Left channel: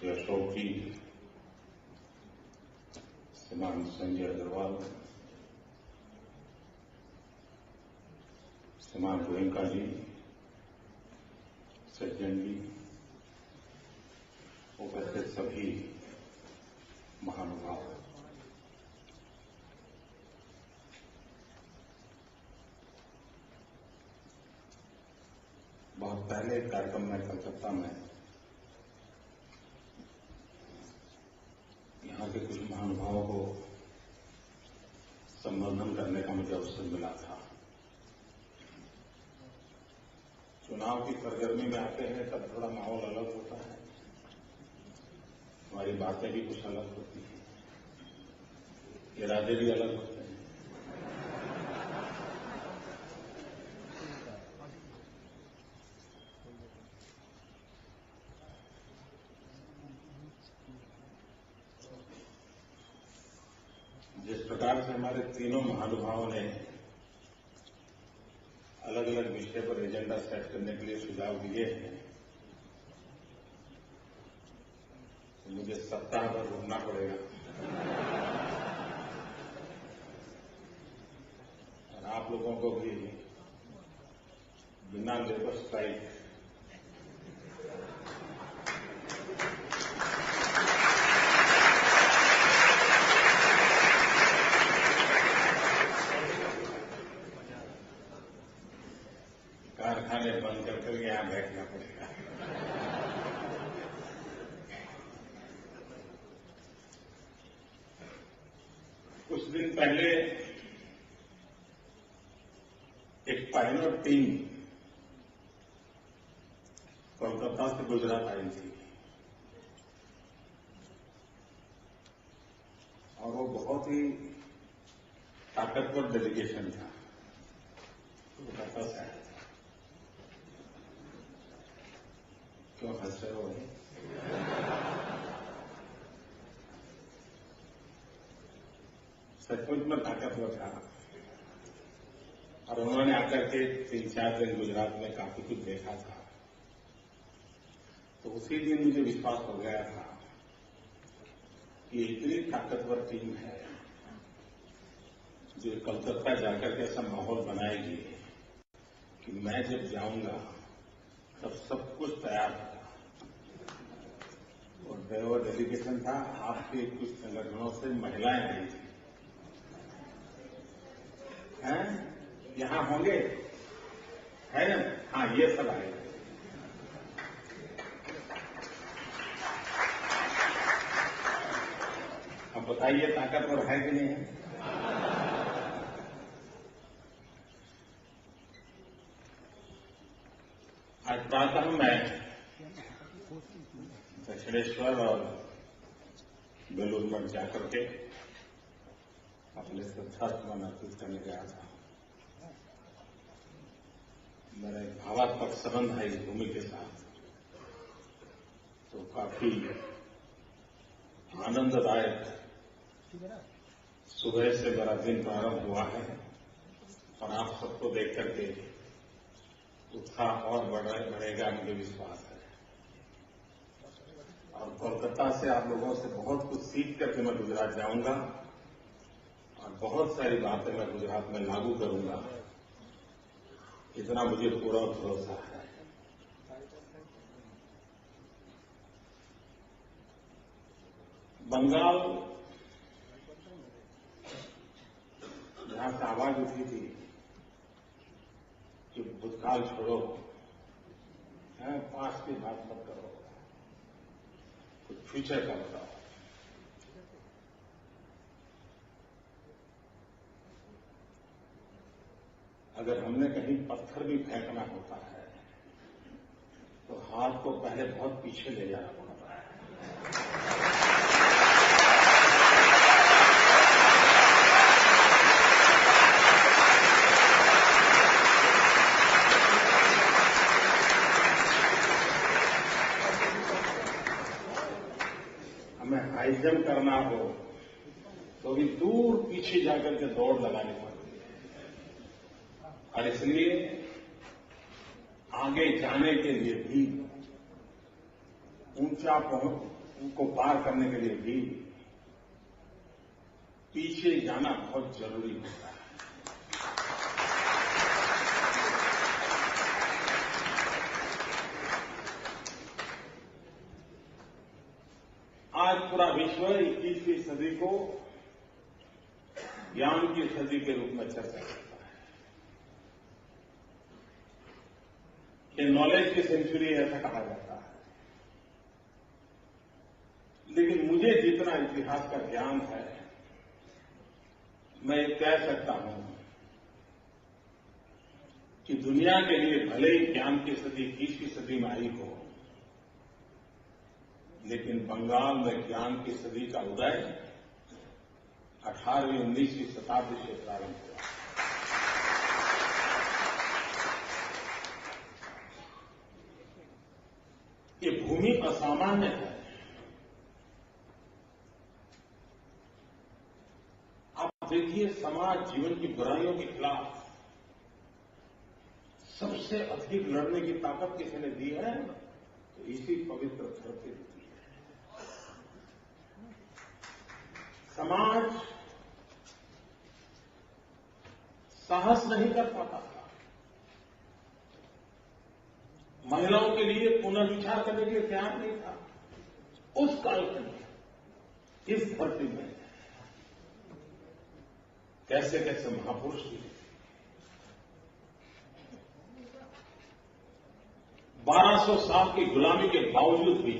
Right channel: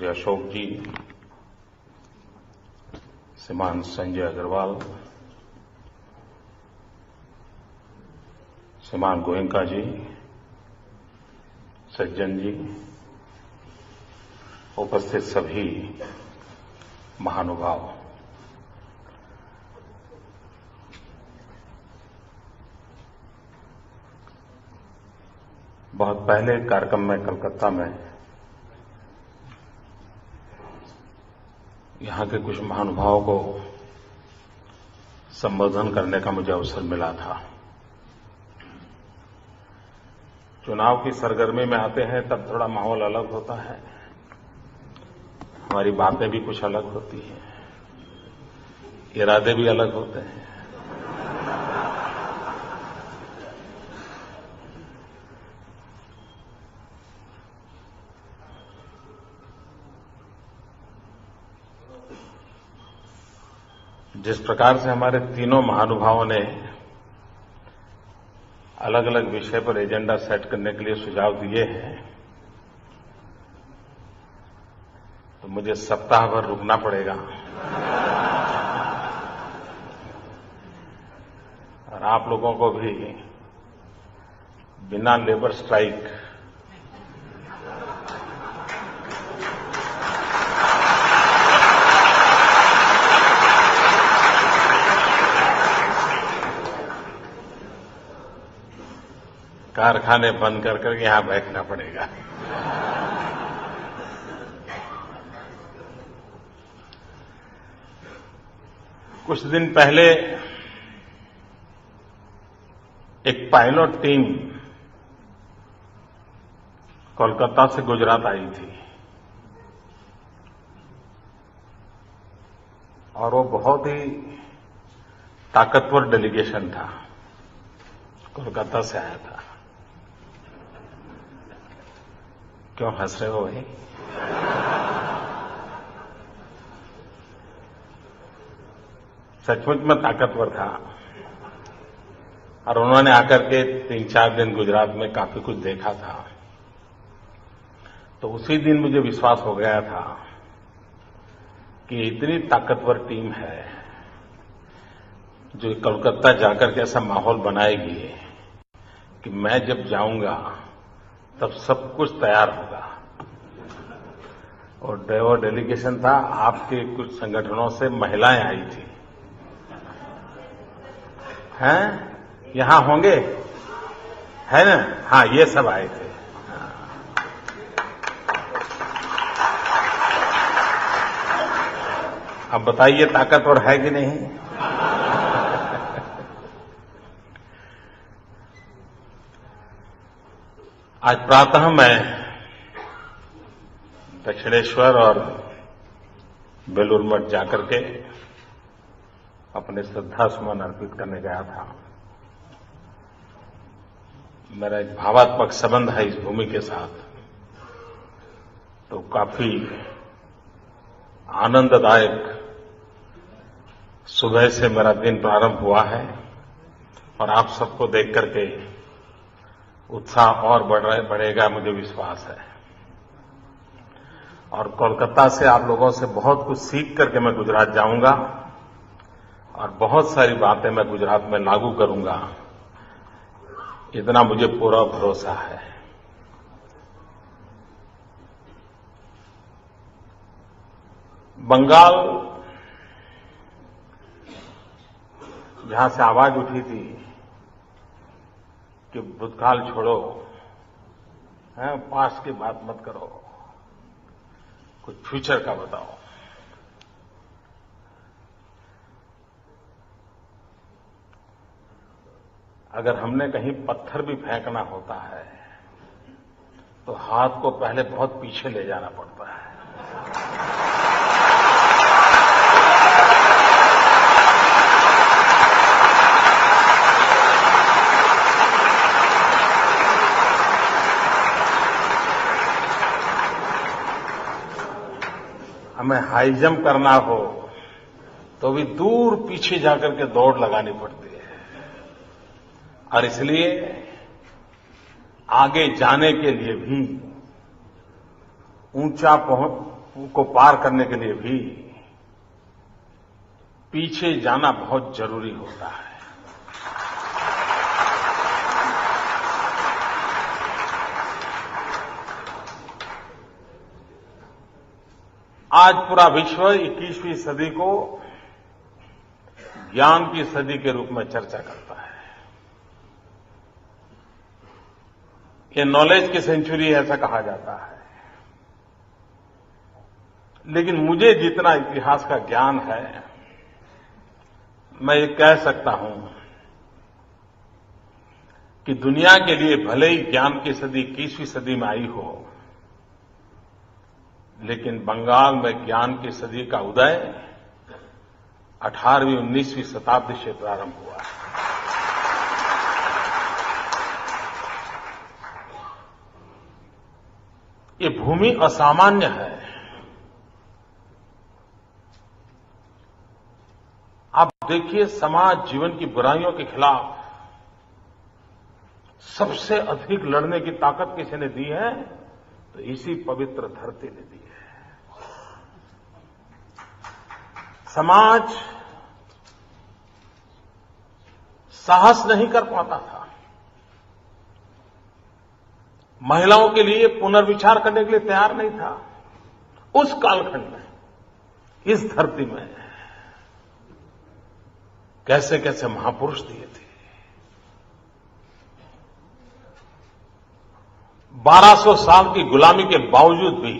श्री अशोक जी, श्रीमान संजय अग्रवाल, श्रीमान गोयनका जी, सज्जन जी, उपस्थित सभी महानुभाव, बहुत पहले कार्यक्रम में कलकत्ता में यहां के कुछ महानुभावों को संबोधन करने का मुझे अवसर मिला था। चुनाव की सरगर्मी में आते हैं तब थोड़ा माहौल अलग होता है, हमारी बातें भी कुछ अलग होती हैं, इरादे भी अलग होते हैं। जिस प्रकार से हमारे तीनों महानुभावों ने अलग अलग विषय पर एजेंडा सेट करने के लिए सुझाव दिए हैं, तो मुझे सप्ताह भर रुकना पड़ेगा और आप लोगों को भी बिना लेबर स्ट्राइक कारखाने बंद कर करके यहां बैठना पड़ेगा। कुछ दिन पहले एक पायलट टीम कोलकाता से गुजरात आई थी और वो बहुत ही ताकतवर डेलीगेशन था, कोलकाता से आया था। क्यों हंस रहे हो भाई? सचमुच में ताकतवर था और उन्होंने आकर के 3-4 दिन गुजरात में काफी कुछ देखा था। तो उसी दिन मुझे विश्वास हो गया था कि इतनी ताकतवर टीम है जो कोलकाता जाकर के ऐसा माहौल बनाएगी कि मैं जब जाऊंगा तब सब कुछ तैयार होगा। और डेलीगेशन था, आपके कुछ संगठनों से महिलाएं आई थी। हैं? यहां होंगे? है ना? हाँ, ये सब आए थे। अब बताइए ताकतवर है कि नहीं? आज प्रातः मैं दक्षिणेश्वर और बेलूर मठ जाकर के अपने श्रद्धा सुमन अर्पित करने गया था। मेरा एक भावात्मक संबंध है इस भूमि के साथ, तो काफी आनंददायक सुबह से मेरा दिन प्रारंभ हुआ है और आप सबको देख करके उत्साह और बढ़ेगा, मुझे विश्वास है। और कोलकाता से आप लोगों से बहुत कुछ सीख करके मैं गुजरात जाऊंगा और बहुत सारी बातें मैं गुजरात में लागू करूंगा, इतना मुझे पूरा भरोसा है। बंगाल जहां से आवाज उठी थी कि भूतकाल छोड़ो, पास्ट की बात मत करो, कुछ फ्यूचर का बताओ। अगर हमने कहीं पत्थर भी फेंकना होता है तो हाथ को पहले बहुत पीछे ले जाना पड़ता है। हमें हाई जंप करना हो तो भी दूर पीछे जाकर के दौड़ लगानी पड़ती है और इसलिए आगे जाने के लिए भी ऊंचा को पार करने के लिए भी पीछे जाना बहुत जरूरी होता है। आज पूरा विश्व 21वीं सदी को ज्ञान की सदी के रूप में चर्चा करता है। ये नॉलेज की सेंचुरी ऐसा कहा जाता है। लेकिन मुझे जितना इतिहास का ज्ञान है, मैं ये कह सकता हूं कि दुनिया के लिए भले ही ज्ञान की सदी 21वीं सदी में आई हो, लेकिन बंगाल में ज्ञान की सदी का उदय 18वीं 19वीं शताब्दी से प्रारंभ हुआ है। ये भूमि असामान्य है। आप देखिए, समाज जीवन की बुराइयों के खिलाफ सबसे अधिक लड़ने की ताकत किसी ने दी है, तो इसी पवित्र धरती ने दी है। समाज साहस नहीं कर पाता था। महिलाओं के लिए पुनर्विचार करने के लिए तैयार नहीं था। उस कालखंड में, इस धरती में कैसे कैसे महापुरुष दिए थे। 1200 साल की गुलामी के बावजूद भी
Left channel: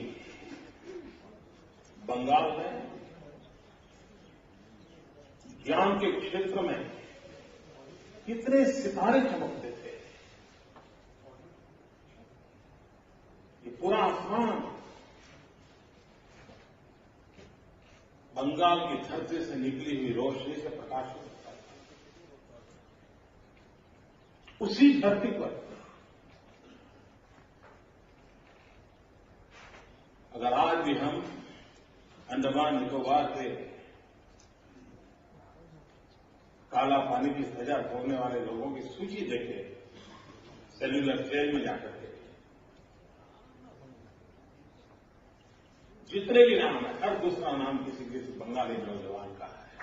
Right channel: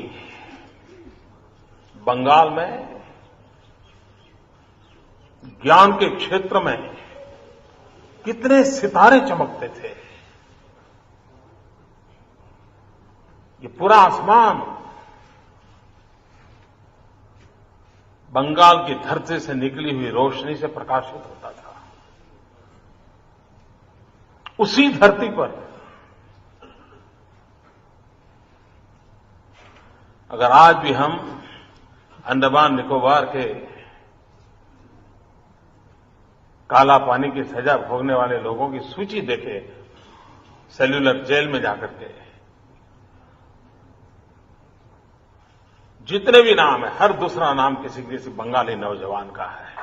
बंगाल में ज्ञान के क्षेत्र में कितने सितारे चमकते थे। ये पूरा आसमान बंगाल की धरती से निकली हुई रोशनी से प्रकाशित होता था। उसी धरती पर अगर आज भी हम अंडमान निकोबार के काला पानी की सजा भोगने वाले लोगों की सूची देखें, सेल्यूलर जेल में जाकर के, जितने भी नाम है, हर दूसरा नाम किसी बंगाली नौजवान का है।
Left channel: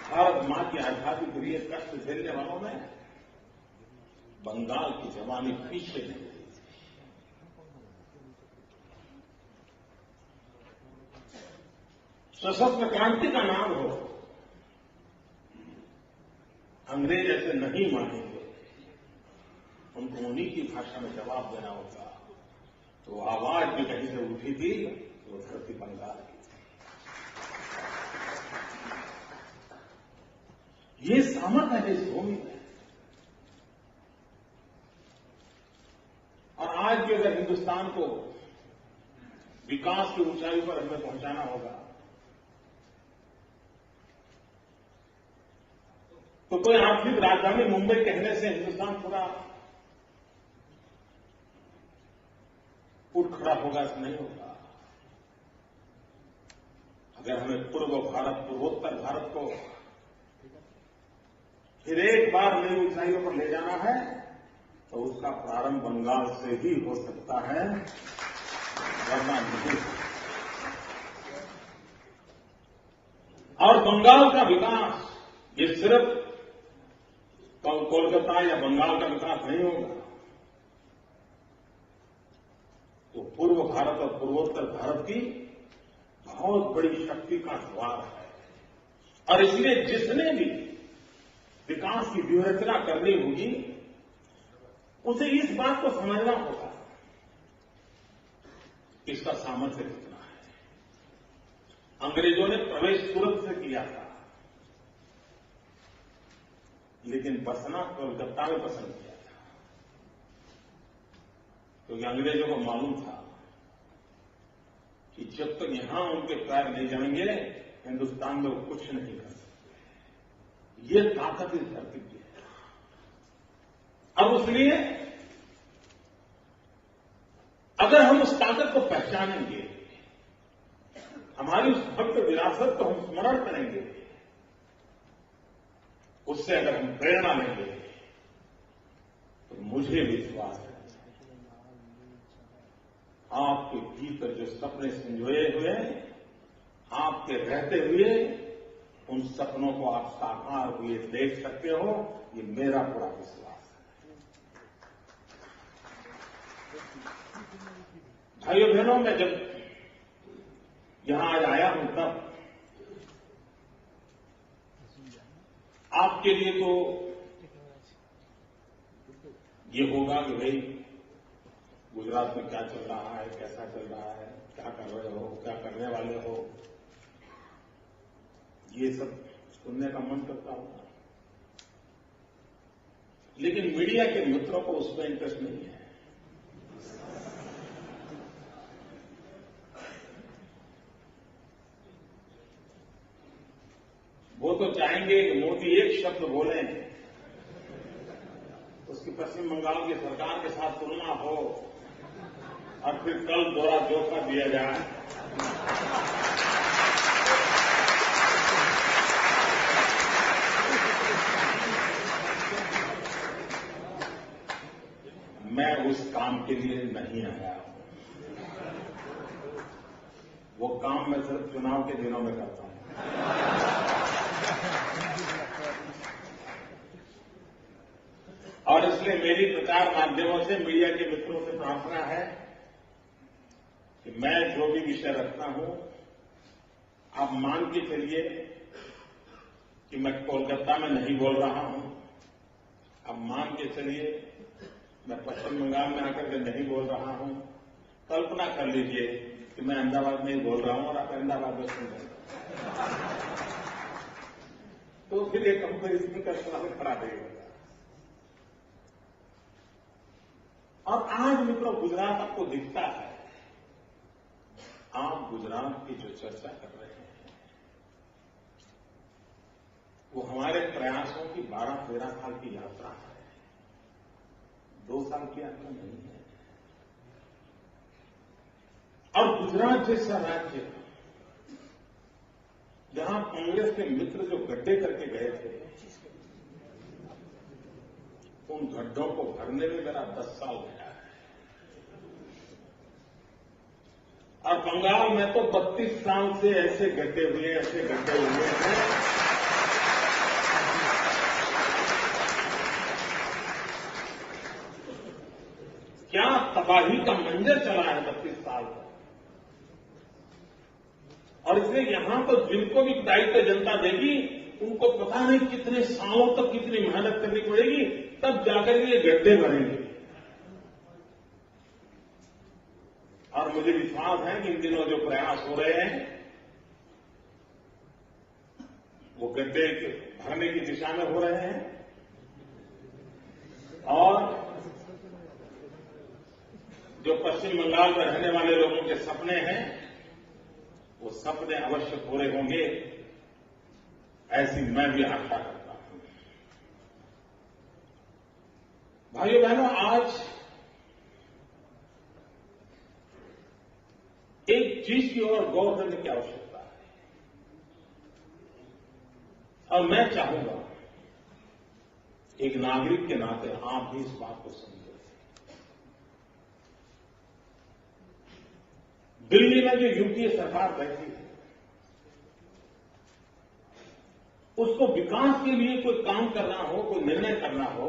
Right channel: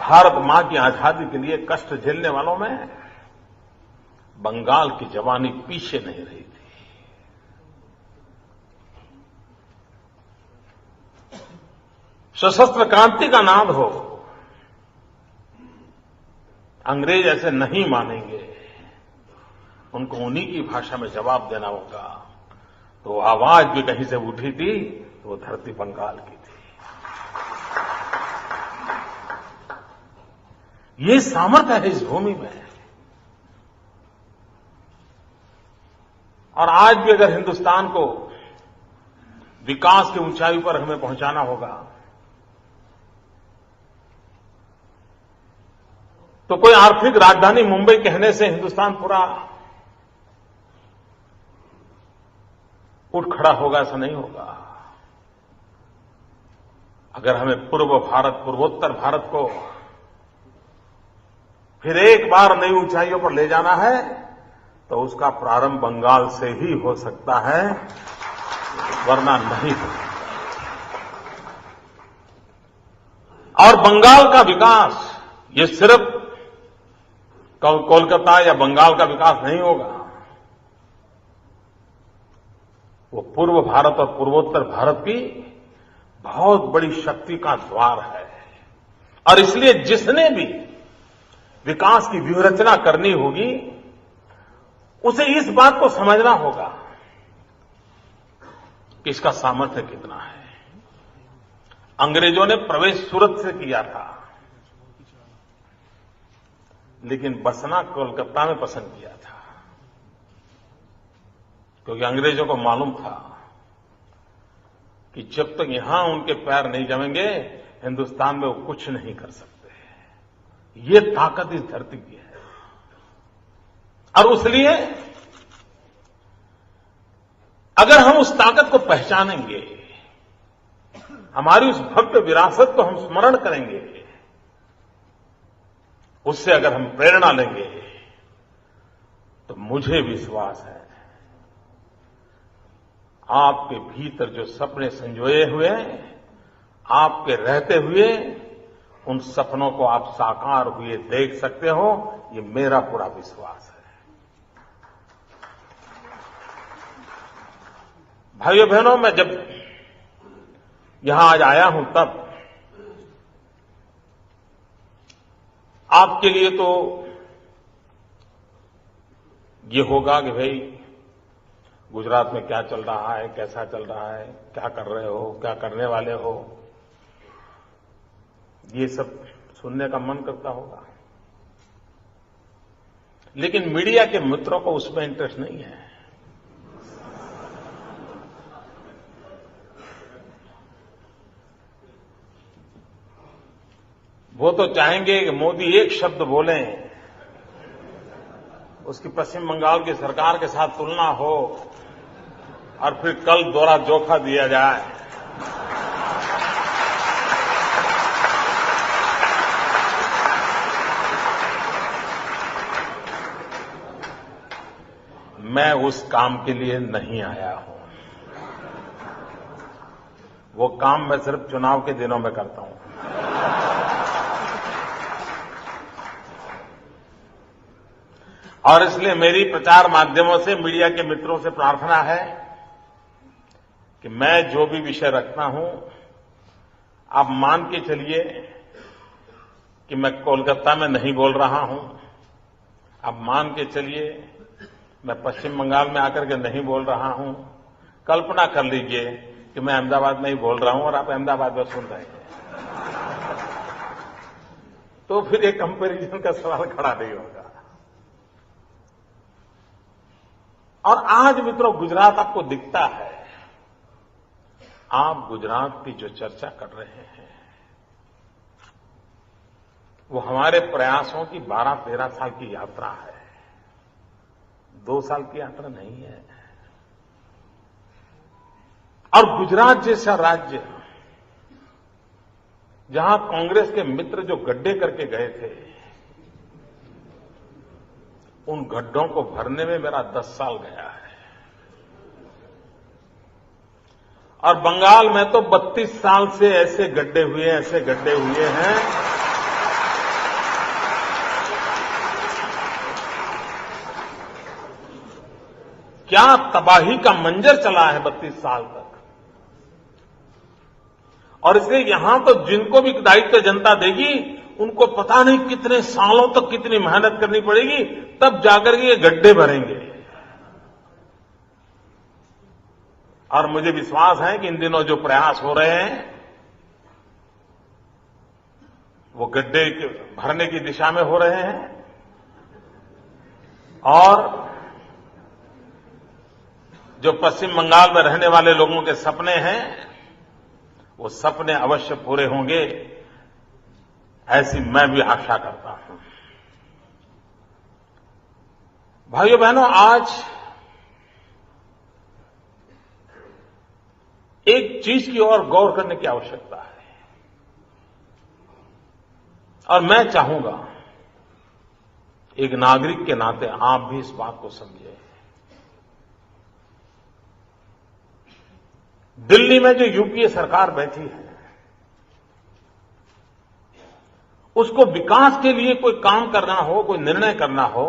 भारत मां की आजादी के लिए कष्ट झेलने वालों में बंगाल की जवानी पीछे नहीं रही थी। सशस्त्र क्रांति का नाद हो, अंग्रेज ऐसे नहीं मानेंगे, उनको उन्हीं की भाषा में जवाब देना होगा। तो आवाज भी कहीं से उठी थी, तो वो धरती बंगाल की थी। ये सामर्थ्य है इस भूमि में। और आज भी अगर हिंदुस्तान को विकास की ऊंचाई पर हमें पहुंचाना होगा, तो कोई आर्थिक राजधानी मुंबई कहने से हिंदुस्तान पूरा उठ खड़ा होगा, ऐसा नहीं होगा। अगर हमें पूर्व भारत, पूर्वोत्तर भारत को फिर एक बार नई ऊंचाइयों पर ले जाना है, तो उसका प्रारंभ बंगाल से ही हो सकता है, वरना नहीं हो सकता। और बंगाल का विकास ये सिर्फ कोलकाता या बंगाल का विकास नहीं होगा, वो पूर्व भारत और पूर्वोत्तर भारत की बहुत बड़ी शक्ति का द्वार है। और इसलिए जिसने भी विकास की व्यूहरचना करनी होगी, उसे इस बात को समझना होगा कि इसका सामर्थ्य कितना है। अंग्रेजों ने प्रवेश सूरत से किया था, लेकिन बसना कोलकाता में पसंद किया था, क्योंकि अंग्रेजों को मालूम था कि जब तक यहां उनके पैर नहीं जमेंगे, हिंदुस्तान में वो कुछ नहीं कर सकते। ये ताकत इस धरती की है। और इसलिए अगर हम उस ताकत को पहचानेंगे, हमारी उस भव्य विरासत को हम स्मरण करेंगे, उससे अगर हम प्रेरणा लेंगे, तो मुझे विश्वास है आपके भीतर जो सपने संजोए हुए हैं, आपके रहते हुए उन सपनों को आप साकार हुए देख सकते हो, ये मेरा पूरा विश्वास है। भाइयों बहनों, मैं जब यहां आज आया हूं तब आपके लिए तो ये होगा कि भाई गुजरात में क्या चल रहा है, कैसा चल रहा है, क्या कर रहे हो, क्या करने वाले हो, ये सब सुनने का मन करता होगा। लेकिन मीडिया के मित्रों को उसमें इंटरेस्ट नहीं है। वो तो चाहेंगे कि मोदी एक शब्द बोलें, उसकी पश्चिम बंगाल की सरकार के साथ तुलना हो और फिर कल दोहरा जोखा दिया जाए। मैं उस काम के लिए नहीं आया हूं। वो काम मैं सिर्फ चुनाव के दिनों में करता हूं। और इसलिए मेरी प्रचार माध्यमों से मीडिया के मित्रों से प्रार्थना है कि मैं जो भी विषय रखता हूं, आप मान के चलिए कि मैं कोलकाता में नहीं बोल रहा हूं। आप मान के चलिए मैं पश्चिम बंगाल में आकर के नहीं बोल रहा हूं। कल्पना कर लीजिए कि मैं अहमदाबाद में ही बोल रहा हूं और आप अहमदाबाद में सुन रहे हैं, तो फिर एक कंपैरिजन का सवाल खड़ा नहीं होगा। और आज मित्रों, गुजरात आपको दिखता है। आप गुजरात की जो चर्चा कर रहे हैं वो हमारे प्रयासों की 12-13 साल की यात्रा है, 2 साल की यात्रा नहीं है। और गुजरात जैसा राज्य, जहां कांग्रेस के मित्र जो गड्ढे करके गए थे, उन गड्ढों को भरने में मेरा 10 साल गया है। और बंगाल में तो 32 साल से ऐसे गड्ढे हुए हैं क्या तबाही का मंजर चला है 32 साल तक। और इसलिए यहां तो जिनको भी दायित्व जनता देगी, उनको पता नहीं कितने सालों तक कितनी मेहनत करनी पड़ेगी, तब जाकर के ये गड्ढे भरेंगे। और मुझे विश्वास है कि इन दिनों जो प्रयास हो रहे हैं वो गड्ढे भरने की दिशा में हो रहे हैं। और जो पश्चिम बंगाल में रहने वाले लोगों के सपने हैं, वो सपने अवश्य पूरे होंगे, ऐसी मैं भी आशा करता हूं। भाइयों बहनों, आज एक चीज की ओर गौर करने की आवश्यकता है, और मैं चाहूंगा एक नागरिक के नाते आप भी इस बात को समझें। दिल्ली में जो यूपीए सरकार बैठी है, उसको विकास के लिए कोई काम करना हो, कोई निर्णय करना हो,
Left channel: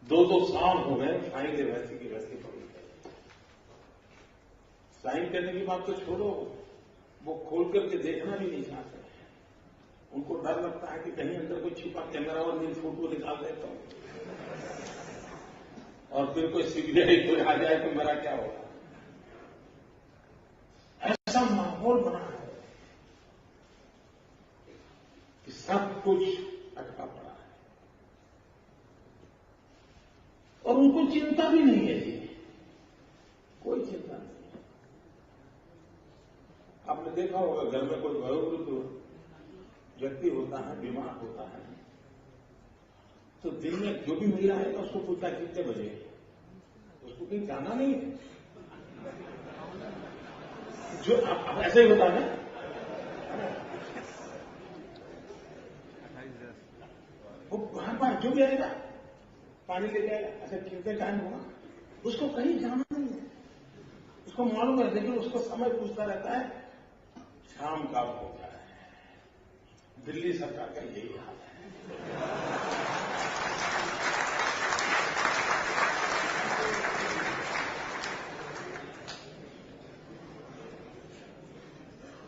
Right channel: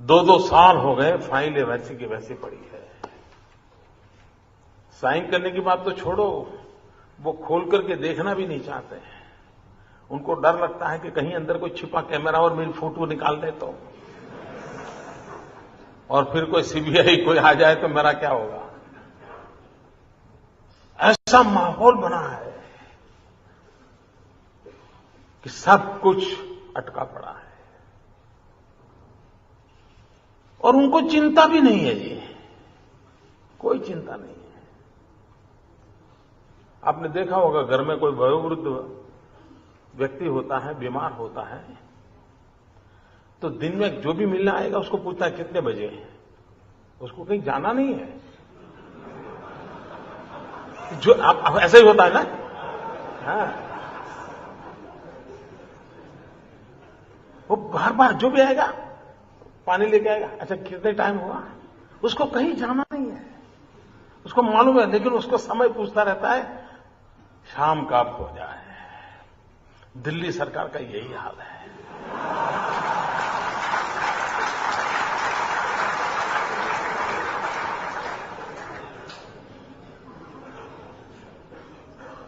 2-2 साल हो गए, फाइलें वैसी की वैसी पड़ी है। साइन करने की बात तो छोड़ो, वो खोल करके देखना भी नहीं चाहते हैं। उनको डर लगता है कि कहीं अंदर कोई छिपा कैमरा और मेरी फोटो निकाल दे तो, और फिर कोई सीबीआई कोई आ जाए तो मेरा क्या होगा। ऐसा माहौल बना है कि सब कुछ अटका पड़ा है, और उनको चिंता भी नहीं है जी, कोई चिंता नहीं है। आपने देखा होगा, घर में कोई वयोवृद्ध व्यक्ति होता है, बीमार होता है, तो दिन में जो भी मिलने आएगा उसको पूछता है कितने बजे, उसको कहीं जाना नहीं है। जो आप ऐसा ही होता है ना। हाँ, वो बार बार जो भी आएगा पानी लेके आएगा, अच्छा कितने टाइम हुआ, उसको कहीं जाना नहीं है, उसको मालूम है, लेकिन उसको समय पूछता रहता है शाम कब हो जाए। दिल्ली सरकार का यही हाल है।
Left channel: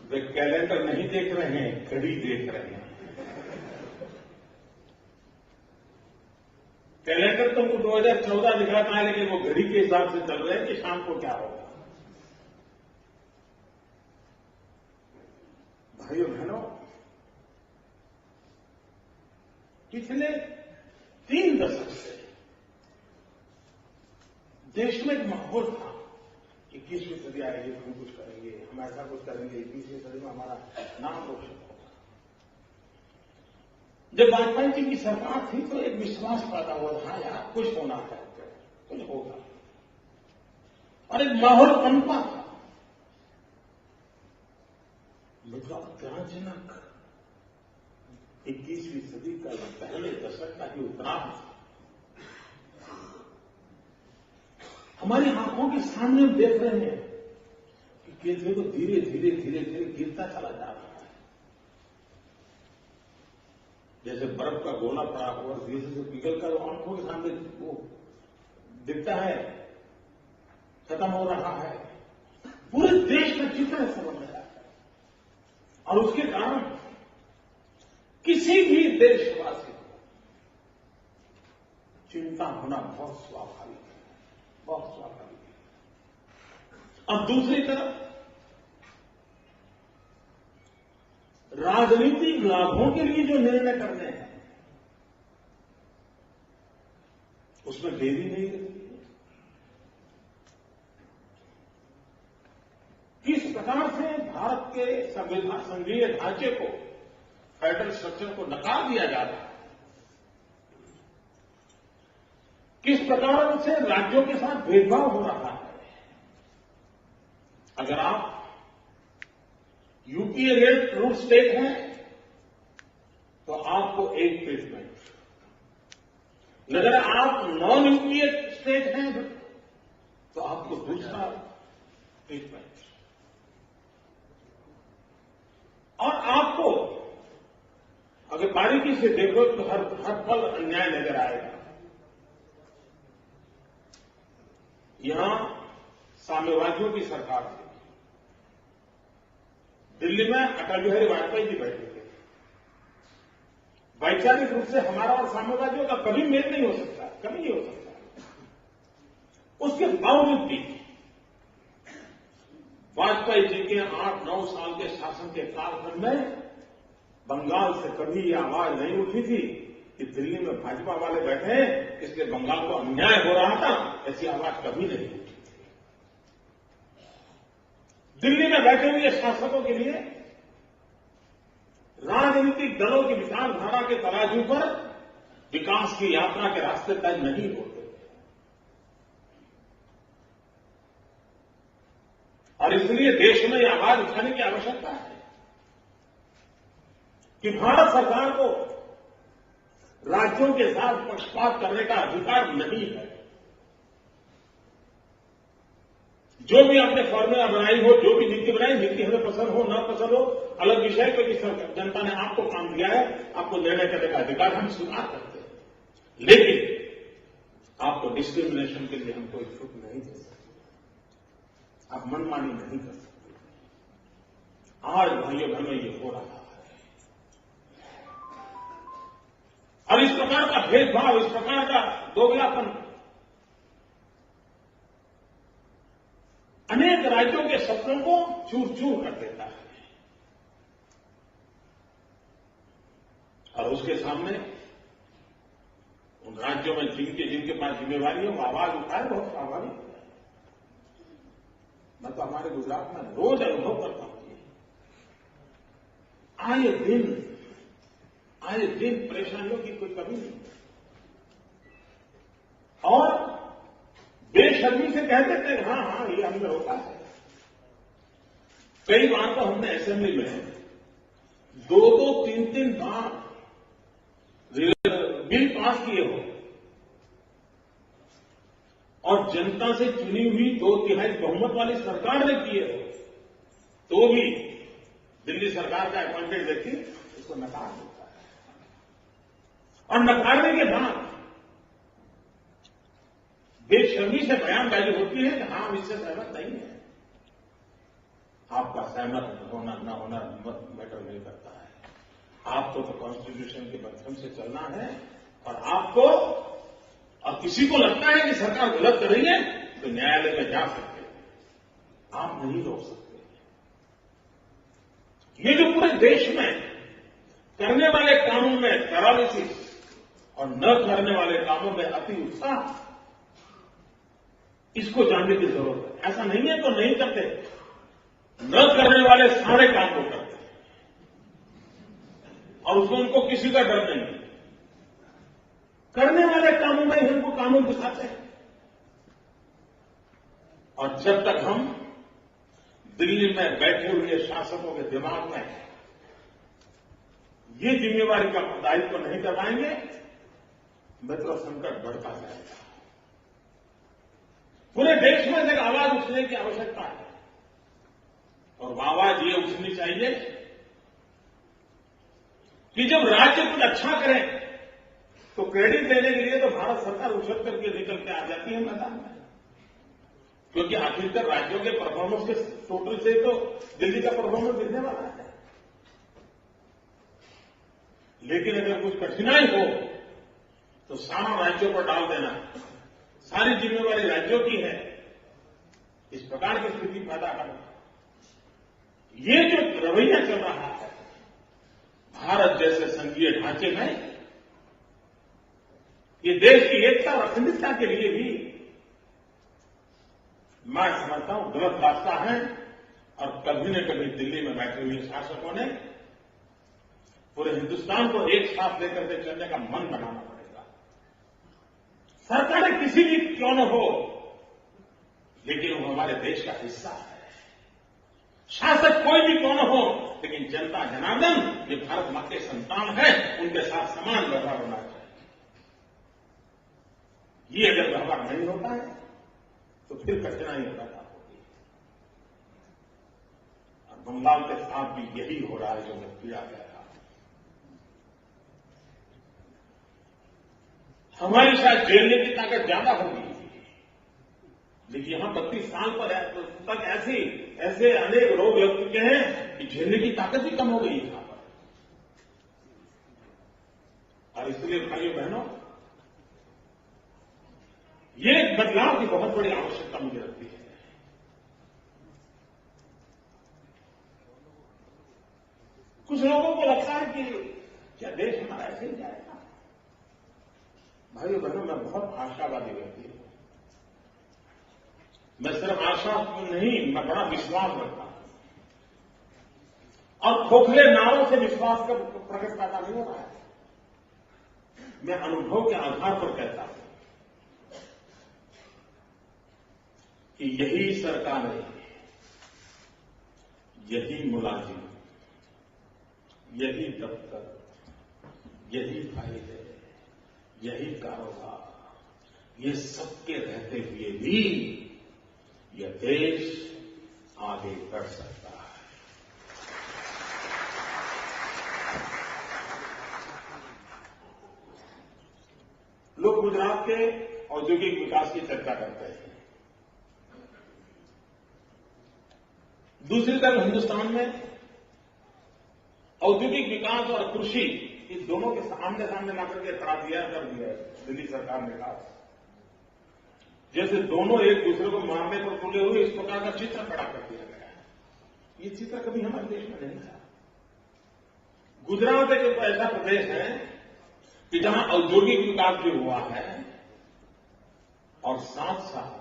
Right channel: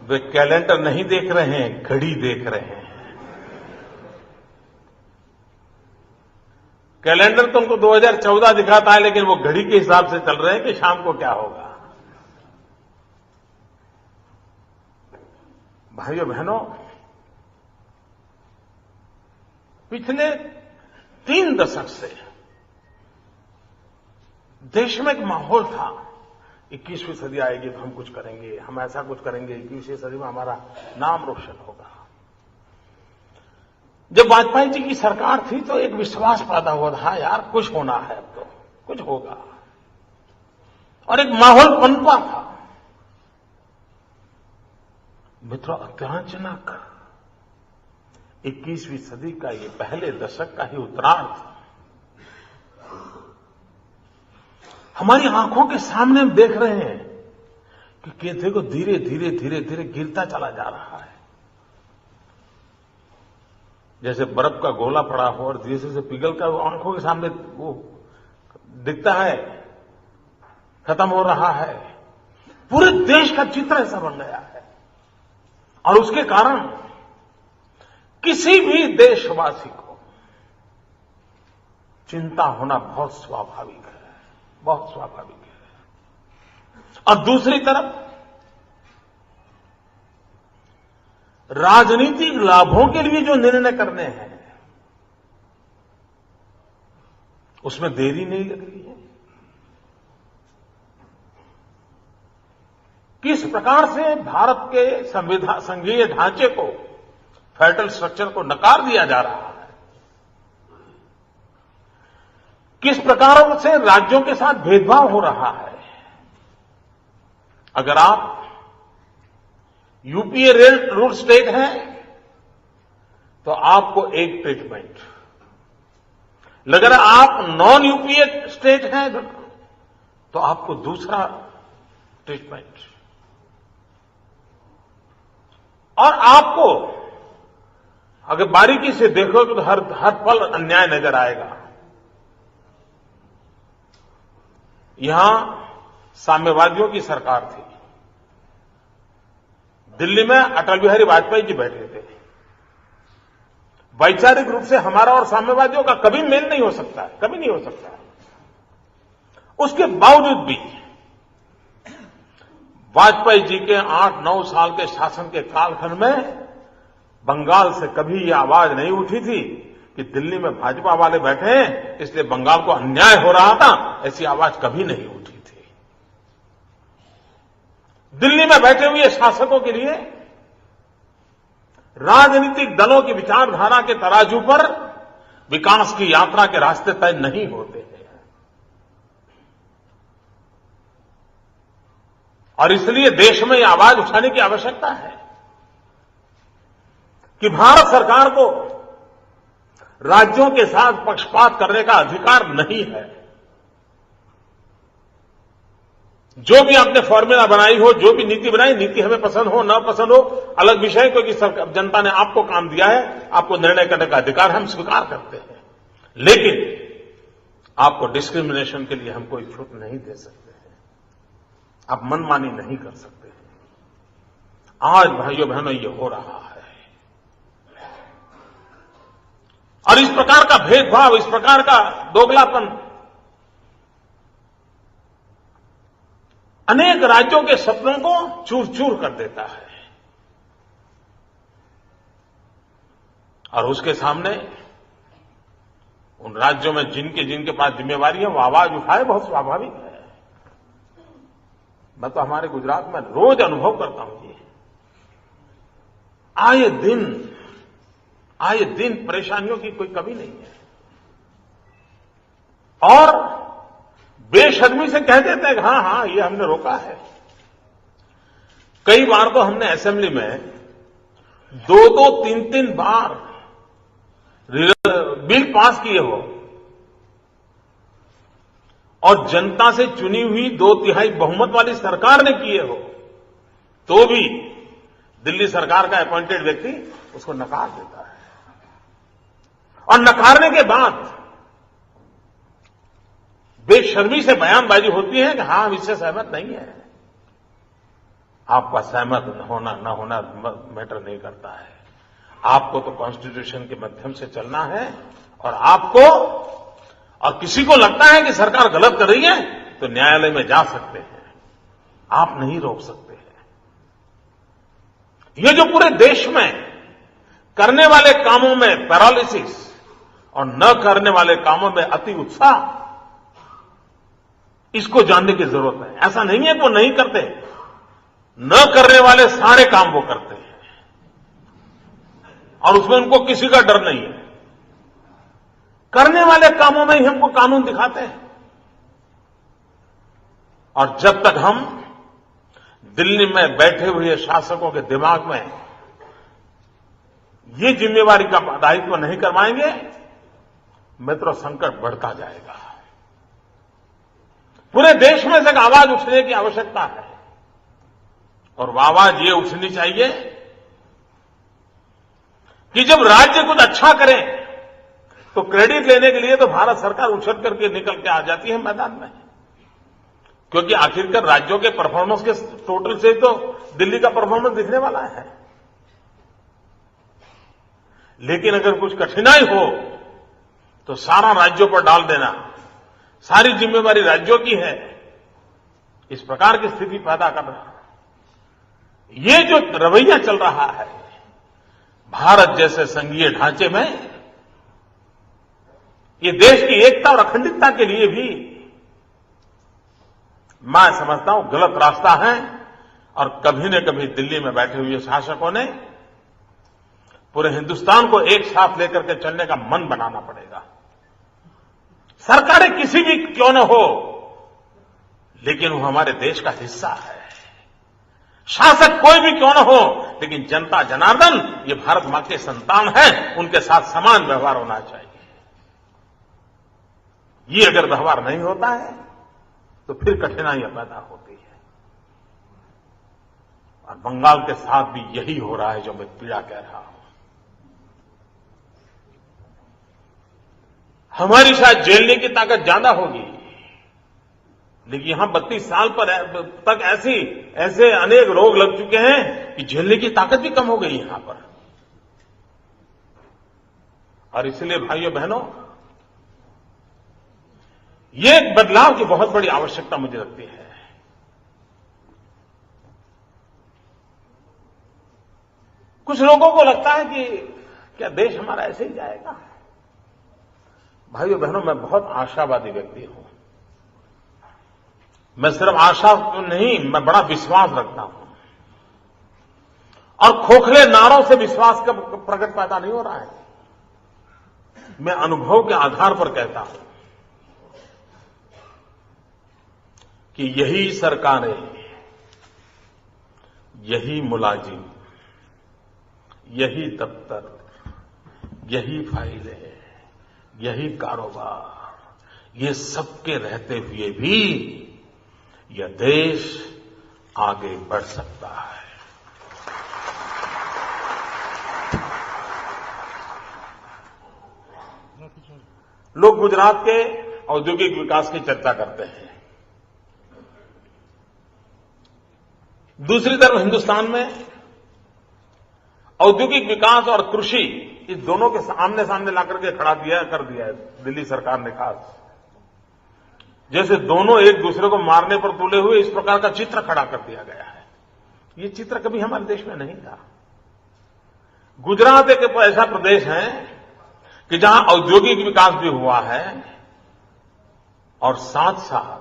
वे कैलेंडर नहीं देख रहे हैं, घड़ी देख रहे हैं। कैलेंडर तुमको 2014 दिखाता है, लेकिन वो घड़ी के हिसाब से चल रहे हैं कि शाम को क्या होगा। भाइयों बहनों, पिछले 3 दशक से देश में एक माहौल था, 21वीं सदी आएगी तो हम कुछ करेंगे, हम ऐसा कुछ करेंगे, 21वीं सदी में हमारा नाम रोशन होगा। जब वाजपेयी जी की सरकार थी तो एक विश्वास पैदा हुआ था, यार कुछ होना है, अब तो कुछ होगा, और एक माहौल पनपा था। मित्रों, अत्याचानक 21वीं सदी का ये पहले दशक का ही उत्तरार्ध हमारी आंखों के सामने हम देख रहे हैं कि केंद्र को धीरे धीरे धीरे धीरे गिरता चला जा रहा है। जैसे बर्फ का गोला पड़ा हो और धीरे से पिघल कर वो आंखों के सामने वो दिखता है, खत्म हो रहा है। पूरे देश का चित्र ऐसा बन गया है, और उसके कारण किसी भी देशवासी को चिंता होना बहुत स्वाभाविक है, बहुत स्वाभाविक है। और दूसरी तरफ राजनीतिक लाभों के लिए जो निर्णय करने हैं उसमें देरी नहीं लगी है। किस प्रकार से भारत के संघीय ढांचे को, फेडरल स्ट्रक्चर को नकार दिया जा रहा है, किस प्रकार से राज्यों के साथ भेदभाव हो रहा है। अगर आप यूपीए रूल स्टेट है तो आपको एक ट्रीटमेंट, अगर आप नॉन यूपीए स्टेट हैं तो आपको दूसरा ट्रीटमेंट, और आपको अगर बारीकी से देखो तो हर पल अन्याय नजर आएगा। यहां साम्यवादियों की सरकार थी, दिल्ली में अटल बिहारी वाजपेयी जी बैठे थे। वैचारिक रूप से हमारा और साम्यवादियों का कभी मेल नहीं हो सकता, कभी नहीं हो सकता। उसके बावजूद भी वाजपेयी जी के 8-9 साल के शासन के कालखंड में बंगाल से कभी यह आवाज नहीं उठी थी कि दिल्ली में भाजपा वाले बैठे हैं इसलिए बंगाल को अन्याय हो रहा था। ऐसी आवाज कभी नहीं उठी थी। दिल्ली में बैठे हुए शासकों के लिए राजनीतिक दलों की विचारधारा के तराजू पर विकास की यात्रा के रास्ते तय नहीं होते हैं, और इसलिए देश में यह आवाज उठाने की आवश्यकता है कि भारत सरकार को राज्यों के साथ पक्षपात करने का अधिकार नहीं है। जो भी आपने फॉर्मूला बनाई हो, जो भी नीति बनाई, नीति हमें पसंद हो न पसंद हो अलग विषय, क्योंकि जनता ने आपको काम दिया है, आपको निर्णय करने का अधिकार हम स्वीकार करते हैं, लेकिन आपको डिस्क्रिमिनेशन के लिए हम कोई छूट नहीं दे सकते हैं, आप मनमानी नहीं कर सकते हैं। आज भाइयों बहनों ये हो रहा है, और इस प्रकार का भेदभाव, इस प्रकार का दोगलापन अनेक राज्यों के सपनों को चूर चूर कर देता है, और उसके सामने उन राज्यों में जिनके पास जिम्मेवारी है वो आवाज उठाए, बहुत स्वाभाविक है। मैं तो हमारे गुजरात में रोज अनुभव करता हूं जी, आए दिन परेशानियों की कोई कमी नहीं है, और बेशर्मी से कह देते हैं कि हाँ ये हमने रोका है। कई बार तो हमने असेंबली में 2-2, 3-3 बार बिल पास किए हो, और जनता से चुनी हुई 2/3 बहुमत वाली सरकार ने किए हो, तो भी दिल्ली सरकार का अपॉइंटेड व्यक्ति उसको नकार देता है। और नकारने के बाद बेशर्मी से बयानबाजी होती है कि हां, हम इससे सहमत नहीं है। आपका सहमत होना न होना मैटर नहीं करता है। आपको तो कॉन्स्टिट्यूशन के माध्यम से चलना है, और आपको और किसी को लगता है कि सरकार गलत कर रही है तो न्यायालय में जा सकते हैं, आप नहीं रोक सकते हैं। ये जो पूरे देश में करने वाले कामों में पैरालिसिस और न करने वाले कामों में अति उत्साह, इसको जानने की जरूरत है। ऐसा नहीं है कि वो नहीं करते, न करने वाले सारे काम वो करते हैं और उसमें उनको किसी का डर नहीं है। करने वाले कामों में ही हमको कानून दिखाते हैं। और जब तक हम दिल्ली में बैठे हुए शासकों के दिमाग में ये जिम्मेवारी का दायित्व नहीं करवाएंगे, मित्रों, संकट बढ़ता जाएगा। पूरे देश में से एक आवाज उठने की आवश्यकता है, और वो आवाज ये उठनी चाहिए कि जब राज्य कुछ अच्छा करे तो क्रेडिट लेने के लिए तो भारत सरकार उछल करके निकल के आ जाती है मैदान में, क्योंकि आखिरकार राज्यों के परफॉर्मेंस के टोटल से तो दिल्ली का परफॉर्मेंस दिखने वाला है। लेकिन अगर कुछ कठिनाई हो तो सारा राज्यों पर डाल देना, सारी जिम्मेवारी राज्यों की है, इस प्रकार की स्थिति पैदा करना, ये जो रवैया चल रहा है भारत जैसे संघीय ढांचे में, ये देश की एकता और अखंडितता के लिए भी मैं समझता हूं गलत रास्ता है। और कभी न कभी दिल्ली में बैठे हुए शासकों ने पूरे हिंदुस्तान को एक साथ लेकर के चलने का मन बनाना पड़ेगा। सरकारें किसी भी क्यों न हो, लेकिन वो हमारे देश का हिस्सा है। शासक कोई भी क्यों न हो, लेकिन जनता जनार्दन ये भारत मां के संतान है, उनके साथ समान व्यवहार होना चाहिए। ये अगर व्यवहार नहीं होता है तो फिर कठिनाइयां पैदा होती है। और बंगाल के साथ भी यही हो रहा है जो मैं पीड़ा कह रहा हूं। हमारी शायद झेलने की ताकत ज्यादा होगी, लेकिन यहां 32 साल पर तक ऐसे अनेक रोग लग चुके हैं कि झेलने की ताकत भी कम हो गई यहां पर। और इसलिए भाइयों बहनों, ये एक बदलाव की बहुत बड़ी आवश्यकता मुझे लगती है। कुछ लोगों को लगता है कि क्या देश हमारा ऐसे ही जाएगा। भाइयों बहनों, मैं बहुत आशावादी व्यक्ति हूं। मैं सिर्फ आशा तो नहीं, मैं बड़ा विश्वास रखता हूं। और खोखले नारों से विश्वास का प्रकट पैदा नहीं हो रहा है। मैं अनुभव के आधार पर कहता हूं कि यही सरकारें, यही मुलाजिम, यही दफ्तर, यही फाइलें, यही कारोबार, ये सबके रहते हुए भी यह देश आगे बढ़ सकता है। लोग गुजरात के औद्योगिक विकास की चर्चा करते हैं। दूसरी तरफ हिंदुस्तान में औद्योगिक विकास और कृषि, इस दोनों के आमने सामने लाकर के कर दिया है दिल्ली सरकार ने। खास जैसे दोनों एक दूसरे को मारने पर तुले हुए, इस प्रकार का चित्र खड़ा कर दिया गया है। ये चित्र कभी हमारे देश में नहीं था। गुजरात एक ऐसा प्रदेश है कि जहां औद्योगिक विकास भी हुआ है और साथ साथ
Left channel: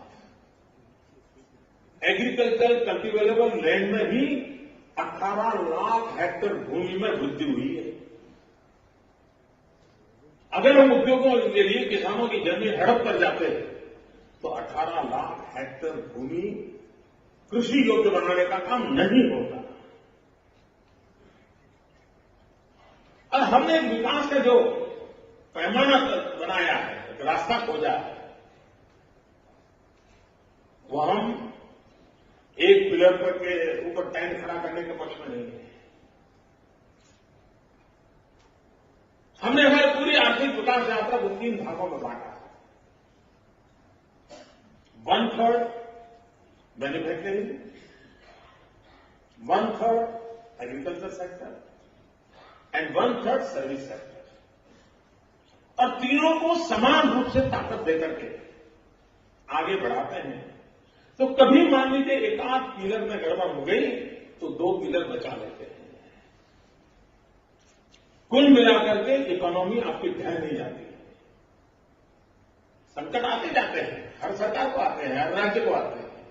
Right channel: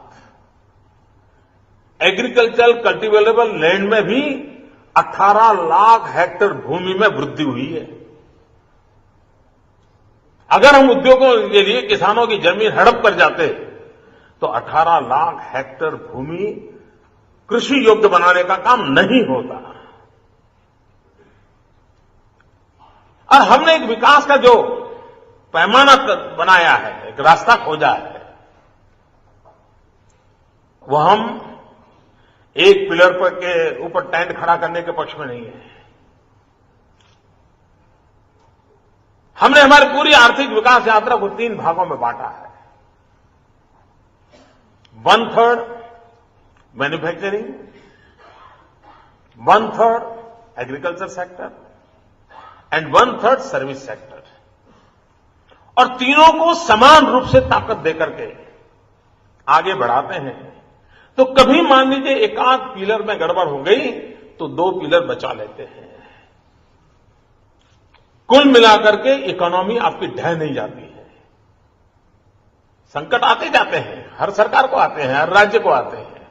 एग्रीकल्चर कल्टीवेबल लैंड में भी 18 लाख हेक्टेयर भूमि में वृद्धि हुई है। अगर हम उद्योगों के लिए किसानों की जमीन हड़प कर जाते तो 18 लाख हेक्टेयर भूमि कृषि योग्य बनाने का काम नहीं होता। और हमने एक विकास का जो पैमाना बनाया है, एक रास्ता खोजा है, वो हम एक पिलर पर के ऊपर टेंट खड़ा करने के पक्ष में नहीं है। हमने हमारी पूरी आर्थिक विकास यात्रा को 3 भागों में बांटा है। 1/3 manufacturing, 1/3 agriculture sector and 1/3 service sector. और तीनों को समान रूप से ताकत देकर के आगे बढ़ाते हैं। तो कभी मान लीजिए एक आध पिलर में गड़बड़ हो गई तो 2 पिलर बचा लेते हैं। कुल मिलाकर के इकोनॉमी आपकी ढह नहीं जाती है। संकट आते जाते हैं, हर सरकार को आते हैं, हर राज्य को आते हैं,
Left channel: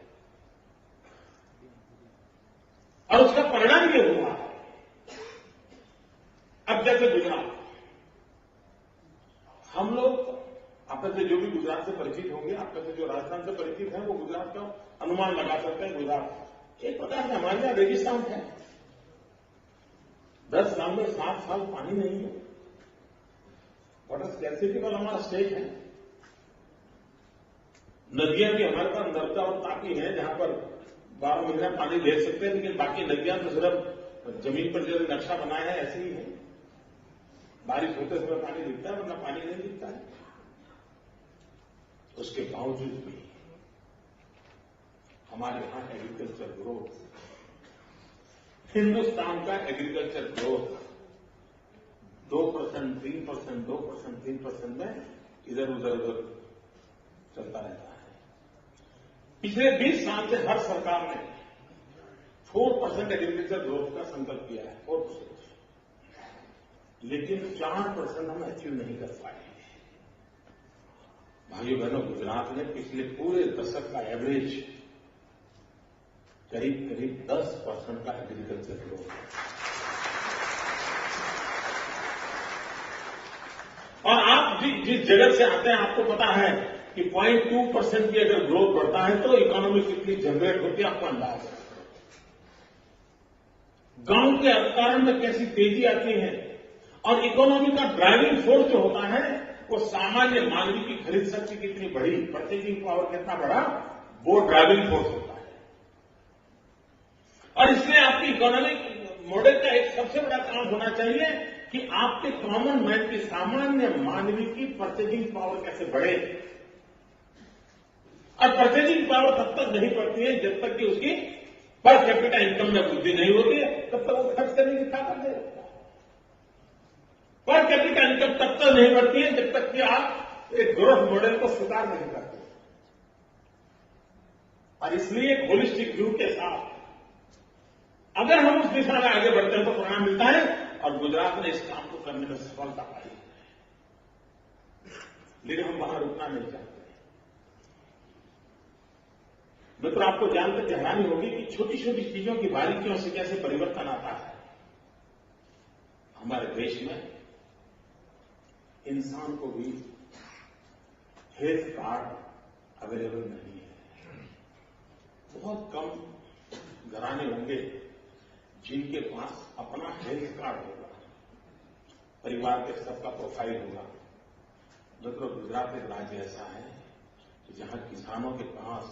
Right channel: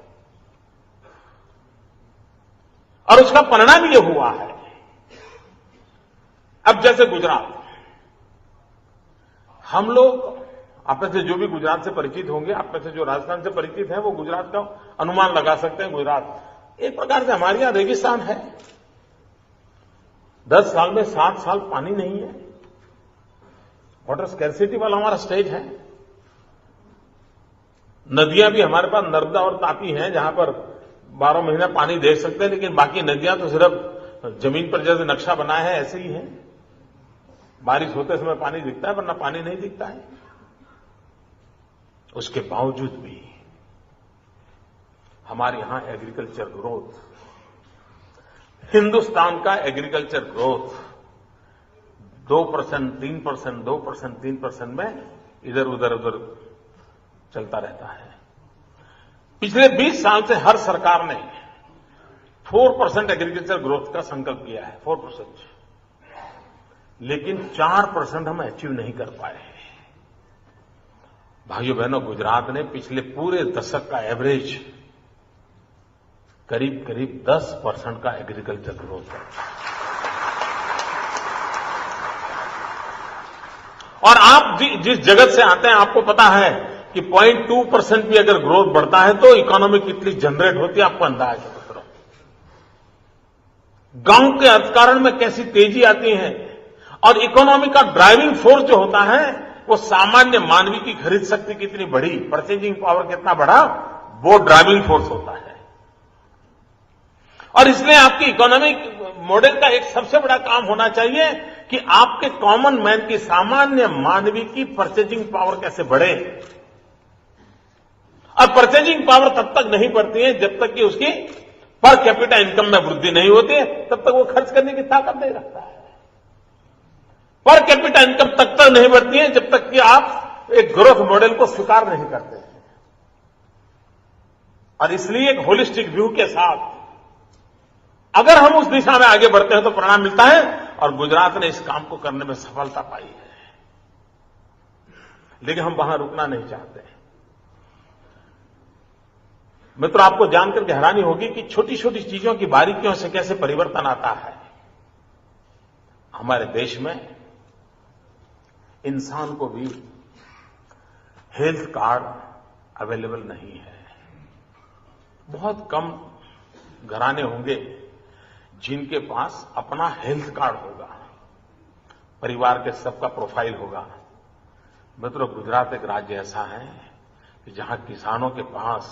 और उसका परिणाम ये हुआ है। अब जैसे गुजरात, हम लोग आप में से जो भी गुजरात से परिचित होंगे, आप में से जो राजस्थान से परिचित हैं, वो गुजरात का अनुमान लगा सकते हैं। गुजरात एक प्रकार से हमारे यहां रेगिस्तान है। 10 साल में 7 साल पानी नहीं है। वाटर स्कैर्सिटी वाला हमारा स्टेट है। नदियां भी हमारे पास नर्मदा और तापी हैं, जहां पर 12 महीने पानी दे सकते हैं, लेकिन बाकी नदियां तो सिर्फ जमीन पर जैसे नक्शा बना है ऐसे ही है। बारिश होते समय पानी दिखता है, वरना पानी नहीं दिखता है। उसके बावजूद भी हमारे यहां एग्रीकल्चर ग्रोथ, हिंदुस्तान का एग्रीकल्चर ग्रोथ 2%, 3%, 2%, 3% में इधर उधर चलता रहता है। पिछले 20 साल से हर सरकार ने 4% एग्रीकल्चर ग्रोथ का संकल्प किया है, 4%, लेकिन 4% हम अचीव नहीं कर पाए। भाइयों बहनों, गुजरात ने पिछले पूरे दशक का एवरेज करीब 10% का एग्रीकल्चर ग्रोथ है। और आप जिस जगत से आते हैं, आपको पता है कि 0.2% भी अगर ग्रोथ बढ़ता है तो इकोनॉमी कितनी जनरेट होती है, आपको अंदाज है। गांव के अर्थकारण में कैसी तेजी आती है, और इकोनॉमी का ड्राइविंग फोर्स जो होता है, वो सामान्य मानवी की खरीद शक्ति कितनी बढ़ी, परचेजिंग पावर कितना बढ़ा, वो ड्राइविंग फोर्स होता है। और इसलिए आपकी इकोनॉमिक मॉडल का एक सबसे बड़ा काम होना चाहिए कि आपके कॉमन मैन की, सामान्य मानवी की परचेजिंग पावर कैसे बढ़े। और परचेजिंग पावर तब तक नहीं बढ़ती है जब तक कि उसकी पर कैपिटा इनकम में वृद्धि नहीं होती है, तब तक वो खर्च करने की ताकत नहीं रखता है। पर कैपिटा इनकम तब तक नहीं बढ़ती है जब तक कि आप एक ग्रोथ मॉडल को स्वीकार नहीं करते। और इसलिए एक होलिस्टिक व्यू के साथ अगर हम उस दिशा में आगे बढ़ते हैं तो परिणाम मिलता है, और गुजरात ने इस काम को करने में सफलता पाई है। लेकिन हम वहां रुकना नहीं चाहते। मित्रों, आपको जानकर के हैरानी होगी कि छोटी छोटी चीजों की बारीकियों से कैसे परिवर्तन आता है। हमारे देश में इंसान को भी हेल्थ कार्ड अवेलेबल नहीं है। बहुत कम घराने होंगे जिनके पास अपना हेल्थ कार्ड होगा, परिवार के सबका प्रोफाइल होगा। मित्रों, गुजरात एक राज्य ऐसा है कि जहां किसानों के पास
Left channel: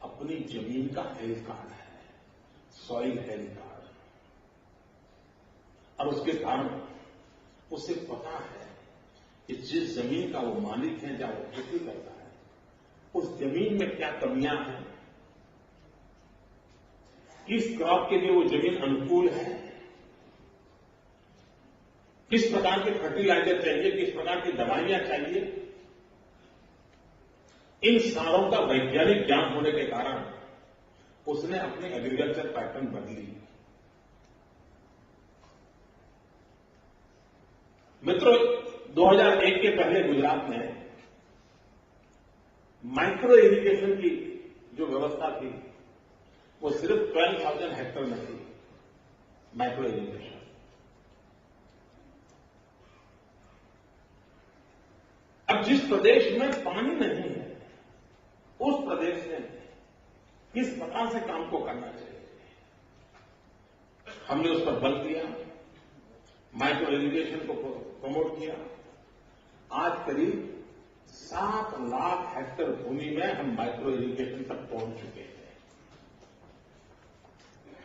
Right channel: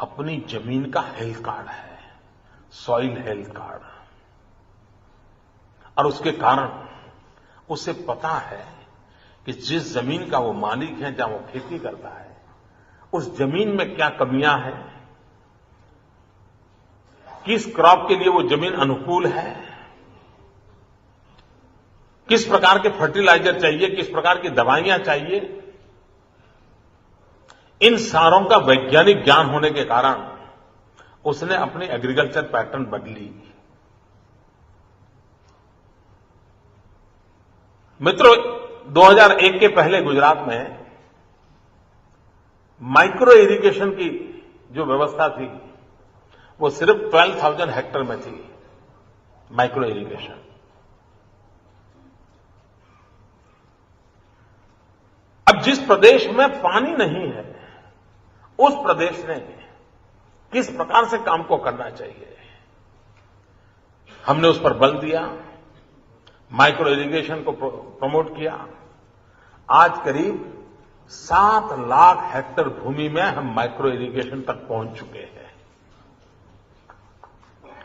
अपनी जमीन का हेल्थ कार्ड है, सॉइल हेल्थ कार्ड, और उसके कारण उसे पता है कि जिस जमीन का वो मालिक है, जहां वो खेती करता है, उस जमीन में क्या कमियां हैं, किस क्रॉप के लिए वो जमीन अनुकूल है, किस प्रकार के फर्टिलाइजर चाहिए, किस प्रकार की दवाइयां चाहिए। इन सारों का वैज्ञानिक ज्ञान होने के कारण उसने अपनी एग्रीकल्चर पैटर्न बदली। मित्रों, 2001 के पहले गुजरात में माइक्रो इरिगेशन की जो व्यवस्था थी वो सिर्फ 12,000 हेक्टेयर में थी, माइक्रो इरिगेशन। अब जिस प्रदेश में पानी नहीं है, उस प्रदेश ने किस प्रकार से काम को करना चाहिए, हमने उस पर बल दिया, माइक्रो इरिगेशन को प्रमोट किया। आज करीब 7 लाख हेक्टेयर भूमि में हम माइक्रो इरिगेशन तक पहुंच चुके हैं।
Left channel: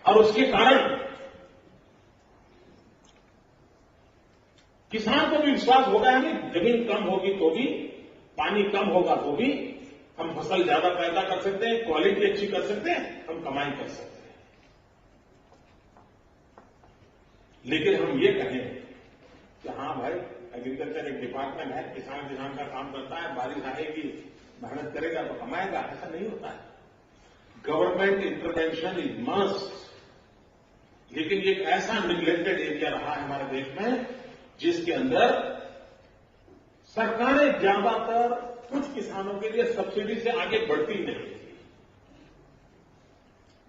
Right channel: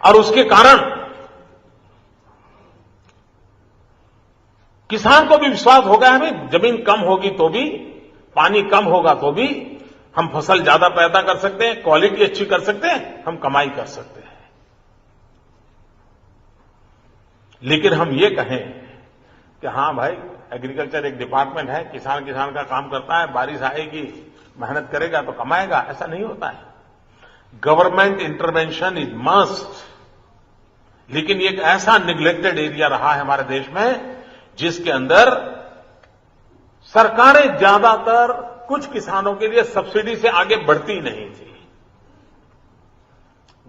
और उसके कारण किसान को भी विश्वास हो गया है, भाई जमीन कम होगी तो भी, पानी कम होगा तो भी हम फसल ज्यादा पैदा कर सकते हैं, क्वालिटी अच्छी कर सकते हैं, हम कमाई कर सकते हैं। लेकिन हम ये कहें कि हां भाई, एग्रीकल्चर एक डिपार्टमेंट है, किसान का काम करता है, बारिश आएगी, मेहनत करेगा तो कमाएगा, ऐसा नहीं होता है। Government intervention is must. लेकिन ये एक ऐसा निग्लेक्टेड एरिया रहा है हमारे देश में जिसके अंदर सरकारें ज्यादातर कुछ किसानों के लिए सब्सिडी से आगे बढ़ती नहीं थी।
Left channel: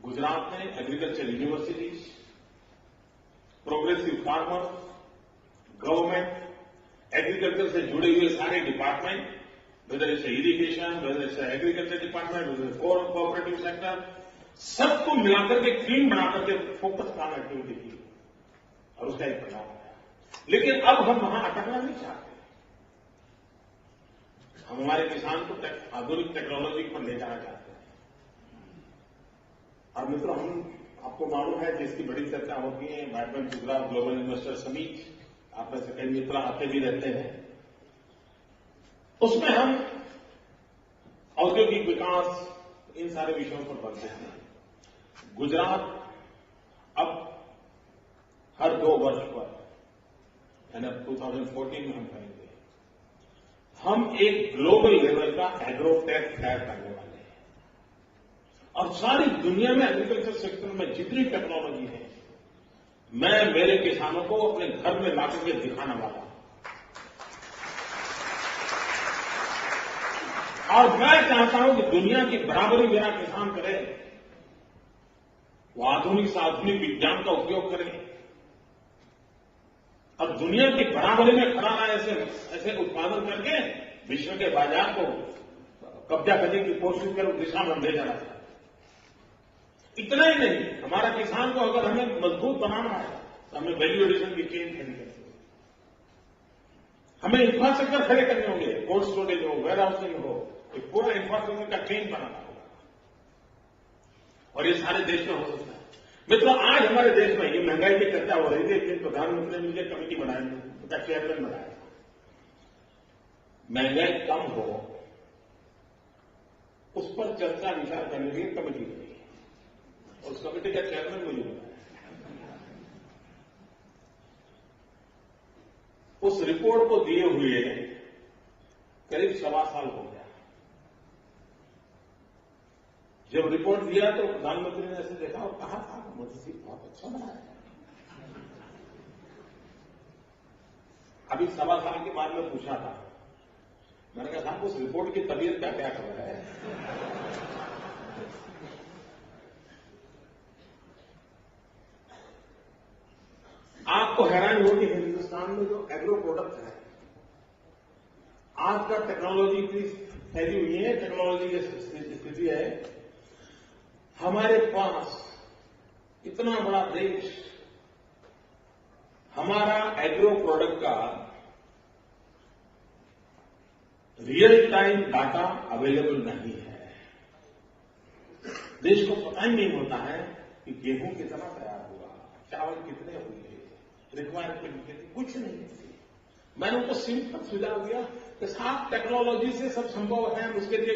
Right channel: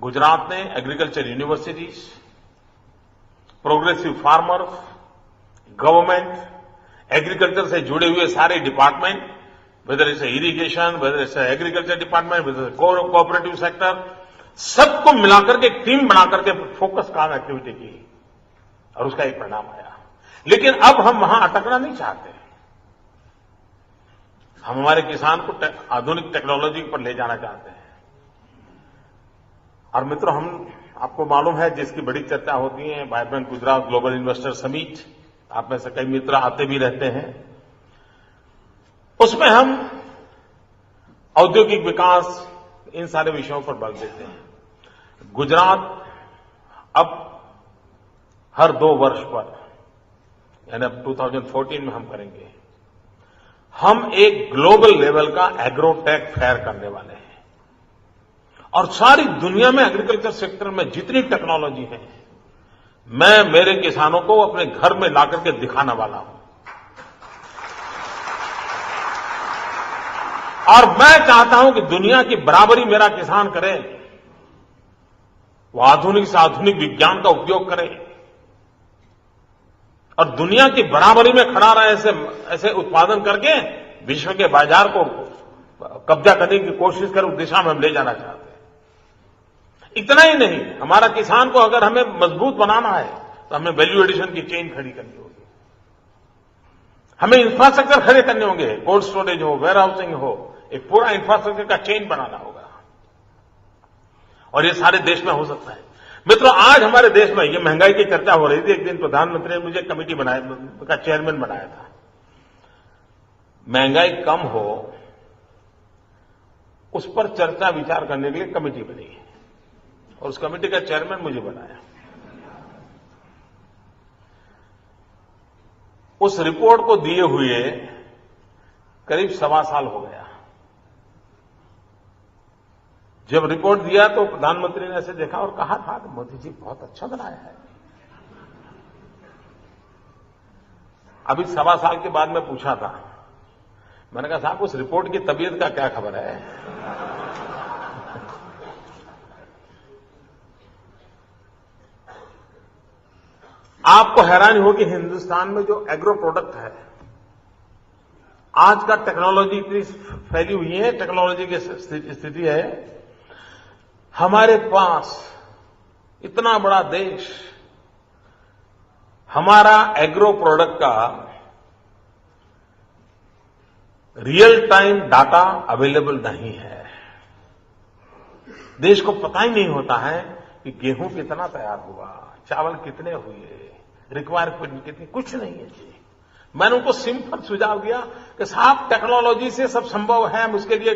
गुजरात ने agriculture universities, progressive farmers, government, agriculture से जुड़े हुए सारे department, whether it's irrigation, whether it's agriculture department, whether cooperative sector, सबको मिलाकर के एक टीम बनाकर के फोकस काम एक्टिविटी की और उसका एक परिणाम आया। लेकिन अब हम वहां अटकना नहीं चाहते। हम हमारे किसान को आधुनिक टेक्नोलॉजी पर ले जाना चाहते हैं। और मित्रों, हम आपको मालूम है जिसकी बड़ी चर्चा होती है, vibrant Gujarat global investor summit, आप में से कई मित्र आते भी रहते हैं। उसमें हम औद्योगिक विकास, इन सारे विषयों पर बल देते हैं। गुजरात अब हर 2 वर्ष पर, यानी अब 2014 में हम करेंगे, हम एक ग्लोबल लेवल का एग्रोटेक फेयर करने वाले हैं। और सारी दुनिया में एग्रीकल्चर सेक्टर में जितनी टेक्नोलॉजी है, मैं मेरे किसानों को अपने घर में लाकर के दिखाने वाला हूं। और मैं चाहता हूं कि दुनिया की बराबरी मेरा किसान करे, वो आधुनिक से आधुनिक विज्ञान का उपयोग करे और दुनिया की बराबरी में खड़ा रहे, ऐसे उत्पादन करके विश्व के बाजार को कब्जा करने की कोशिश करे, उस दिशा में हम ले जाना चाहते हैं। इतना ही नहीं, हमारा किसान को अगर हमें मजबूत बनाना है तो हमें वैल्यू एडिशन की चेन खड़ी करनी होगी, हमें इंफ्रास्ट्रक्चर खड़े करने होंगे, कोल्ड स्टोरेज हो, वेयर हाउसिंग हो, एक पूरा इंफ्रास्ट्रक्चर का चेन बनाना होगा। और ये सारे देश में हो सकता है। मित्रों, आज हमारे देश में ये महंगाई की चर्चा हो रही थी। एक दिन प्रधानमंत्री ने मुझे कमेटी का चेयरमैन बनाया था। महंगाई कम हो उस पर चर्चा विचार करने के लिए कमेटी बनी है और उस कमेटी का चेयरमैन मुझे बनाया। उस रिपोर्ट को दिए हुए करीब 1.25 साल हो गया। जब रिपोर्ट दिया तो प्रधानमंत्री ने ऐसे देखा और कहा था कि मोदी जी बहुत अच्छा बनाया है। अभी 1.25 साल के बाद मैं पूछा था, मैंने कहा साहब उस रिपोर्ट की तबीयत का क्या खबर है? आपको हैरानी होगी, हिंदुस्तान में जो एग्रो प्रोडक्ट है, आज का टेक्नोलॉजी इतनी फैली हुई है, टेक्नोलॉजी की स्थिति है, हमारे पास इतना बड़ा देश, हमारा एग्रो प्रोडक्ट का रियल टाइम डाटा अवेलेबल नहीं है। देश को पता ही नहीं होता है कि गेहूं कितना तैयार हुआ, चावल कितने हुए, रिक्वायरमेंट कितनी, कुछ नहीं है जी। मैंने उनको सिंपल सुझाव दिया कि साहब टेक्नोलॉजी से सब संभव है, हम उसके लिए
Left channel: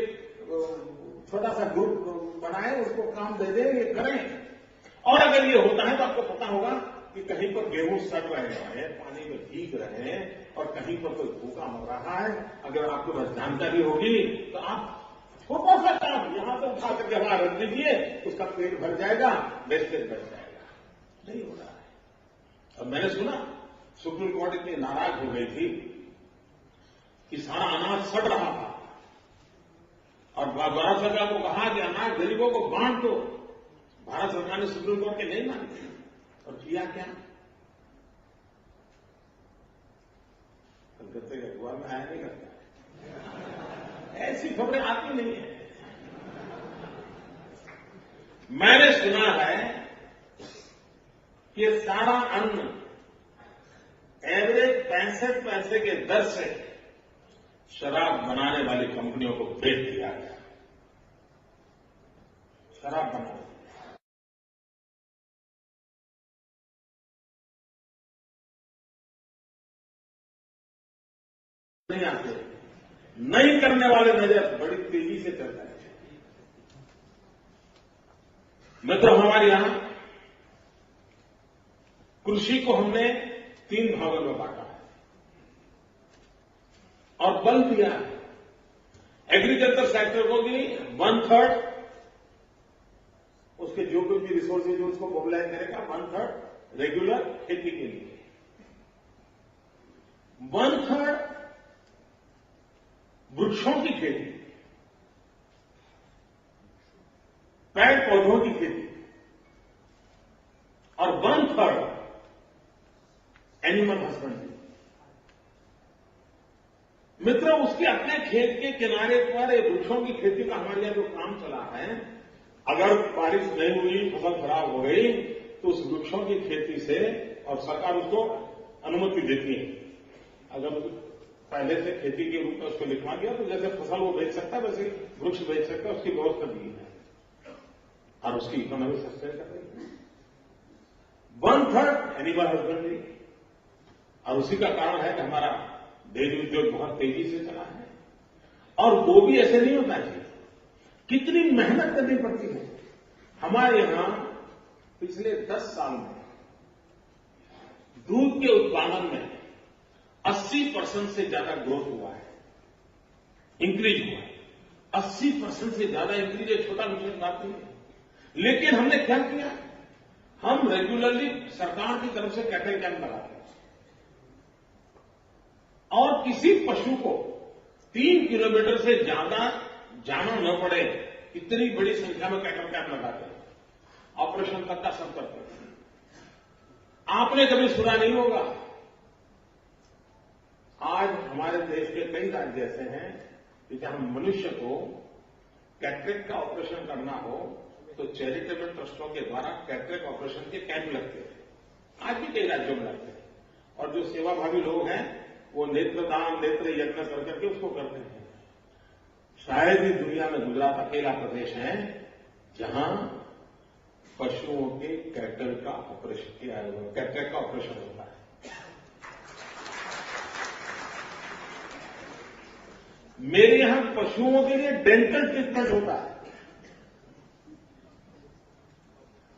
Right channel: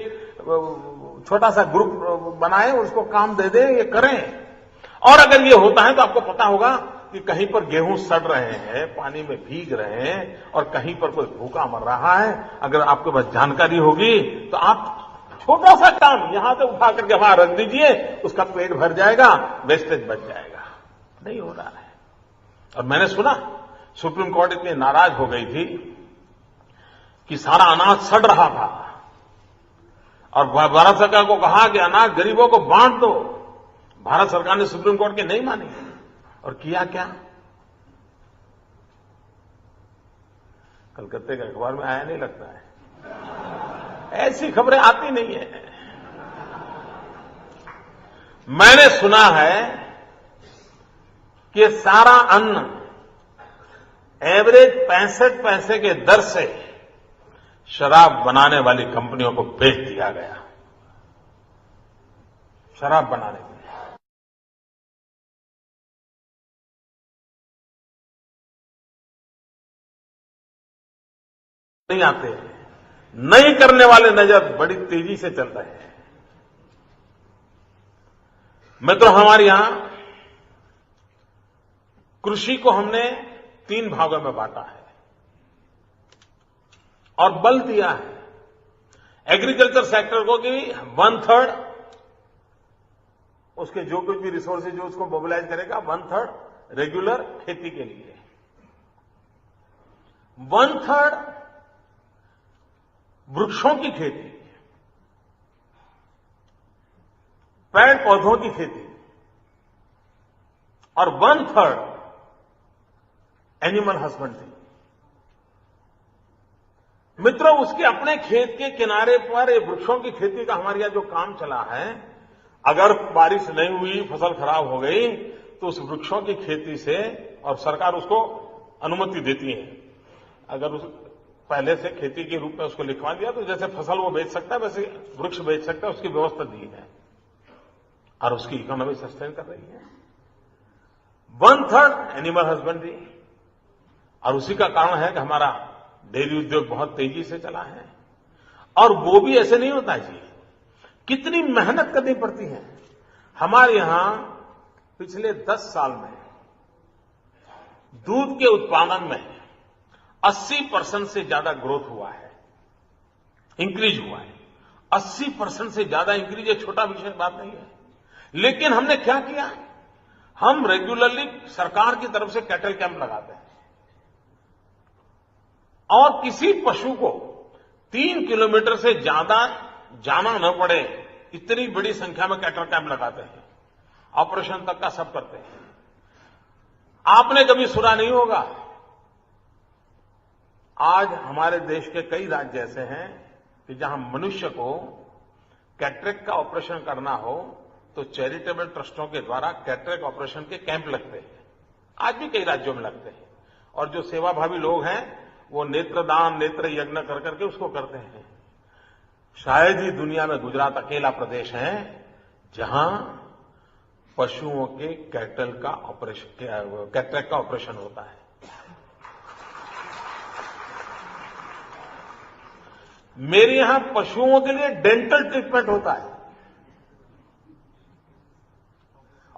छोटा सा ग्रुप बनाए, उसको काम दे दें, ये करें। और अगर ये होता है तो आपको पता होगा कि कहीं पर गेहूं सड़ रहे हैं, पानी में भीग रहे हैं और कहीं पर कोई भूखा मर रहा है। अगर आपके पास जानकारी होगी तो आप छोटा सा काम यहां से उठा करके वहां रख दीजिए, उसका पेट भर जाएगा, वेस्टेज बच जाएगा। नहीं हो रहा है। और मैंने सुना सुप्रीम कोर्ट इतनी नाराज हो गई थी कि सारा अनाज सड़ रहा था और भारत सरकार को कहा कि अनाज गरीबों को बांट दो। भारत सरकार ने सुप्रीम कोर्ट की नहीं मानी और किया क्या? कलकत्ते के अखबार में आया नहीं लगता है, ऐसी खबरें आती नहीं है। मैंने सुना है कि सारा अन्न एवरेज 65 पैसे के दर से शराब बनाने वाली कंपनियों को बेच दिया गया। शराब बनाने के लिए नहीं आते हैं, नहीं करने वाले नजर बड़ी तेजी से चल रहे हैं। मित्रों, हमारे यहां कृषि को हमने 3 भागों में बांटा है और बल दिया है एग्रीकल्चर सेक्टर को कि 1/3 उसके जो कुछ भी रिसोर्सेज जो उसको मोबिलाइज करेगा, 1/3 रेगुलर खेती के लिए, 1/3 वृक्षों की खेती, पेड़ पौधों की खेती और 1/3 एनिमल हस्बेंड्री। मित्रों, उसके अपने खेत के किनारे पर वृक्षों की खेती का हमारे यहां जो काम चला है, अगर बारिश नहीं हुई, फसल खराब हो गई, तो उस वृक्षों की खेती से, और सरकार उसको अनुमति देती है, अगर उस पहले से खेती के रूप में उसको लिखवा दिया तो जैसे फसल वो बेच सकता है वैसे वृक्ष बेच सकता है, उसकी व्यवस्था दी है और उसकी इकोनॉमी सस्टेन कर रही है। 1/3 एनिमल हस्बेंड्री, और उसी का कारण है कि हमारा डेयरी उद्योग बहुत तेजी से चला है। और वो भी ऐसे नहीं होता जी, कितनी मेहनत करनी पड़ती है। हमारे यहां पिछले 10 साल में दूध के उत्पादन में 80% से ज्यादा ग्रोथ हुआ है, इंक्रीज हुआ है। 80% से ज्यादा इंक्रीज, एक छोटा विषय बात नहीं है। लेकिन हमने क्या किया, हम रेगुलरली सरकार की तरफ से कैटल कैंप लगाते हैं और किसी पशु को 3 किलोमीटर से ज्यादा जाना न पड़े, इतनी बड़ी संख्या में कैटल कैंप लगाते हैं, ऑपरेशन तक का सब करते हैं। आपने कभी सुना नहीं होगा, आज हमारे देश के कई राज्य ऐसे हैं कि जहां मनुष्य को कैटरेक्ट का ऑपरेशन करना हो तो चैरिटेबल ट्रस्टों के द्वारा कैटरेक्ट ऑपरेशन के कैंप लगते हैं। आज भी कई राज्यों में लगते हैं और जो सेवाभावी लोग हैं वो नेत्रदान, नेत्र यज्ञ कर करके उसको करते हैं। शायद ही दुनिया में गुजरात अकेला प्रदेश है जहां पशुओं के कैटरेक्ट का ऑपरेशन होता है। मेरे यहां पशुओं के लिए डेंटल ट्रीटमेंट होता है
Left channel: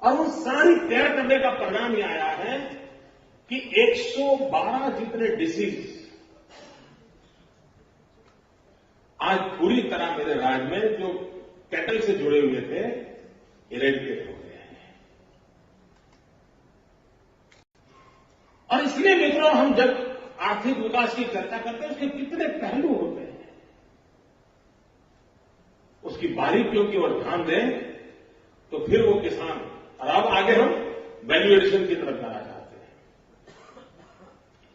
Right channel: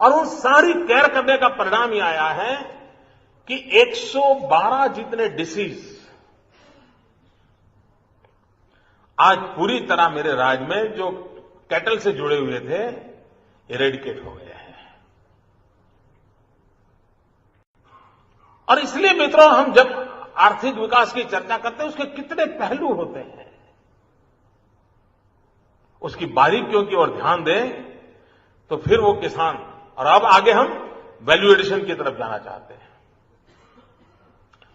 और उन सारी केयर करने का परिणाम यह आया है कि 112 जितने डिसीज आज पूरी तरह मेरे राज्य में जो कैटल से जुड़े हुए थे इरेडिकेट हो गए हैं। और इसलिए मित्रों, हम जब आर्थिक विकास की चर्चा करते हैं उसके कितने पहलू होते हैं, उसकी बारीकियों की ओर ध्यान दें तो फिर वो किसान। और अब आगे हम वैल्यू एडिशन की तरफ जाना चाहते हैं,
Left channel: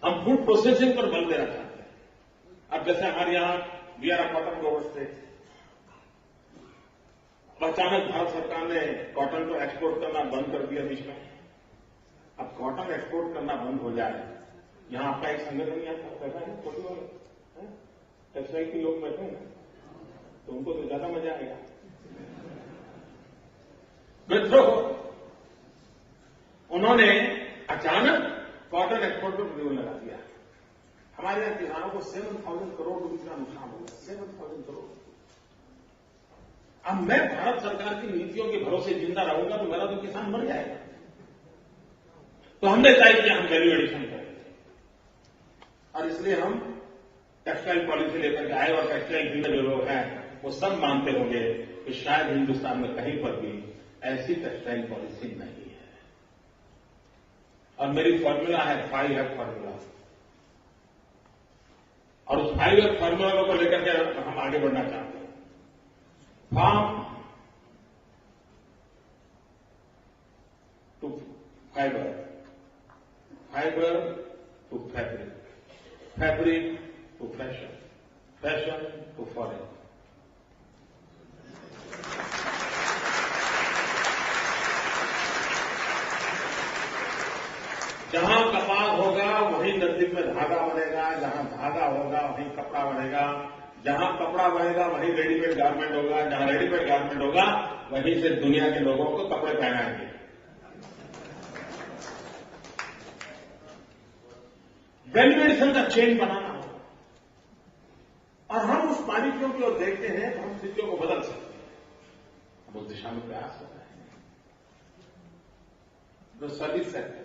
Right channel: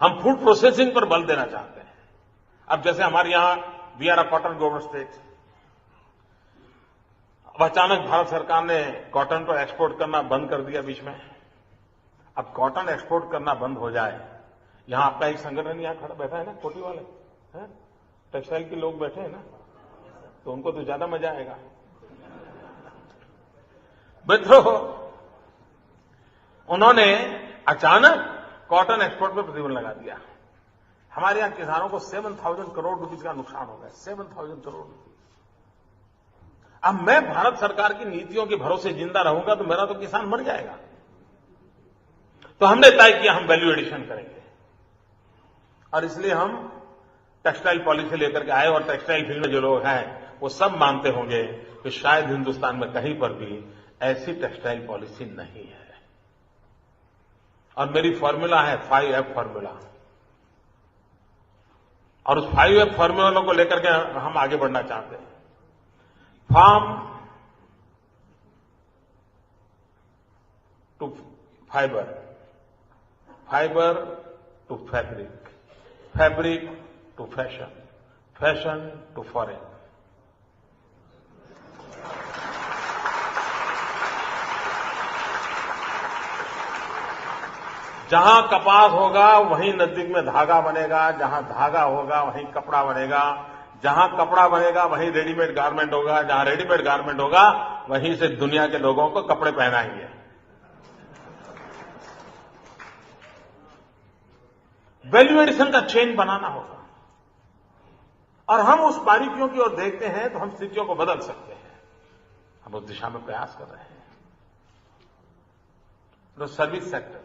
हम फूड प्रोसेसिंग पर बल देना चाहते हैं। अब जैसे हमारे यहां we are a cotton grower state, अब अचानक भारत सरकार ने कॉटन को एक्सपोर्ट करना बंद कर दिया बीच में। अब कॉटन एक्सपोर्ट करना बंद हो जाए, यहां आपका एक संगठन यहां खड़ा बैठा है ना, कोटी वाले टेक्सटाइल के लोग बैठे हैं ना, तो उनको तो ज्यादा मजा आएगा। मित्रों, उन्होंने अचानक कॉटन एक्सपोर्ट पर प्रतिबंध लगा दिया। हमारे यहां किसानों को 7,000 करोड़ रुपए का नुकसान हो गया, 7,000 करोड़। अब मैं भारत सरकार की नीतियों के भरोसे जिंदा रहूंगा तो मेरा तो किसान मर जाएगा। तो हमने तय किया हम वैल्यू एडिशन करेंगे और इसलिए हम टेक्सटाइल पॉलिसी लेकर के आए। और टेक्सटाइल फील्ड में जो लोग हैं वो सब मानते होंगे कि शायद हिंदुस्तान में कहीं पर भी ऐसी टेक्सटाइल पॉलिसी नहीं है। और मेरी फॉर्मूला है 5F फॉर्मूला, और उस 5F फॉर्मूला को लेकर के हम आगे बढ़ना चाहते हैं। Farm to fibre, fibre to fabric, fabric to fashion, fashion to foreign. जहां कपास होगा वहीं नजदीक में धागा बनेगा, जहां धागा होगा वहीं कपड़ा बनेगा, जहां कपड़ा बनेगा वहीं रेडीमेड गारमेंट होगा, जहां रेडीमेड गारमेंट होगा वहीं से दुनिया के लोगों को कपड़े पहनाएंगे। वैल्यू एडिशन का चेन बनाना होगा और हम उस बारीकियों की ओर देखते हैं तो हम स्थितियों को बदल सकते हैं। हम उस दिशा में प्रयास कर रहे हैं। तो सर्विस सेक्टर,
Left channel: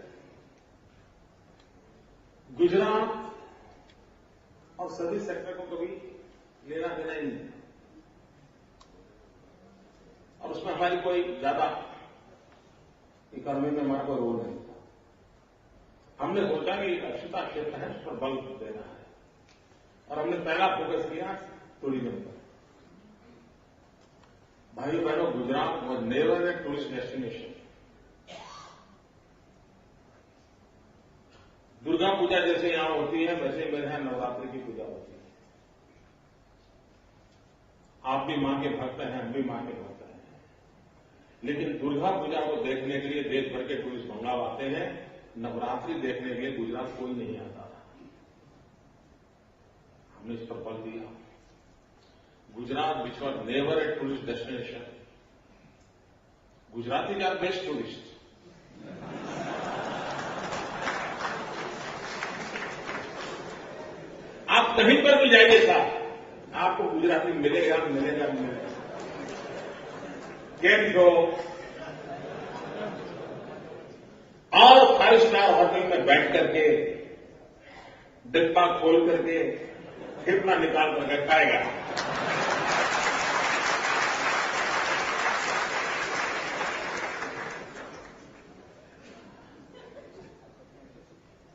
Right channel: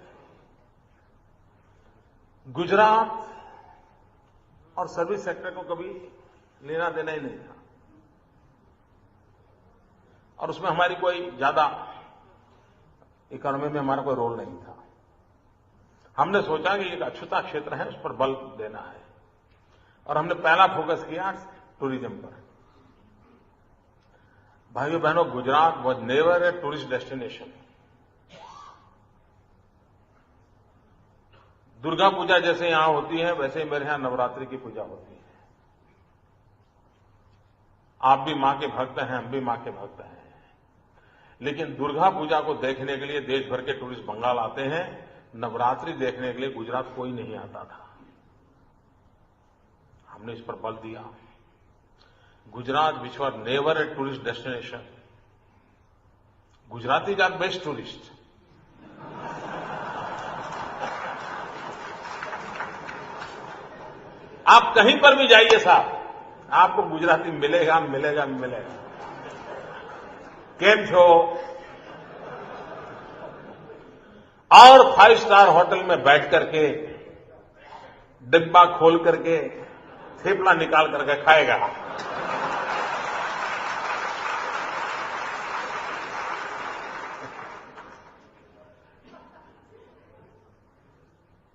गुजरात और सर्विस सेक्टर को कभी लेना देना ही नहीं था और उसमें हमारी कोई ज्यादा इकोनॉमी में हमारा कोई रोल नहीं था। हमने सोचा कि एक अछूता क्षेत्र है, उस पर बल देना है और हमने पहला फोकस किया टूरिज्म पर। भाइयों बहनों, Gujarat was never a tourist destination. Durga Puja जैसे यहां होती है वैसे ही मेरे यहां नवरात्रि की पूजा होती है। आप भी मां के भक्त हैं, हम भी मां के भक्त हैं, लेकिन दुर्गा पूजा को देखने के लिए देश भर के टूरिस्ट बंगाल आते हैं, नवरात्रि देखने के लिए गुजरात कोई नहीं आता था। हमने इस पर बल दिया। Gujarat which was never a tourist destination, Gujarati are best tourist. आप कहीं पर भी जाइए साहब, आपको गुजराती मिलेगा मिलेगा मिलेगा। केम छो? और 5 स्टार होटल में बैठ करके डिब्बा खोल करके थेपला निकाल करके खाएगा।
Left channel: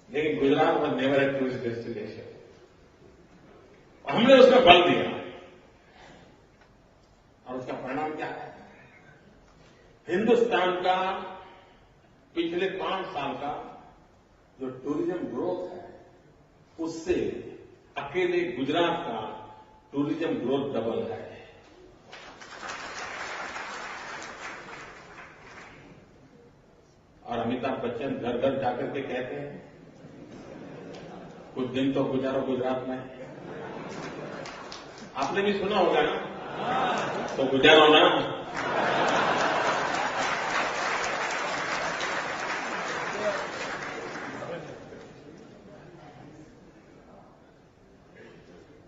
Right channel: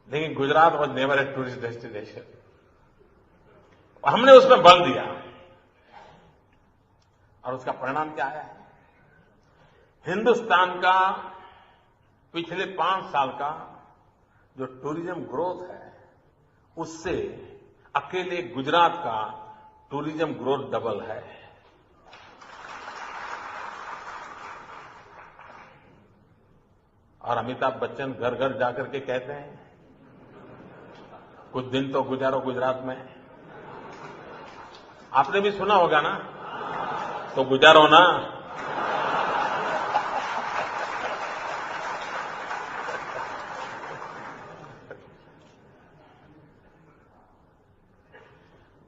लेकिन Gujarat was never a tourist destination. हमने उसमें बल दिया और उसका परिणाम क्या है? हिंदुस्तान का पिछले 5 साल का जो टूरिज्म ग्रोथ है उससे अकेले गुजरात का टूरिज्म ग्रोथ डबल है। और अमिताभ बच्चन घर घर जाकर के कहते हैं कुछ दिन तो गुजारो गुजरात में। आपने भी सुना होगा ना, तो गुजारो ना।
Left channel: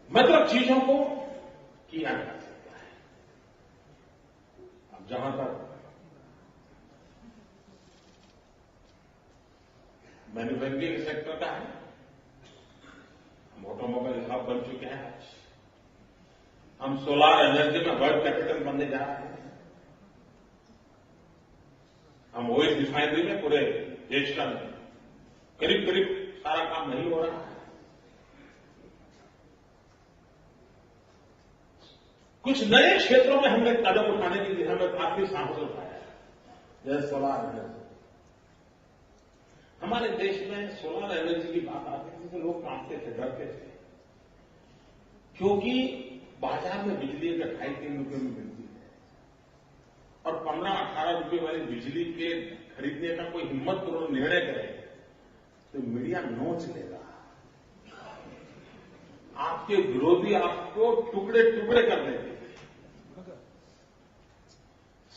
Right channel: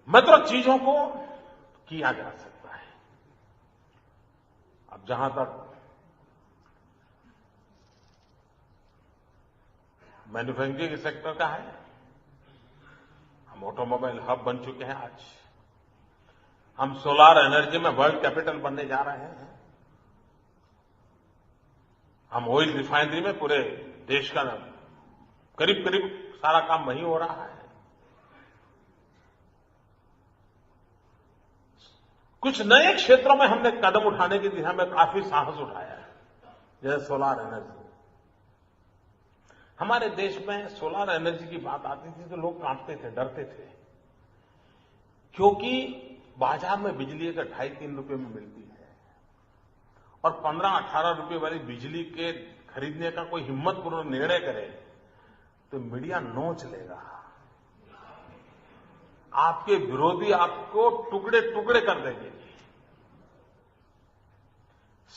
मतलब चीजों को किया जा सकता है। अब जहां तक मैन्युफैक्चरिंग सेक्टर का है, हम ऑटोमोबाइल हब बन चुके हैं। आज हम सोलार एनर्जी में वर्ल्ड कैपिटल बनने जा रहे हैं। हम ऑयल रिफाइनरी में पूरे देश का करीब करीब सारा काम वहीं हो रहा है। कुछ नए क्षेत्रों में हमने कदम उठाने की दिशा में काफी साहस उठाया है, जैसे सोलार एनर्जी। हमारे देश में सोलार एनर्जी की बात आती थी तो लोग कांपते थे, डरते थे, क्योंकि बाजार में बिजली का 2.5-3 रुपए में मिलती है और 15-18 रुपए वाली बिजली के खरीदने का कोई हिम्मतपूर्ण निर्णय करे तो मीडिया नोच लेगा। आपके विरोधी आपको टुकड़े टुकड़े कर देंगे।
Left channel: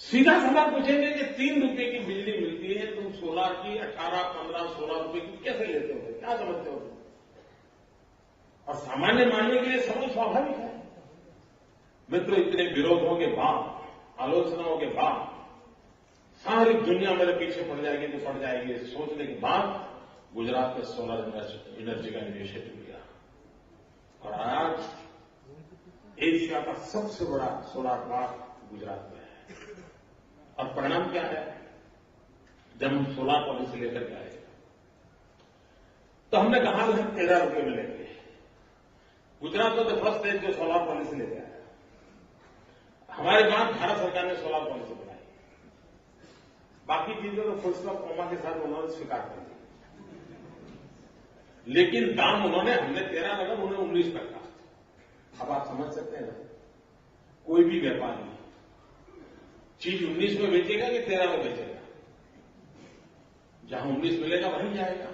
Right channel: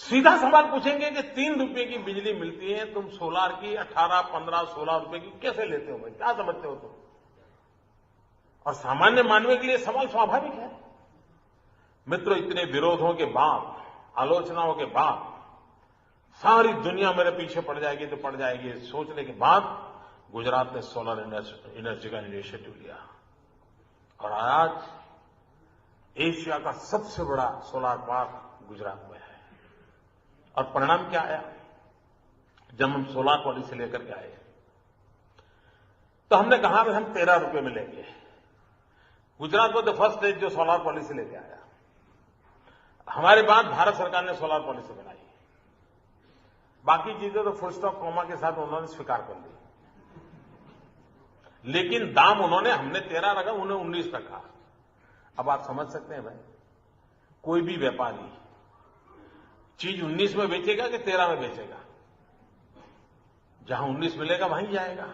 सीधा सवाल पूछेंगे कि 3 रुपए की बिजली मिलती है, तुम सोलार की 18, 15, 16 रुपए की कैसे लेते हो भाई? क्या समझते हो तुम? और सामान्य मानवीय के लिए सवाल स्वाभाविक है। मित्रों, इतने विरोधों के बाद, आलोचनाओं के बाद सारी दुनिया मेरे पीछे पड़ जाएगी तो पड़ जाएगी, सोचने के बाद गुजरात ने सोलर एनर्जी का इनिशिएटिव लिया और आज एशिया का सबसे बड़ा सोलार पार्क गुजरात में है। और परिणाम क्या है? जब हम सोलार पॉलिसी लेकर के आए तो हमने कहा कि हम 13 रुपए में लेंगे। गुजरात को तो फर्स्ट स्टेट जो सोलार पॉलिसी लेके आया। हमारे बाद भारत सरकार ने सोलार पॉलिसी बनाई। बाकी चीजें तो फुल स्टॉप कॉमा के साथ उन्होंने स्वीकार कर दी, लेकिन दाम उन्होंने, हमने 13 रखा, उन्होंने 19 रखा। अब आप समझ सकते हैं भाई, कोई भी व्यापारी चीज 19 में बेचेगा कि 13 में बेचेगा? जहां 19 मिलेगा वहीं जाएगा।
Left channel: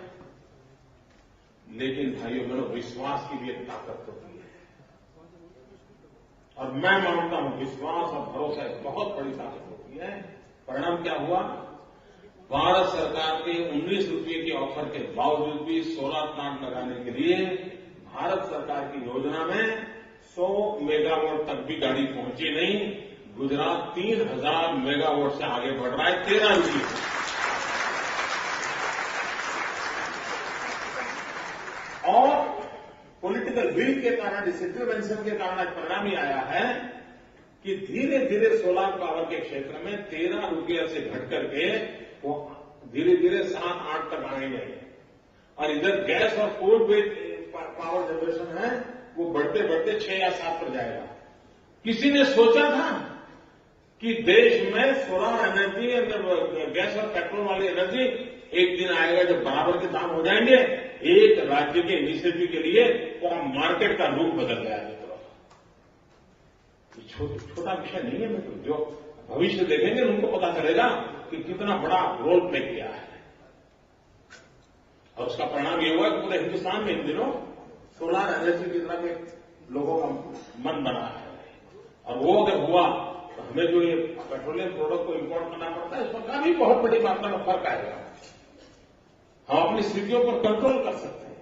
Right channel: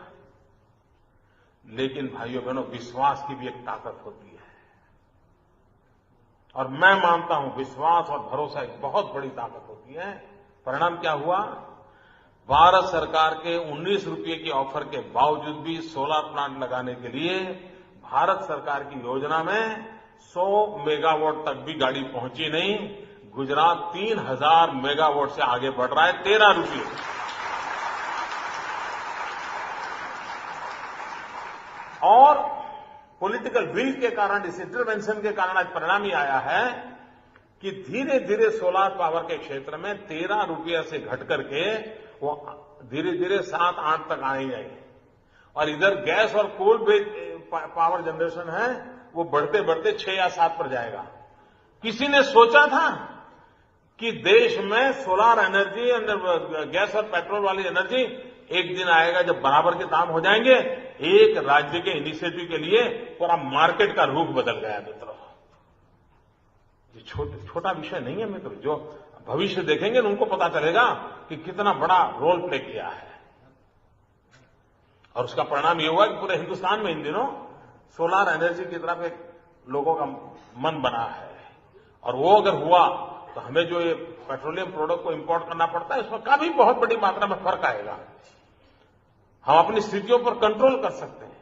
लेकिन भाइयों बहनों, विश्वास की भी एक ताकत होती है, और मैं मानता हूं विश्वास और भरोसा एक बहुत बड़ी ताकत होती है। परिणाम क्या हुआ? भारत सरकार के 19 रुपये की ऑफर के बावजूद भी सोलर प्लांट लगाने के लिए भारत सरकार की योजना में 100 मेगावाट तक भी गाड़ी पहुंची नहीं। गुजरात 3000 मेगावाट से आगे बढ़ रहा है 13 रुपये। और पॉलिटिकल विल के कारण, इस इंटरवेंशन के कारण आज परिणाम ही आया है कि धीरे धीरे सोलर पावर के क्षेत्र में 13 रुपये से घट करके वो धीरे धीरे 7-8 तक आए गए। और इधर गैस और कोल बेस्ड पावर जनरेशन है, वो बढ़ते बढ़ते 6 या 7 पर जाएगा। किसी ने सोचा था कि देश में सोलर एनर्जी और गैस और पेट्रोल वाली एनर्जी एक दिन आएगा जब बराबर के दाम हो जाएंगे? एक राज्य के इनिशिएटिव के लिए पूरा मार्केट का रुख बदल गया मित्रों। छोटा विषय नहीं है मित्रों। जो भविष्य देखेंगे ना, उनको पता चलेगा कि कितना बड़ा रोल प्ले किया है। और उसका परिणाम ये हुआ कि पूरे हिंदुस्तान में इन दिनों सोलर एनर्जी की तरफ एक लोगों का मन बना है। और वो अगर हुआ तो हमें जो ये पेट्रोलियम प्रोडक्ट को इंपोर्ट करना पड़ता है, उसमें काफी बहुत बड़ी मात्रा में फर्क आएगा। हम अपनी स्थितियों पर कंट्रोल कर सकते हैं,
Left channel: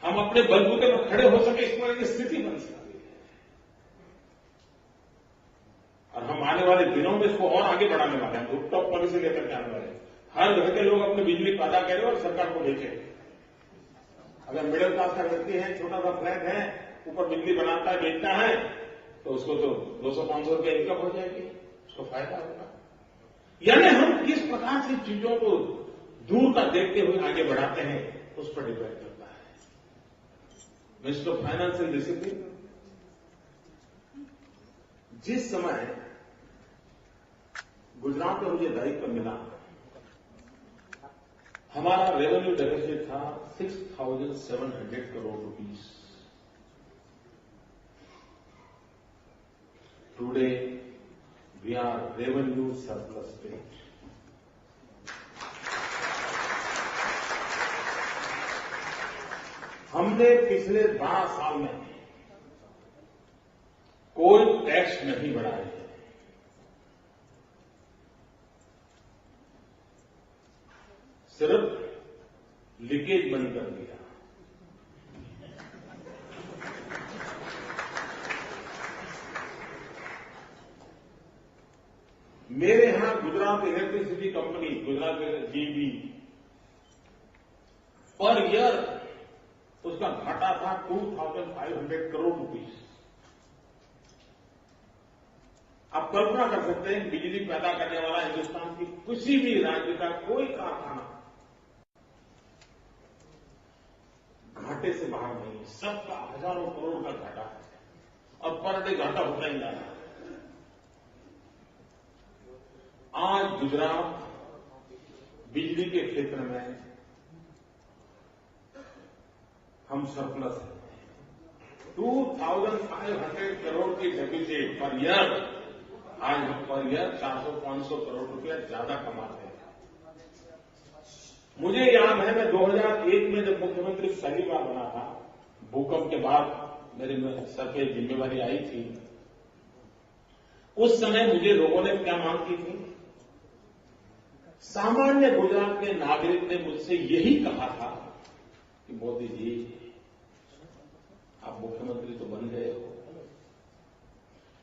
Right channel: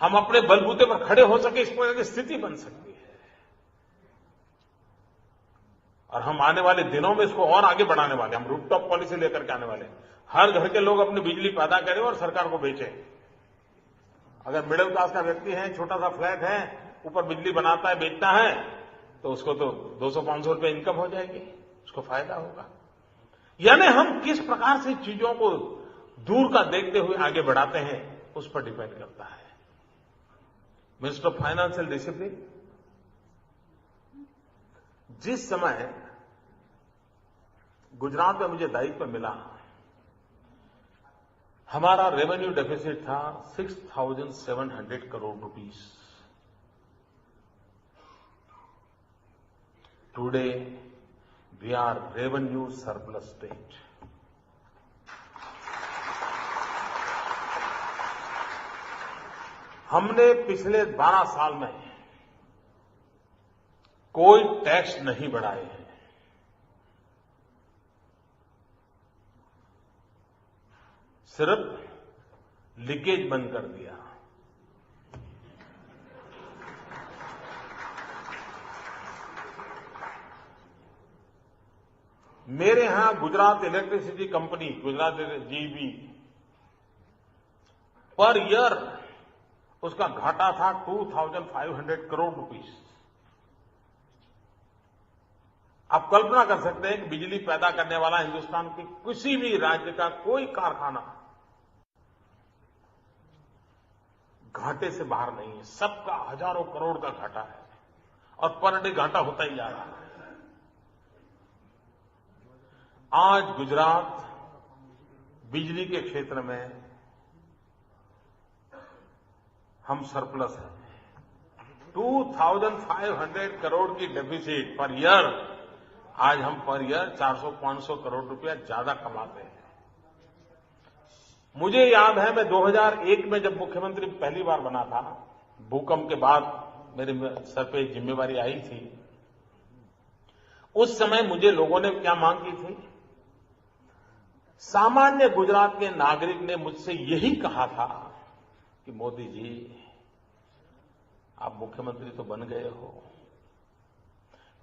हम अपने बलबूते पर खड़े हो सके, इस तरह की स्थिति बन सकती है। और हम आने वाले दिनों में इसको और आगे बढ़ाने वाले हैं। हम रूफटॉप पॉलिसी लेकर के आने वाले हैं। हर घर के लोग अपनी बिजली पैदा करें और सरकार को बेचें। अगर मिडिल क्लास का व्यक्ति है, छोटा सा फ्लैट है, ऊपर बिजली बनाता है, बेचता है, तो उसको तो 200-500 रुपए इनकम हो जाएगी, उसको फायदा होगा। यानी हम किस प्रकार से चीजों को दूर का देखते हुए आगे बढ़ाते हैं, उस पर डिपेंड करता है। मिनिस्टर ऑफ फाइनेंशियल डिसिप्लिन, जिस समय गुजरात में मुझे दायित्व मिला, हमारा रेवेन्यू डेफिसिट था 6,700 crore rupees. Today we are revenue surplus state. हमने पिछले 12 साल में कोई टैक्स नहीं बढ़ाए हैं। सिर्फ लीकेज बंद कर दिया। मेरे यहां Gujarat electricity company, Gujarat GB, per year उसका घाटा था 2,500 करोड़ रुपीस। आप कल्पना कर सकते हैं कि बिजली पैदा करने वाला हिंदुस्तान की किसी भी राज्य का कोई कारखाना घाटे से बाहर नहीं है। सबका हजारों करोड़ का घाटा है और पर डे घाटा होता ही जा रहा है। आज गुजरात बिजली के क्षेत्र में हम सरप्लस हैं। 2,500 करोड़ की डेफिसिट पर ईयर, आज हम पर ईयर 400-500 करोड़ रुपया ज्यादा कमाते हैं। मुझे याद है, मैं 2001 में जब मुख्यमंत्री पहली बार बना था, भूकंप के बाद मेरे सर पे जिम्मेवारी आई थी, उस समय मुझे लोगों ने क्या मांग की थी? सामान्य गुजरात के नागरिक ने मुझसे यही कहा था कि मोदी जी, आप मुख्यमंत्री तो बन गए हो,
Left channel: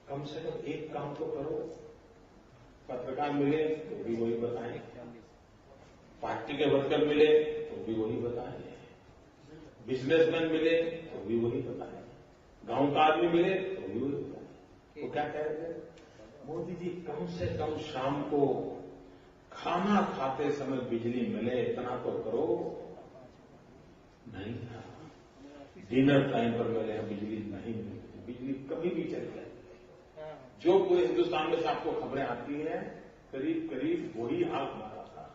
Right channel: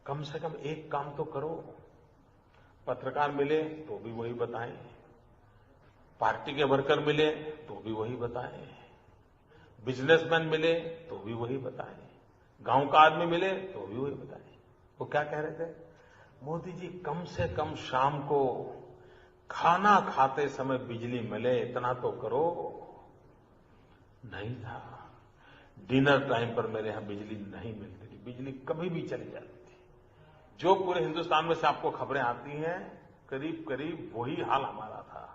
कम से कम एक काम तो करो। पत्रकार मिले तो भी वही बताएं, पार्टी के वर्कर मिले तो भी वही बताएं, बिजनेसमैन मिले तो भी वही बताएं, गांव का आदमी मिले तो भी वही बताएं। वो क्या कह रहे थे? मोदी जी, कम से कम शाम को खाना खाते समय बिजली मिले, इतना तो करो। नहीं था। डिनर टाइम पर मेरे यहां बिजली नहीं मिलती, बिजली कभी भी चली जाती है। जो पूरे हिंदुस्तान में से आपको खबरें आती हैं, करीब करीब वही हाल हमारा था।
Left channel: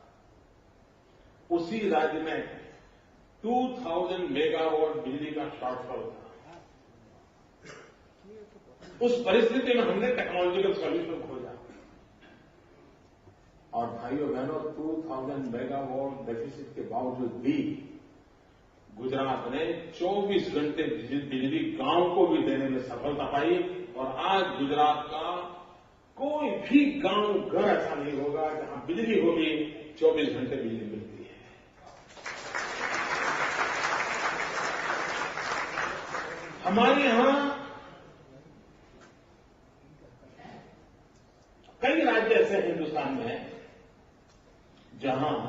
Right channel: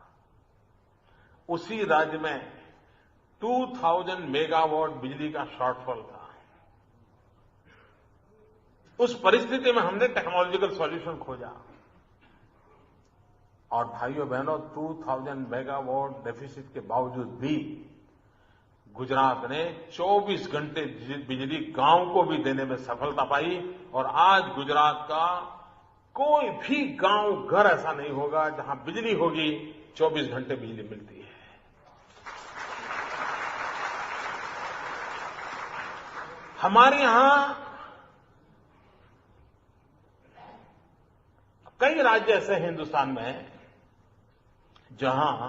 उसी राज्य में 2,000 मेगावाट बिजली का शॉर्टफॉल था। उस परिस्थिति में हमने टेक्नोलॉजिकल सॉल्यूशन खोजा और भाइयों बहनों 2000 मेगावाट डेफिसिट के बावजूद भी गुजरात ने 24 घंटे बिजली गांव को भी देने में सफलता पाई और आज गुजरात का कोई भी गांव घर ऐसा नहीं होगा जहां बिजली होगी 24 घंटे बिजली मिलती है। हमारे यहां कई राज्य ऐसे हैं हिंदुस्तान में जहां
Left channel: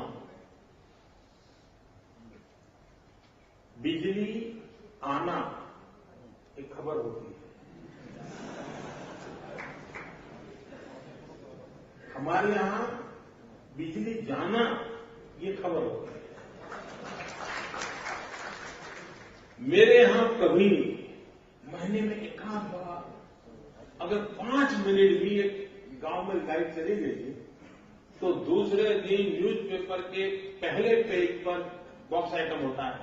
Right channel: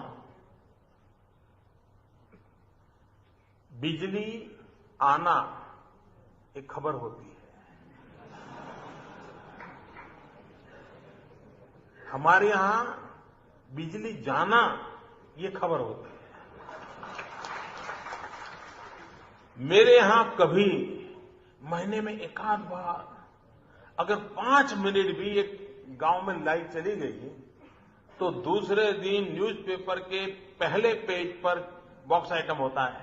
बिजली आना एक खबर होती है। हमारे यहां बिजली जाना ये खबर होती है। मेरे यहां कभी महीने में एकाध बार अगर 5 मिनट भी एक गांव में लाइट चली गई तो दूसरे दिन न्यूज़पेपर के पहले पेज पर बॉक्स आइटम होता है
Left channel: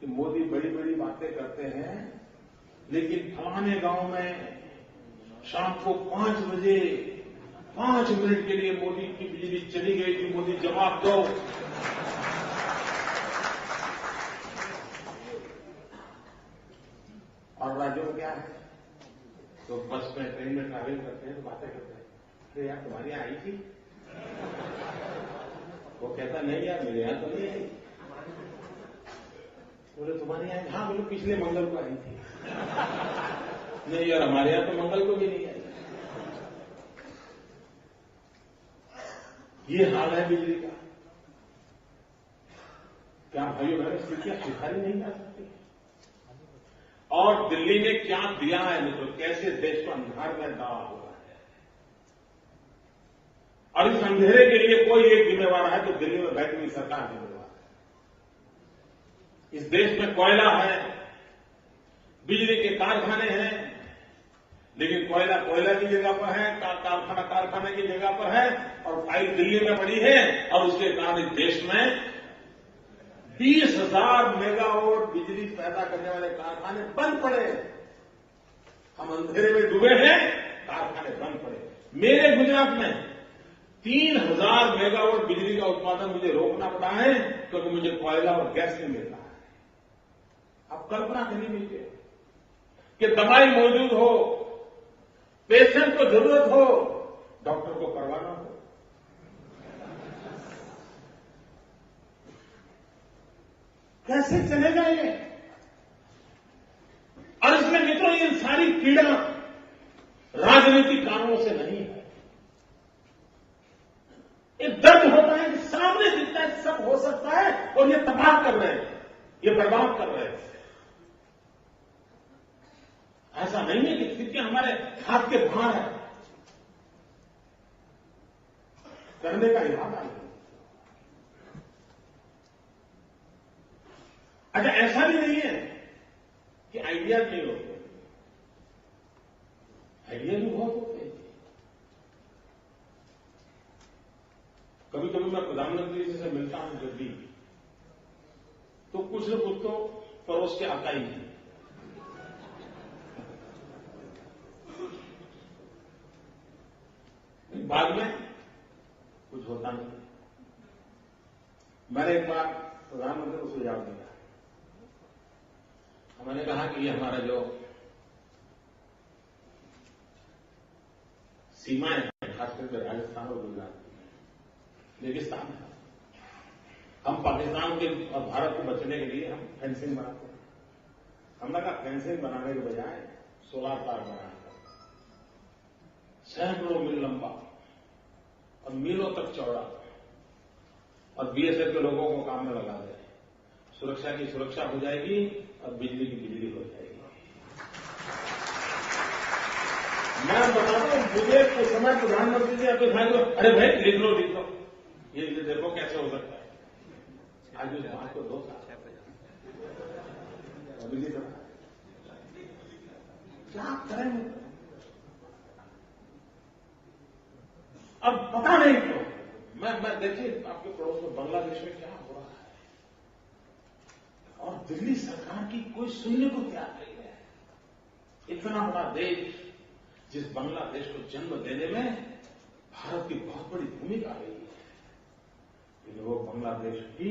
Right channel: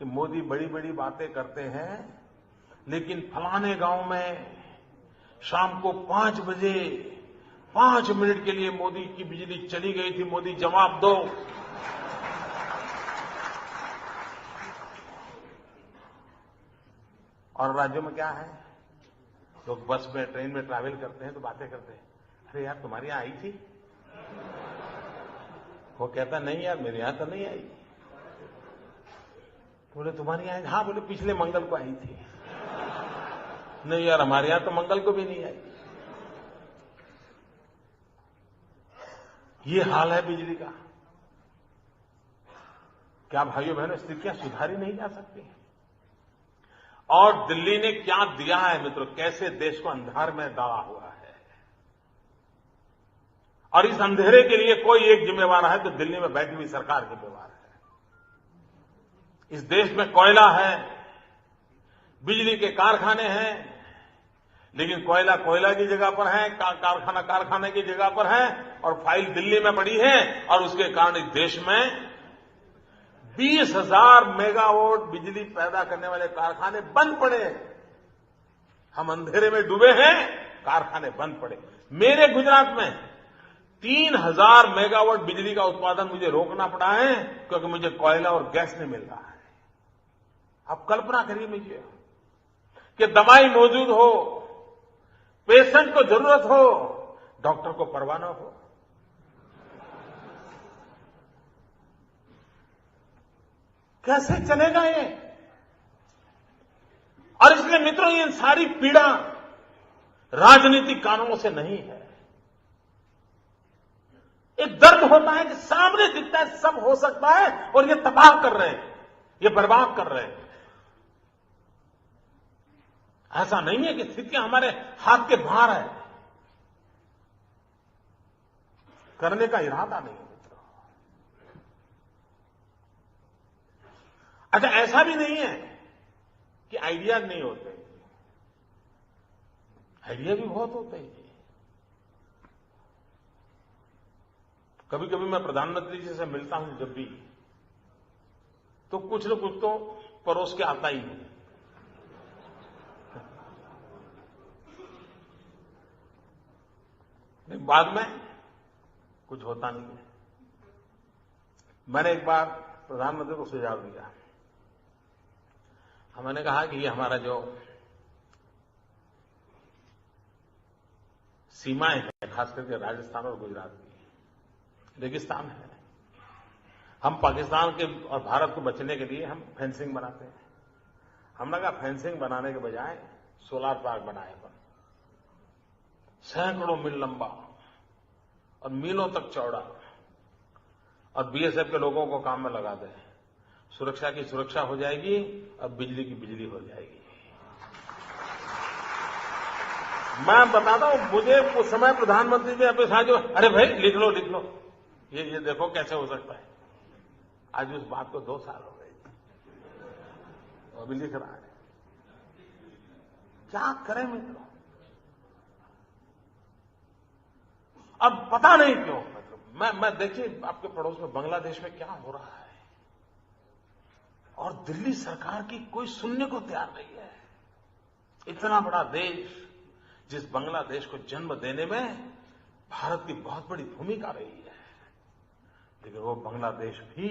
कि मोदी बड़ी बड़ी बातें करते हैं लेकिन फलाने गांव में शाम को 5 बजे 5 मिनट के लिए मोदी की बिजली चली गई थी, मोदी जवाब दो। और राज्यों में क्या है, लोग बस में ट्रेन में ट्रैवल करते हैं तो बातें करते हैं, अरे यार तुम्हारी यहां आई थी? वो कहता नहीं यार मेरे यहां तो नहीं आई। बोले तुम्हारी यहां? हाँ। बोले पिछले मंगल को आई थी। नहीं यार हमारे यहां तो मंगल को भी नहीं आई। ये हाल है बिजली का। क्या भाइयों बहनों स्थितियां सुधारी नहीं जा सकती? और दिल्ली ने क्या दिया है मित्रों, कैसे देश को अंधार में डाला हुआ है। और इस अंधेरे के लिए कोई एक जिम्मेवार है तो दिल्ली में बैठी हुई सरकार जिम्मेवार है। इस देश में कोयला है, बिजली के कारखाने हैं, लेकिन कोयला कोयला की जगह पर है, कारखाना कारखाने की जगह पर है और फाइल दिल्ली में पड़ी है। और उसके कारण इस देश में 20,000 मेगावाट बिजली पैदा करने वाले कारखाने बंद पड़े। हम अंधेरे में डूबे हैं, कारखाने बंद पड़े। मेरे गुजरात में 3,000 मेगावाट बिजली का उत्पादन मुझे रोकना पड़ा है क्योंकि मुझे कोयला और गैस नहीं मिल रहा है। आप कल्पना करिए मुझे कि दवाई मौजूद हो, पेशेंट को जरूरत हो, डॉक्टर को परवाह न हो। कैसे चलेगा ये? और इसलिए मित्रों ये सारी पीड़ा राजनीतिक कारणों से नहीं है। एक दर्द होता है कि सामने दिखता है सब हो सकता है और ये तबाह कर रहे हैं, ये बर्बाद कर रहे हैं। ऐसा नहीं है कि स्थितियां हमारे हाथ के बाहर है, करने का इरादा नहीं। अच्छा ऐसा भी नहीं है कि आइडिया नहीं होते, आइडिया भी बहुत होते हैं। कभी कभी मैं प्रधानमंत्री जी से मिलता हूं जब भी, तो कुछ न कुछ तो परोस के आता ही नहीं। बाद में कुछ होता नहीं है। मैंने एक बार प्रधानमंत्री को सुझाव दिया, हमने कहा कि ये हमारा जो सीमाएं हैं खास करके राजस्थान और गुजरात की रेगिस्तान है, हम पाकिस्तान के और भारत को बचने के लिए हम फेंसिंग बनाते हैं। हमने कहा फेंसिंग बनाने के बजाय सोलार पार्क बनाए, सैकड़ों मील लंबा और मीलों तक चौड़ा, और बीएसएफ के लोगों को काम में लगा दें। सुरक्षा की सुरक्षा हो जाएगी और बिजली की बिजली हो जाएगी। मैं बताता हूं, मुझे उस समय प्रधानमंत्री ने अपने साथ अरे भाई लिख लो ये देखो कैसे हो सकता है। आज उस बात को 2 साल हो गए और भी लिख रहा है। क्या करें मित्रों? अब पता नहीं क्यों मैं देखिए आपके पड़ोस में बांग्लादेश में क्या हो रहा है, और दिल्ली सरकार की कोई सुनने को तैयार नहीं है। इतना बड़ा देश जिस बांग्लादेश को जन्म देने में भारत की बहुत बड़ी भूमिका रही है। लेकिन वो बांग्लादेश भी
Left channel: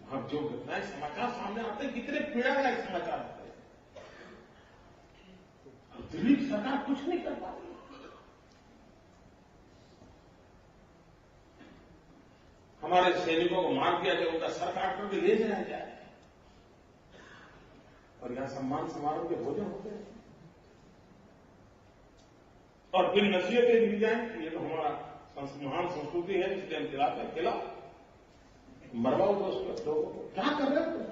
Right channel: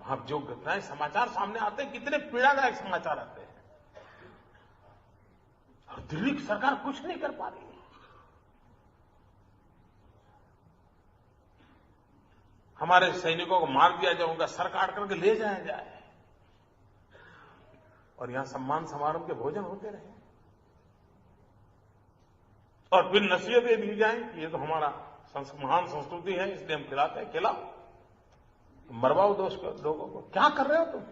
वहां जो नए समाचार सामने आते हैं, कितने पीड़ादायक समाचार आते हैं, और दिल्ली की सरकार कुछ नहीं कर पा रही है। हमारे सैनिकों को मार दिया जाए, उनका सर काट करके ले जाया जाए, और यहां सम्मान समारोह के भोजन होते रहे, और फिर नसीहतें दी जाए कि ये तो हमारा महान संस्कृति है, इसलिए हम खिलाते हैं। खिलाओ, मरवाओ दोस्त लोगों को। क्या कर रहे हो तुम?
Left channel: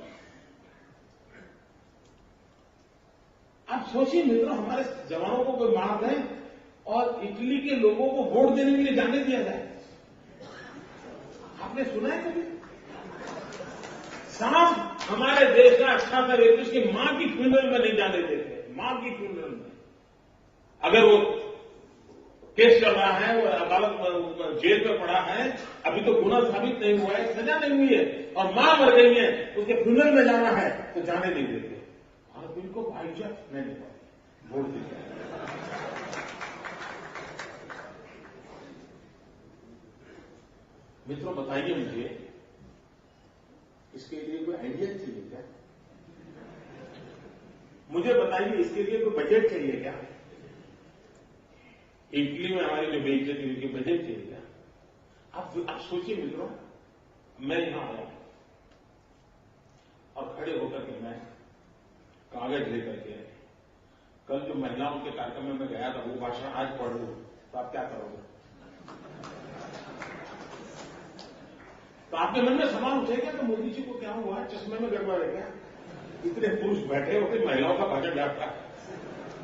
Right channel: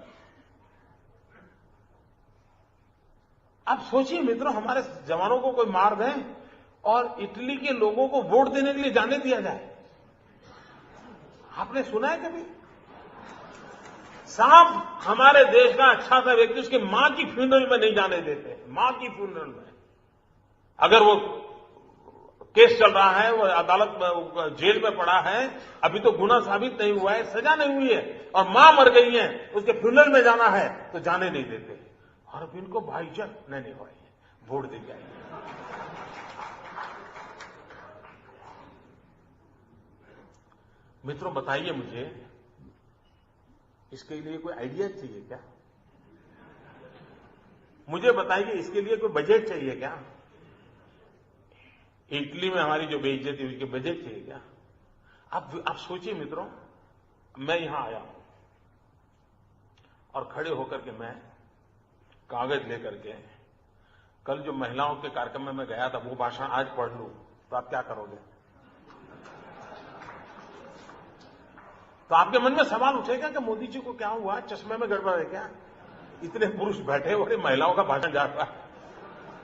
आप सोचिए मित्रों, हमारे जवानों को कोई मार दे और इटली के लोगों को वोट देने के लिए जाने दिया जाए। आपने सुना है कभी? साफ हमारे देश का अच्छा सा व्यक्ति उसकी मां की फ्यूनरल में नहीं जाने देते। मां की फ्यूनरल में अगर वो केस चल रहा है, वो अदालत में जेल में पड़ा है, अभी तो गुना साबित नहीं हुआ है, सजा नहीं हुई है, और मां मर गई है, उसके फ्यूनरल में जाना है तो जाने नहीं देते। और अब इनको भाईचारा नहीं पाए, वोट देते। मित्रों बताइए मुझे, इसके लिए कोई आइडिया चाहिए क्या? मुझे बताइए, इसके लिए कोई बजट चाहिए क्या? इटली में हमारी जो बेइज्जती हुई, कि बजट चाहिए क्या? आप सोचिए मित्रों, मैं यहां आया हूं और खड़े होकर के मैं कागज लेकर के, कल जो महिलाओं के कार्यक्रम में मैं गया था, वो भाषण आज पढ़ लूं तो आप क्या करोगे? तो आपके मन में सवाल उठेगा कि मोदी जी को क्या हुआ, चश्मे में गड़बड़ है क्या? इतने पुरुष बैठे हुए, महिलाओं का भाषण जाता है,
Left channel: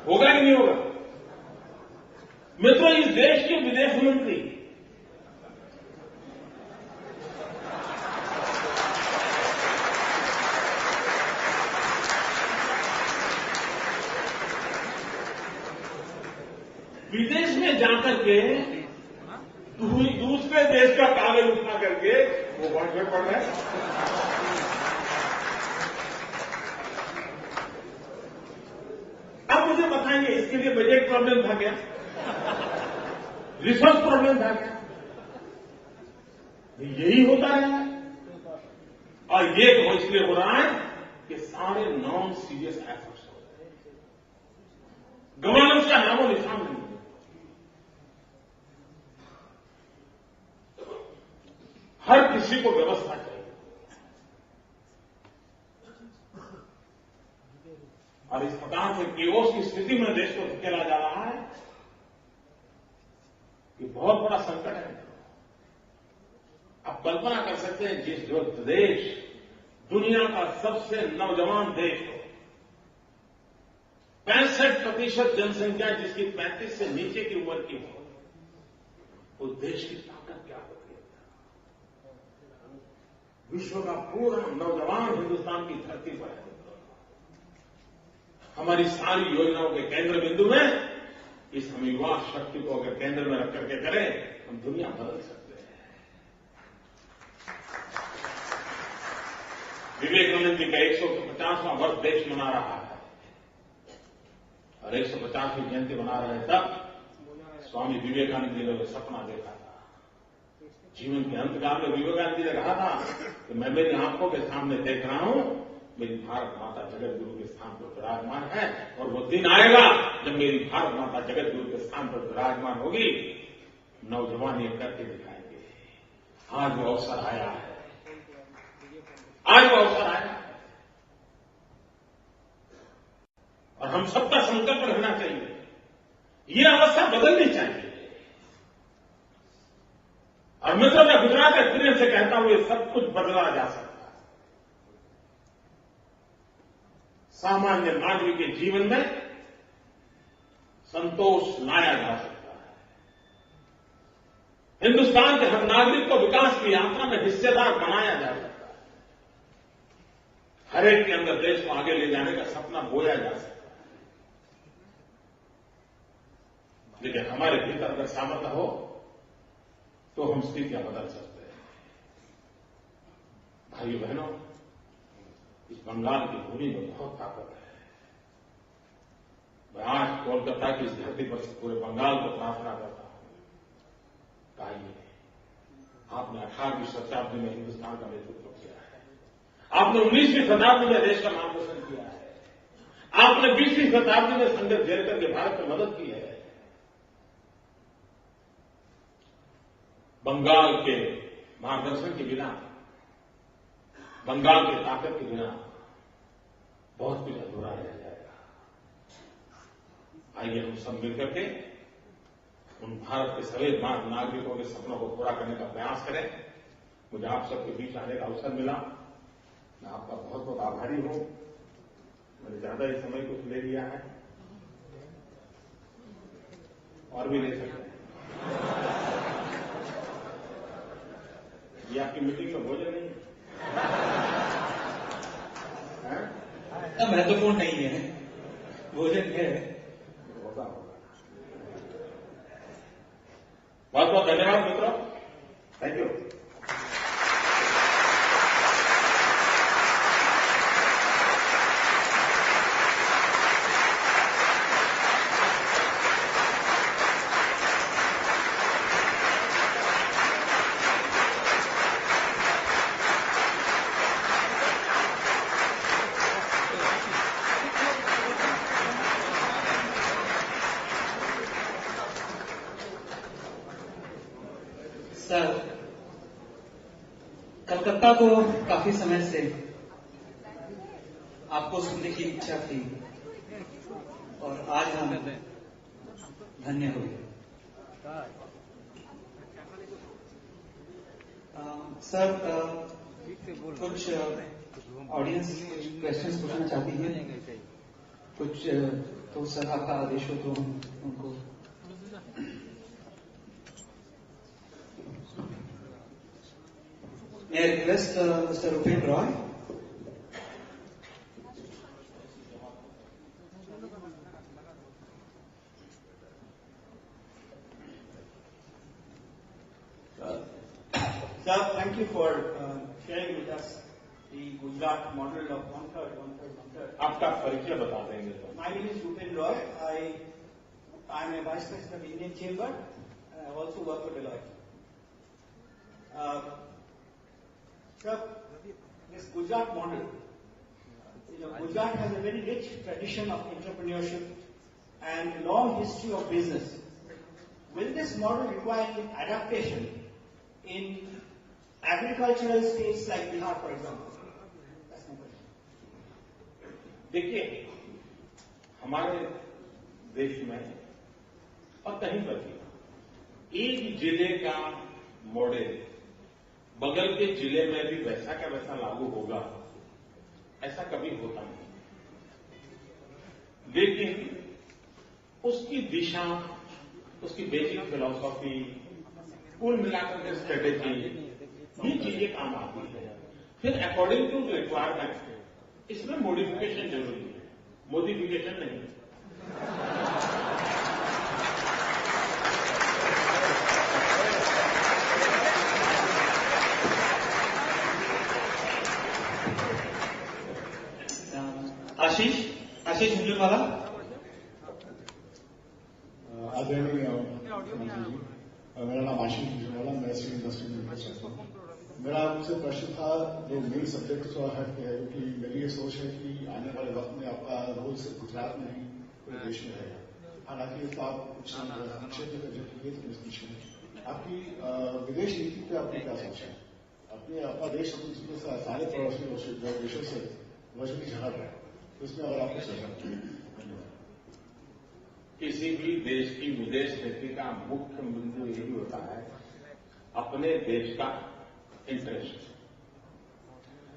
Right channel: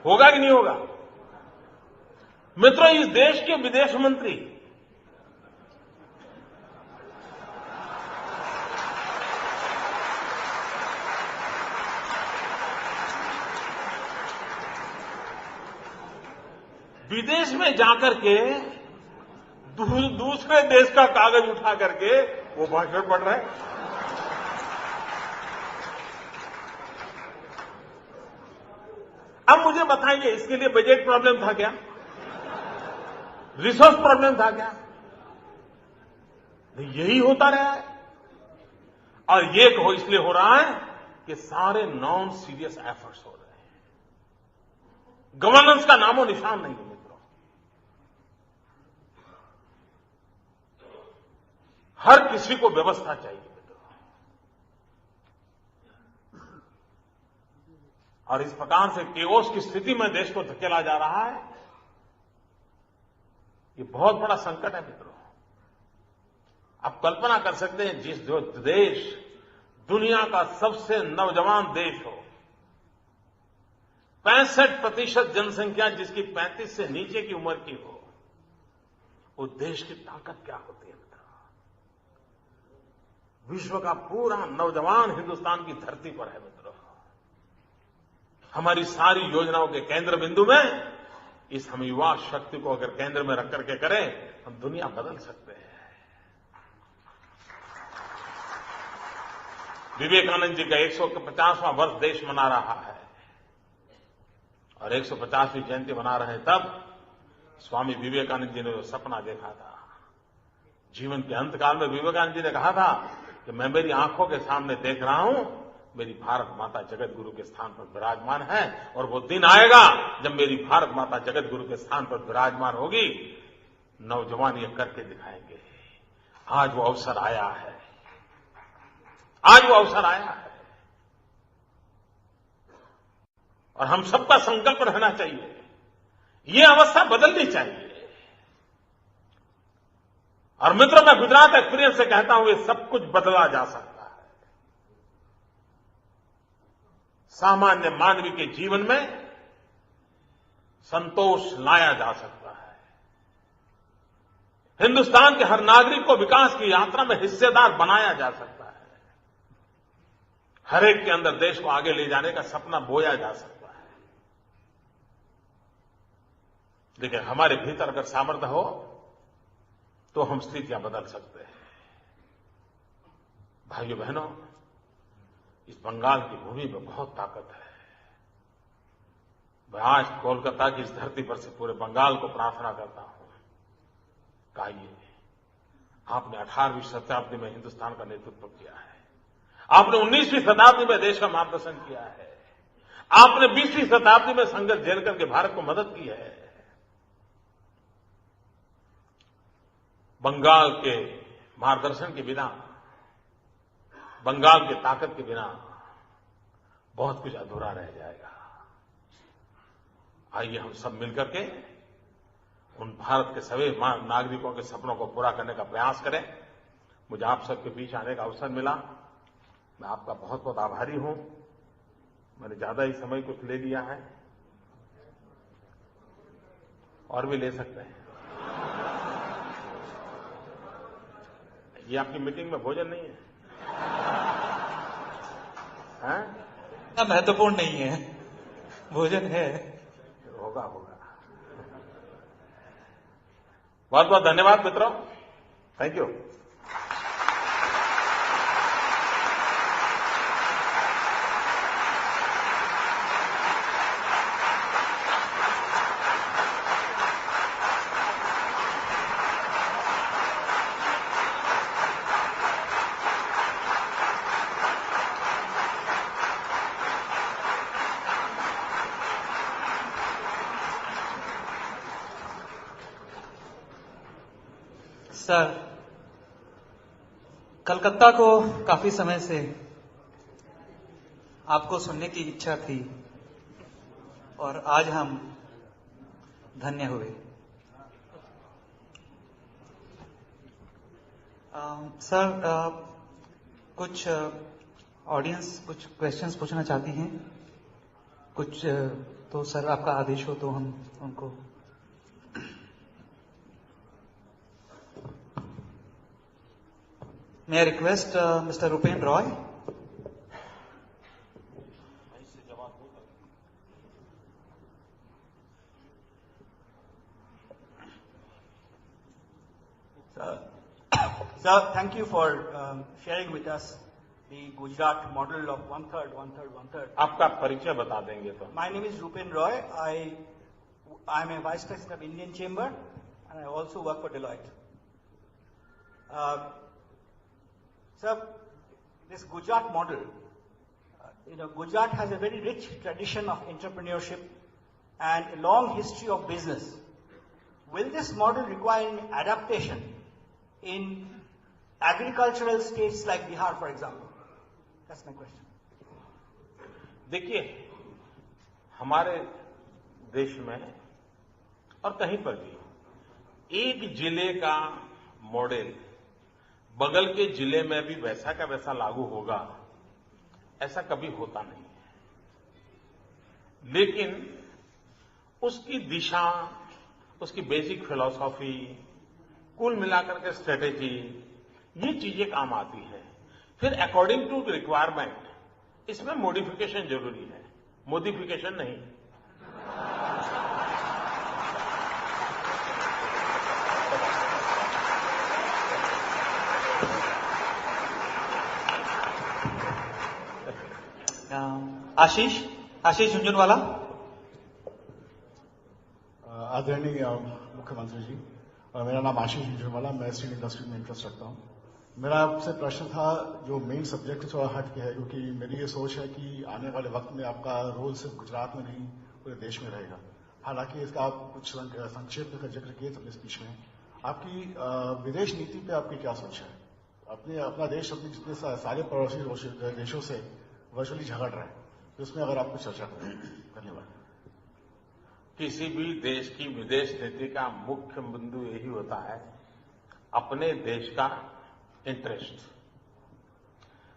होगा कि नहीं होगा? मित्रों, इस देश के विदेश मंत्री विदेश में जाकर के दूसरे देश का कागज उठा करके वो भाषण पढ़ रहा है। अब मुझे बताइए, इसके लिए बजट प्रॉब्लम था क्या? रिसोर्स प्रॉब्लम था क्या? यही होता रहा है, और ये तो इसलिए हो रहा है कि सारे नॉन सीरियस एफर्ट्स हो रहे हैं, गवर्नेंस का नामो निशान नहीं। हर किसी को व्यवस्था चाहिए, और इस प्रकार से केओस की स्थिति में देश को धकेला जा रहा है। ये बहुत बड़ा संकट है मित्रों। आप कल्पना कर सकते हैं, जो देश दुनिया का सबसे नौजवान देश हो, 65% जनसंख्या जिसकी 35 से नीचे की उम्र की हो, वो देश की ताकत क्या होती है? विश्व का पूरा नौजवान हिंदुस्तान की धरती पर है मित्रों। हमारी सारी योजनाओं के केंद्र बिंदु में इस हम युवा शक्ति को अगर केंद्र में रख करके करें, हम दुनिया बदल सकते हैं। विवेकानंद जी का 150वां वर्ष देश मना रहा है, और 150वीं जयंती मना रहे हैं। तब स्वामी विवेकानंद जी ने वो सपना देखा था। जीवन के अंतकाल में विवेकानंद जी ने कहा था कि मैं मेरी आंखों के सामने देख रहा हूं, मेरी भारत माता जगत गुरु के स्थान पर विराजमान है, और वो दिन आएगा जब मेरी भारत माता जगत गुरु के स्थान पर विराजमान होगी। नौजवान ये करके दिखाएंगे। आज वो अवसर आया है, आज वो अवसर आया है, और हम सबका संकल्प रहना चाहिए। ये अवस्था बदलनी चाहिए। और मित्रों, मैं गुजरात एक्सपीरियंस से कहता हूं, ये सब कुछ बदला जा सकता है। सामान्य मानवीय के जीवन में संतोष लाया जा सकता है। हिंदुस्तान के हर नागरिक को विकास की यात्रा में हिस्सेदार बनाया जा सकता है। हर एक के अंदर देश को आगे ले जाने का सपना बोया जा सकता है। लेकिन हमारे भीतर अगर सामर्थ्य हो तो हम स्थितियां बदल सकते हैं। भाइयों बहनों, इस बंगाल की भूमि में बहुत ताकत है। मैं आज कोलकाता की इस धरती पर से पूरे बंगाल को प्रार्थना करता हूं कहिए, आपने 18वीं शताब्दी में हिंदुस्तान का नेतृत्व किया है, आपने 19वीं शताब्दी में देश का मार्गदर्शन किया है, आपने 20वीं शताब्दी में संघर्ष झेल करके भारत को मदद की है। बंगाल के मार्गदर्शन के बिना, बंगाल की ताकत के बिना बहुत कुछ अधूरा रह जाएगा। आइए हम सब मिलकर के उन भारत के सभी नागरिकों के सपनों को पूरा करने का प्रयास करें। मुझे आप सबके बीच आने का अवसर मिला, मैं आपका बहुत बहुत आभारी हूं। मैंने ज्यादा ही समय कुछ ले लिया है, और भी ले सकते हैं। ये आपकी मीटिंग में भोजन नहीं है? महत्वपूर्ण नहीं है, भोजन है। होगा होगा। बहुत बहुत धन्यवाद मित्रों, थैंक यू। सर, कलकत्ता को काफी समय से आपको सुनने की इच्छा थी और आज हम धन्य हुए। सर, कुछ ऑडियंस कुछ क्वेश्चंस पूछना चाहती हैं, कुछ तो सर आपका आदेश हो तो हम उनको। May I request Mr. Rupen Roy? Sir, thank you for sharing with us the Gujarat model of one-third, one-third, one-third. आपका परिचय बता देंगे तो। My name is Rupen Roy. I'm a vice president of Indian Chamber, and I also work for Deloitte. Sir, this Gujarat model, Gujarat has a very rich tradition of entrepreneurship and a long history of business. Will this model require any adaptation in agricultural states like Bihar, for example? That's my question. देखिए, हमारे देश में और कहीं पर भी एक जिले का मॉडल बगल के जिले में भी वैसा का वैसा लागू होगा, ऐसा कभी होता नहीं। लेकिन उसकी दिशा, उसकी बेसिक फिलॉसफी, कुल मिलाकर के स्ट्रेटेजी, ये चीजें काम आती है। फिर अकॉर्डिंग टू रिक्वायरमेंट इसमें मॉडिफिकेशन जरूरी है, मॉडिफिकेशन नहीं। आशीष झुंझुनवाला। आदरणीय मुख्यमंत्री जी, मेरा नाम आशीष झुंझुनवाला, मैं स्टील इंडस्ट्री में इंटरेस्ट रखता हूँ। मेरा आपसे प्रश्न था जो मेन सब्जेक्ट थोड़ा हट गया है, क्योंकि मेरी ये सोच है कि आने वाले वक्त में आपका रोल सिर्फ गुजरात में नहीं पूरे देश में रहेगा। हालांकि इसका आप कुछ संक्षेप में जिक्र किए तो स्पीच में आपकी विदेश नीति पे आपकी क्या सोच है? अपना देश अपने सारे पड़ोसी देशों से वर्चुअली झगड़ रहा है, तो उसमें अगर आपको चर्चा करें। धन्यवाद। किसी भी देश की विदेश नीति का मुख्य बिंदु यही होता है अपने देश का इंटरेस्ट,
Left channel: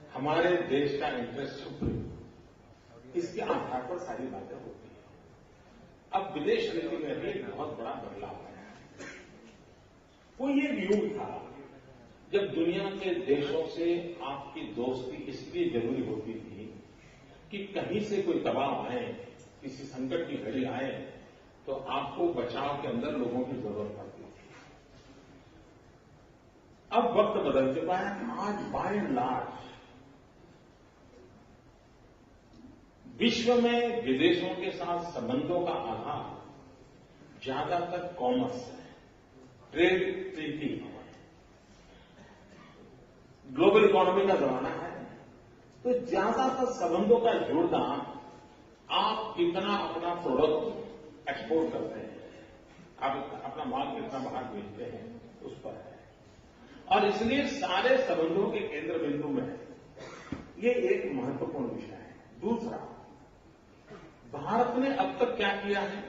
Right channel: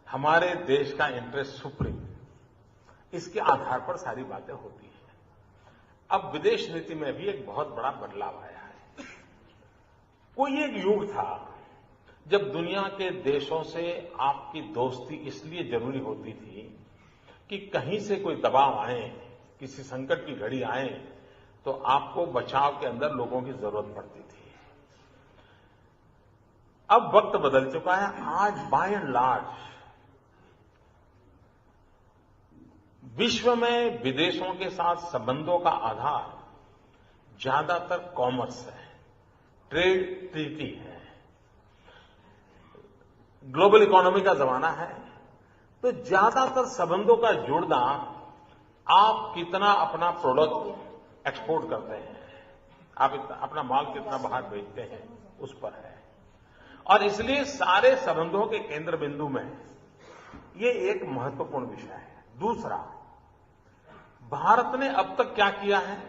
हमारे देश का इंटरेस्ट सुप्रीम, इसके आधार पर सारी बातें होती हैं। अब विदेश नीति में भी एक बहुत बड़ा बदलाव आया है। कोई एक युग था जब दुनिया के देशों से आपकी दोस्ती इसलिए जरूरी होती थी कि कहीं से कोई दबाव आए, किसी संकट की घड़ी आए तो आपको बचाव के अंदर लोगों की जरूरत पड़ती थी। अब वक्त बदल चुका है। आज बाय एंड लार्ज विश्व में विदेशों के साथ संबंधों का आधार ज्यादातर कॉमर्स है, ट्रेड ट्रीटी है। ग्लोबल इकोनॉमी का जमाना है, तो ज्यादातर संबंधों का जुड़ना आप कितना अपना प्रोडक्ट एक्सपोर्ट करते हैं, आप अपना माल कितना बाहर बेचते हैं, उस पर है। और इसलिए सारे संबंधों के केंद्र बिंदु में ये एक महत्वपूर्ण विषय है। दूसरा, भारत ने अब तक क्या किया है,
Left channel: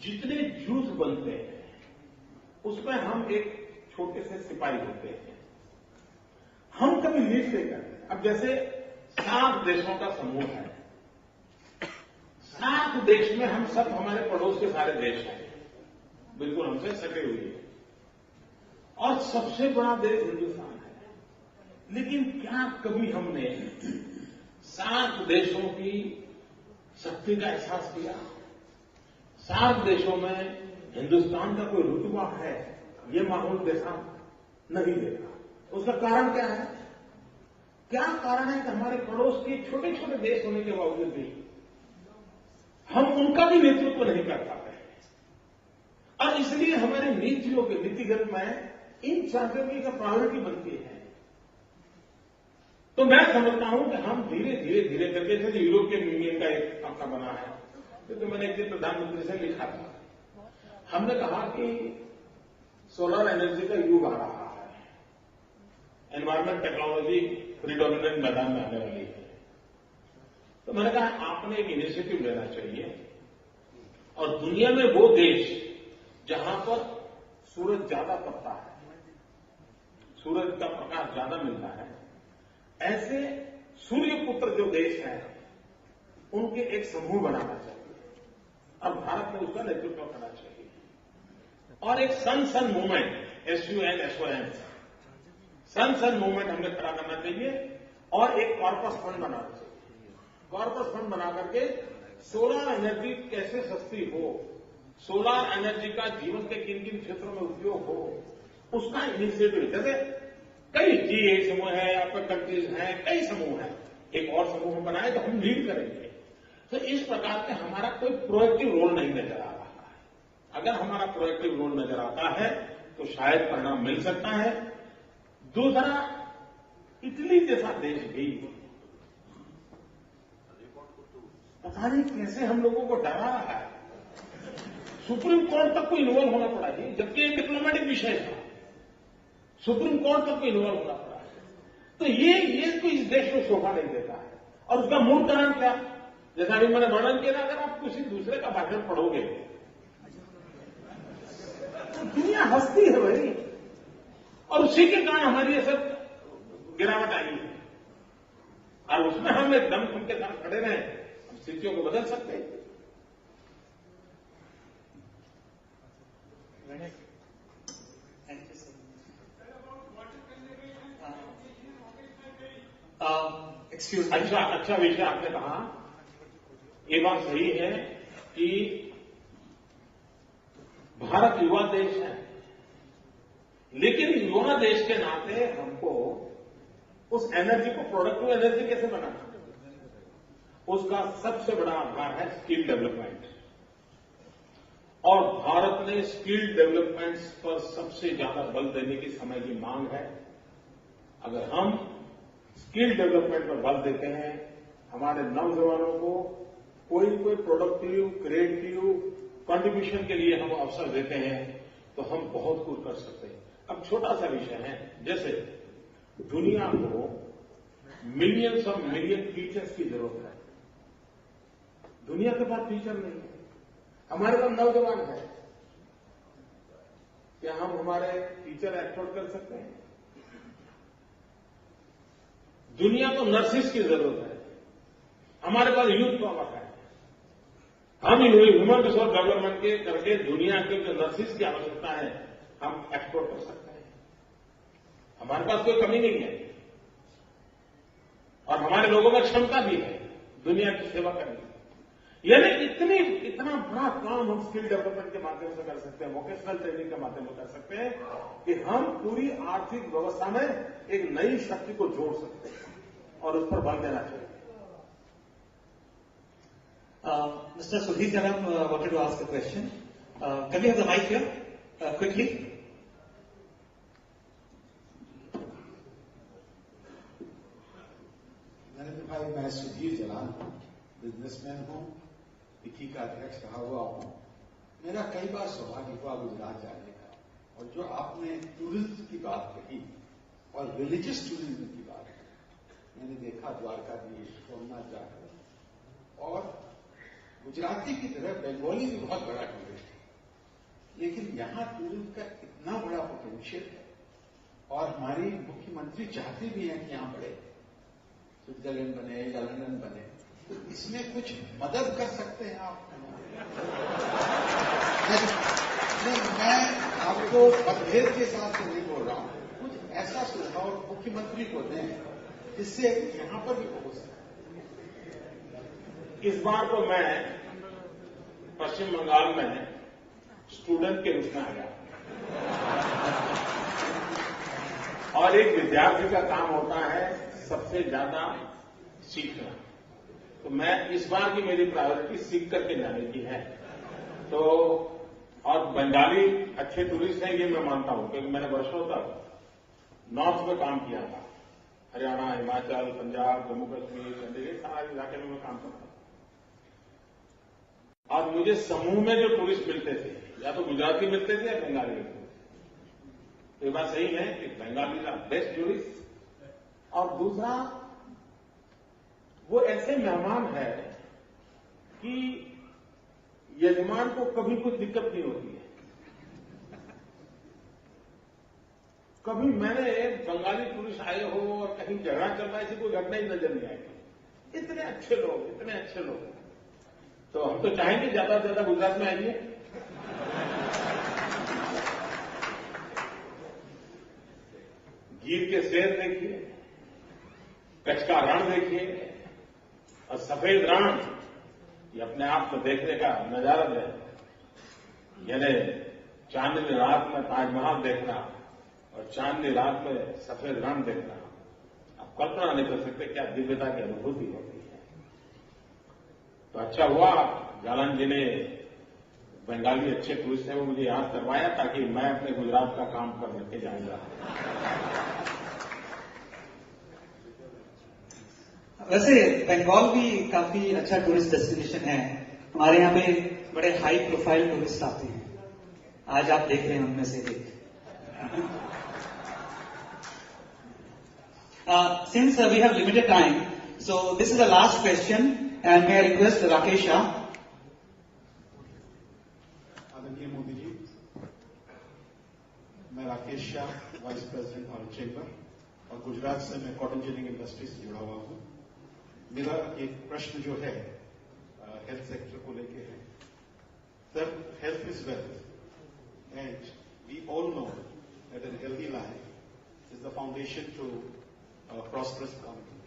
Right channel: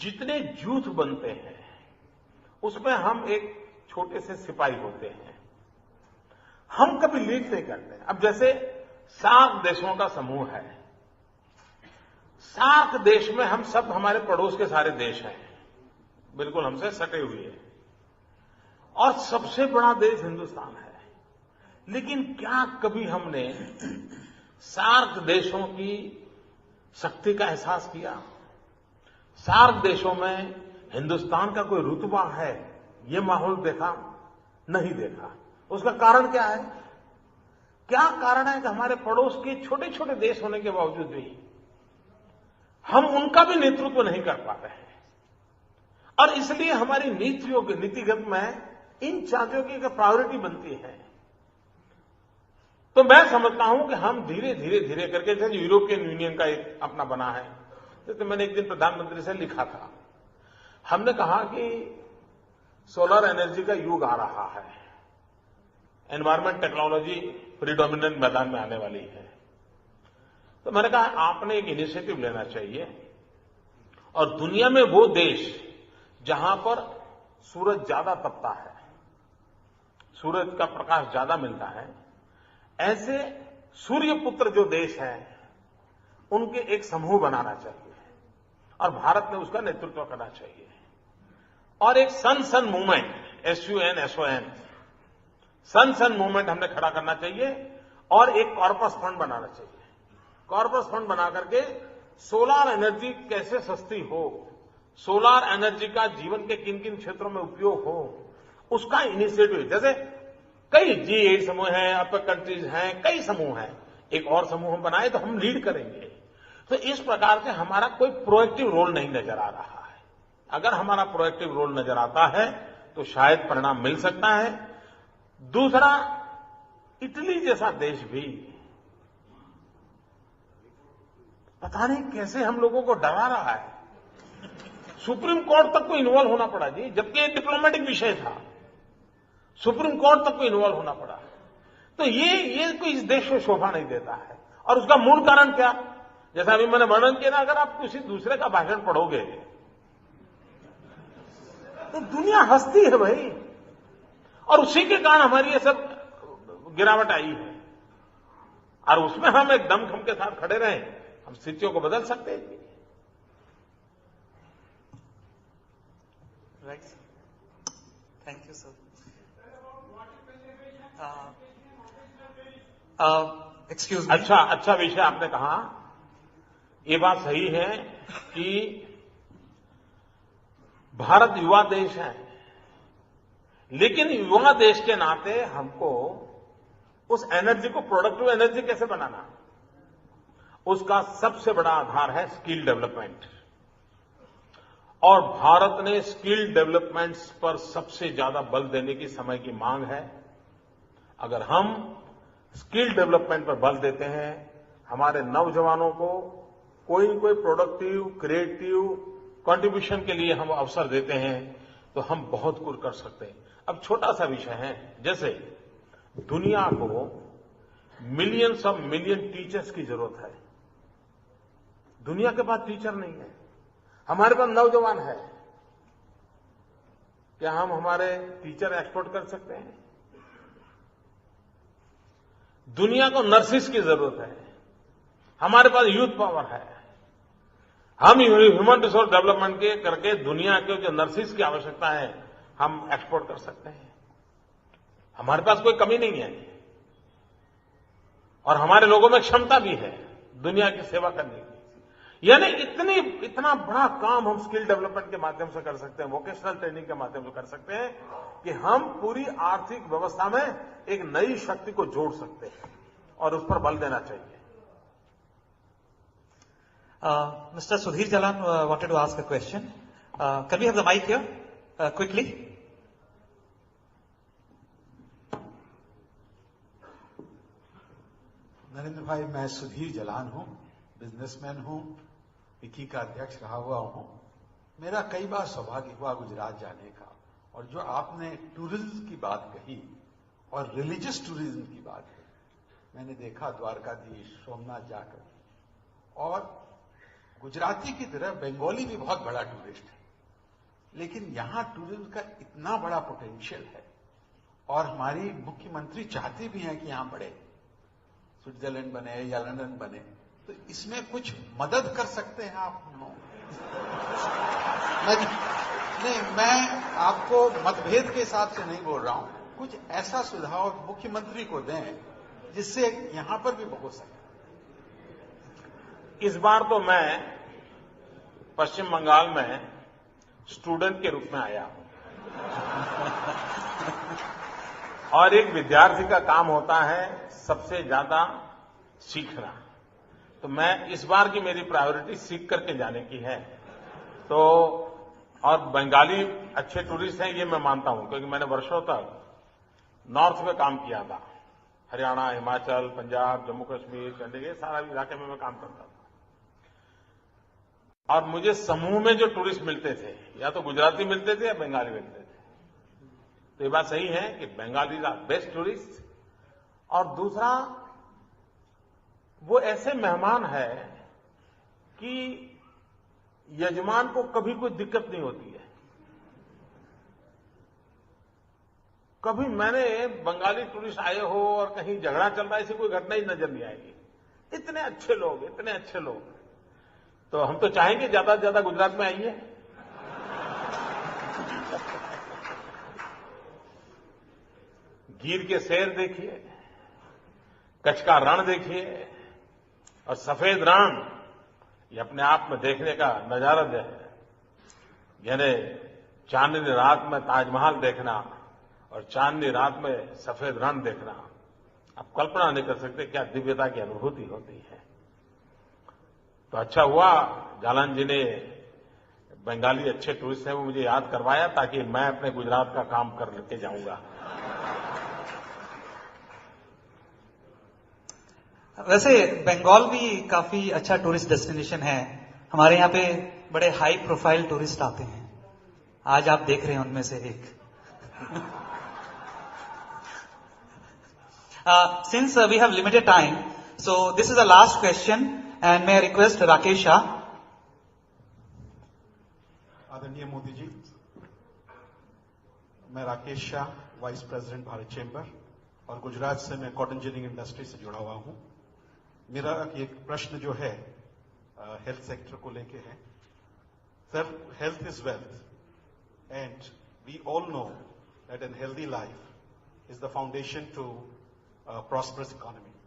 जितने जूथ बनते हैं उसमें हम एक छोटे से सिपाही होते हैं, हम कभी लीड नहीं करते। अब जैसे सार्क देशों का समूह है, सार्क देश में हम सब, हमारे पड़ोस के सारे देश हैं, बिल्कुल हमसे सटे हुए हैं, और सबसे बड़ा देश हिंदुस्तान है। लेकिन क्या कभी हमने सार्क देशों की शक्ति का एहसास किया? सार्क देशों में हिंदुस्तान का कोई रुतबा है, ये माहौल देखा? नहीं देखा। उसका कारण क्या है? क्या कारण है कि हमारे पड़ोस के छोटे छोटे देश होने के बावजूद भी हम उनका भी नेतृत्व नहीं कर पाते हैं, और इसलिए हमारी नीतियों के नीतिगत में इन चीजों की प्रायोरिटी बनती है। तो मैं समझता हूं कि हम धीरे धीरे करके, जैसे यूरोपियन यूनियन का एक अपना बना है, तो मैंने एक दिन प्रधानमंत्री से लिखा था, हमने कहा कि सोलर एनर्जी का युग आ रहा है, एनवायरमेंट टेक्नोलॉजी प्रीडोमिनेंट मैदान में आने वाली है। तो मैंने कहा आपने एक इनिशिएटिव लेना चाहिए, और दुनिया में वो देश जहां पर सूरज ज्यादा तपता है, सूरज का प्रकाश ज्यादा मिलता है, ऐसे सूर्यपुत्र जो देश हैं उनके एक समूह बनाना चाहिए, और भारत ने उसका नेतृत्व करना चाहिए। और एक सन मूवमेंट, SUN सन मूवमेंट हमने खड़ा करना चाहिए, और एक कॉर्पस फंड बनाना चाहिए। कॉर्पस फंड बना करके सोलर एनर्जी कैसे सस्ती हो, सोलर एनर्जी का जीवन के किन किन क्षेत्रों में उपयोग हो, उसका इनिशिएटिव, जैसे कई G8 समूह हैं, अपर कंट्रीज हैं, कई समूह हैं, एक और समूह हम बनाए तो हम लीड करेंगे। तो इस प्रकार से हमारा कोई प्रोएक्टिव रोल नहीं नजर आ रहा है। अगर हमारा प्रोएक्टिव रोल नजर आता है तो शायद परिणाम मिल सकता है। दूसरा, इटली जैसा देश भी पता नहीं कैसे हम लोगों को डरा रहा है, सुप्रीम कोर्ट तक को इन्वॉल्व होना पड़ा जी, जबकि एक डिप्लोमेटिक विषय था, सुप्रीम कोर्ट तक को इन्वॉल्व होना पड़ा। तो ये कोई इस देश में शोभा नहीं देता है। और उसका मूल कारण क्या? जैसा अभी मैंने वर्णन किया ना, अगर आप किसी दूसरे का भाषण पढ़ोगे तो दुनिया हंसती है भाई, और उसी के कारण हमारी ये सब गिरावट आई है। और उसमें हम एक दमखम के साथ खड़े रहे, हम स्थितियों को बदल सकते हैं। Thank you sir. Excuse me. अच्छा विषय आपने कहा। ये बात सही है कि भारत युवा देश है, लेकिन युवा देश के नाते हमको उस एनर्जी को प्रोडक्टिव एनर्जी कैसे बनाना, उसका सबसे बड़ा आधार है स्किल डेवलपमेंट। और भारत ने स्किल डेवलपमेंट पर सबसे ज्यादा बल देने की समय की मांग है। अगर हम स्किल डेवलपमेंट पर बल देते हैं, हमारे नौजवानों को कोई न कोई प्रोडक्टिव क्रिएटिव कंट्रीब्यूशन के लिए हम अवसर देते हैं, तो हम बहुत कुछ कर सकते हैं। अब छोटा सा विषय है, जैसे दुनिया को मिलियंस ऑफ मिलियन टीचर्स की जरूरत है। दुनिया के पास टीचर नहीं है, हमारे पास नौजवान है। क्या हम हमारे टीचर एक्सपोर्ट कर सकते हैं? दुनिया को नर्सिस की जरूरत है, हमारे पास यूथ पावर है। हम ह्यूमन रिसोर्स डेवलपमेंट के करके दुनिया के जो नर्सिस की आवश्यकता है हम एक्सपोर्ट कर सकते हैं। हमारे पास कोई कमी नहीं है, और हमारे लोगों में क्षमता भी है दुनिया की सेवा करने की। यानी इतना बड़ा काम हम स्किल डेवलपमेंट के माध्यम से कर सकते हैं, वोकेशनल ट्रेनिंग के माध्यम से कर सकते हैं, कि हम पूरी आर्थिक व्यवस्था में एक नई शक्ति को जोड़ सकते हैं, और उस पर बल देना चाहिए। Mr. Sudhir Jalan wanted to ask a question. Can we have the mic here? Quickly. Narendra भाई, मैं सुधीर जलान हूं, बिजनेसमैन हूं, विकी का अध्यक्ष रहा हुआ हूं। मेरा कई बार सौभाग्य हुआ गुजरात जाने का, और जो आपने टूरिज्म की बात कही और रिलीजियस टूरिज्म की बात कही, मैंने देखा द्वारकाधीश, सोमनाथ जाकर, और गुजराती की तरह बंगाली भी बहुत बड़ा टूरिस्ट है, लेकिन यहां टूरिज्म का इतना बड़ा पोटेंशियल है, और हमारी मुख्यमंत्री चाहते भी हैं कि यहां बढ़े, स्विट्जरलैंड बने या लंदन बने, तो इसमें कुछ मदद कर सकते हैं आप? नहीं, मैं आपको मतभेद के हिसाब से नहीं बोल रहा हूं, कुछ ऐसा सुझाव मुख्यमंत्री को दें जिससे यहां पर भी हो सके। इस बार तो मैं पश्चिम बंगाल में स्टूडेंट के रूप में आया, और एक विद्यार्थी का काम होता है सबसे ज्यादा सीखना। तो मैं इस बार की मेरी प्रायोरिटी सीख करके जाने की है। तो और बंगाली अच्छे टूरिस्ट हैं ये मैं मानता हूं, क्योंकि मैंने वर्षों तक नॉर्थ में काम किया था, हरियाणा, हिमाचल, पंजाब, जम्मू कश्मीर, चंडीगढ़, सारा इलाके में मैं काम करता था। और मुझे समूह में जो टूरिस्ट मिलते थे, या तो गुजराती मिलते थे या बंगाली मिलते थे। तो ये बात सही है कि बंगाली आर बेस्ट टूरिस्ट। और दूसरा, वो ऐसे मेहमान है कि यजमान को कभी कोई दिक्कत नहीं होती है। कभी मैंने बंगाली टूरिस्ट आए हो और कहीं झगड़ा चल रहा है, ऐसी कोई घटना ही नजर नहीं आएगी। इतने अच्छे लोग, इतने अच्छे लोग। तो हम तो चाहेंगे ज्यादा से ज्यादा गुजरात में आइए। गिर के शेर देखिए, कच्छ का रण देखिए, और सफेद रण, ये अपने आप में देखने का नजारा है। यानी चांदनी रात में ताजमहल देखना और चांदनी रात में सफेद रण देखना, आप कल्पना नहीं कर सकते क्या दिव्यता की अनुभूति होती है। तो अच्छा हुआ जालन जी ने बंगाली अच्छे टूरिस्ट हैं वो मुझे याद करवाया, ताकि मैं अपने गुजरात का काम कर लेके जाऊंगा। वैसे बंगाल भी काफी अच्छा टूरिस्ट डेस्टिनेशन है। हमारे यहाँ पे बड़े हाई प्रोफाइल टूरिस्ट आते हैं, आज आप देख रहे हैं उनमें से एक। Since we have limited time, so this is the last question, and may I request Rakesh Shah. आदरणीय मोदी जी, मैं Rakesh Shah, vice president Bharat chamber, और गुजरात से मैं कॉटन जिनिंग इंडस्ट्री से जुड़ा हुआ हूं। मेरा एक प्रश्न जो है हेल्थ सेक्टर को लेके है। Sir, health is wealth, and we all know that an healthy life is the foundation to prosperous economy.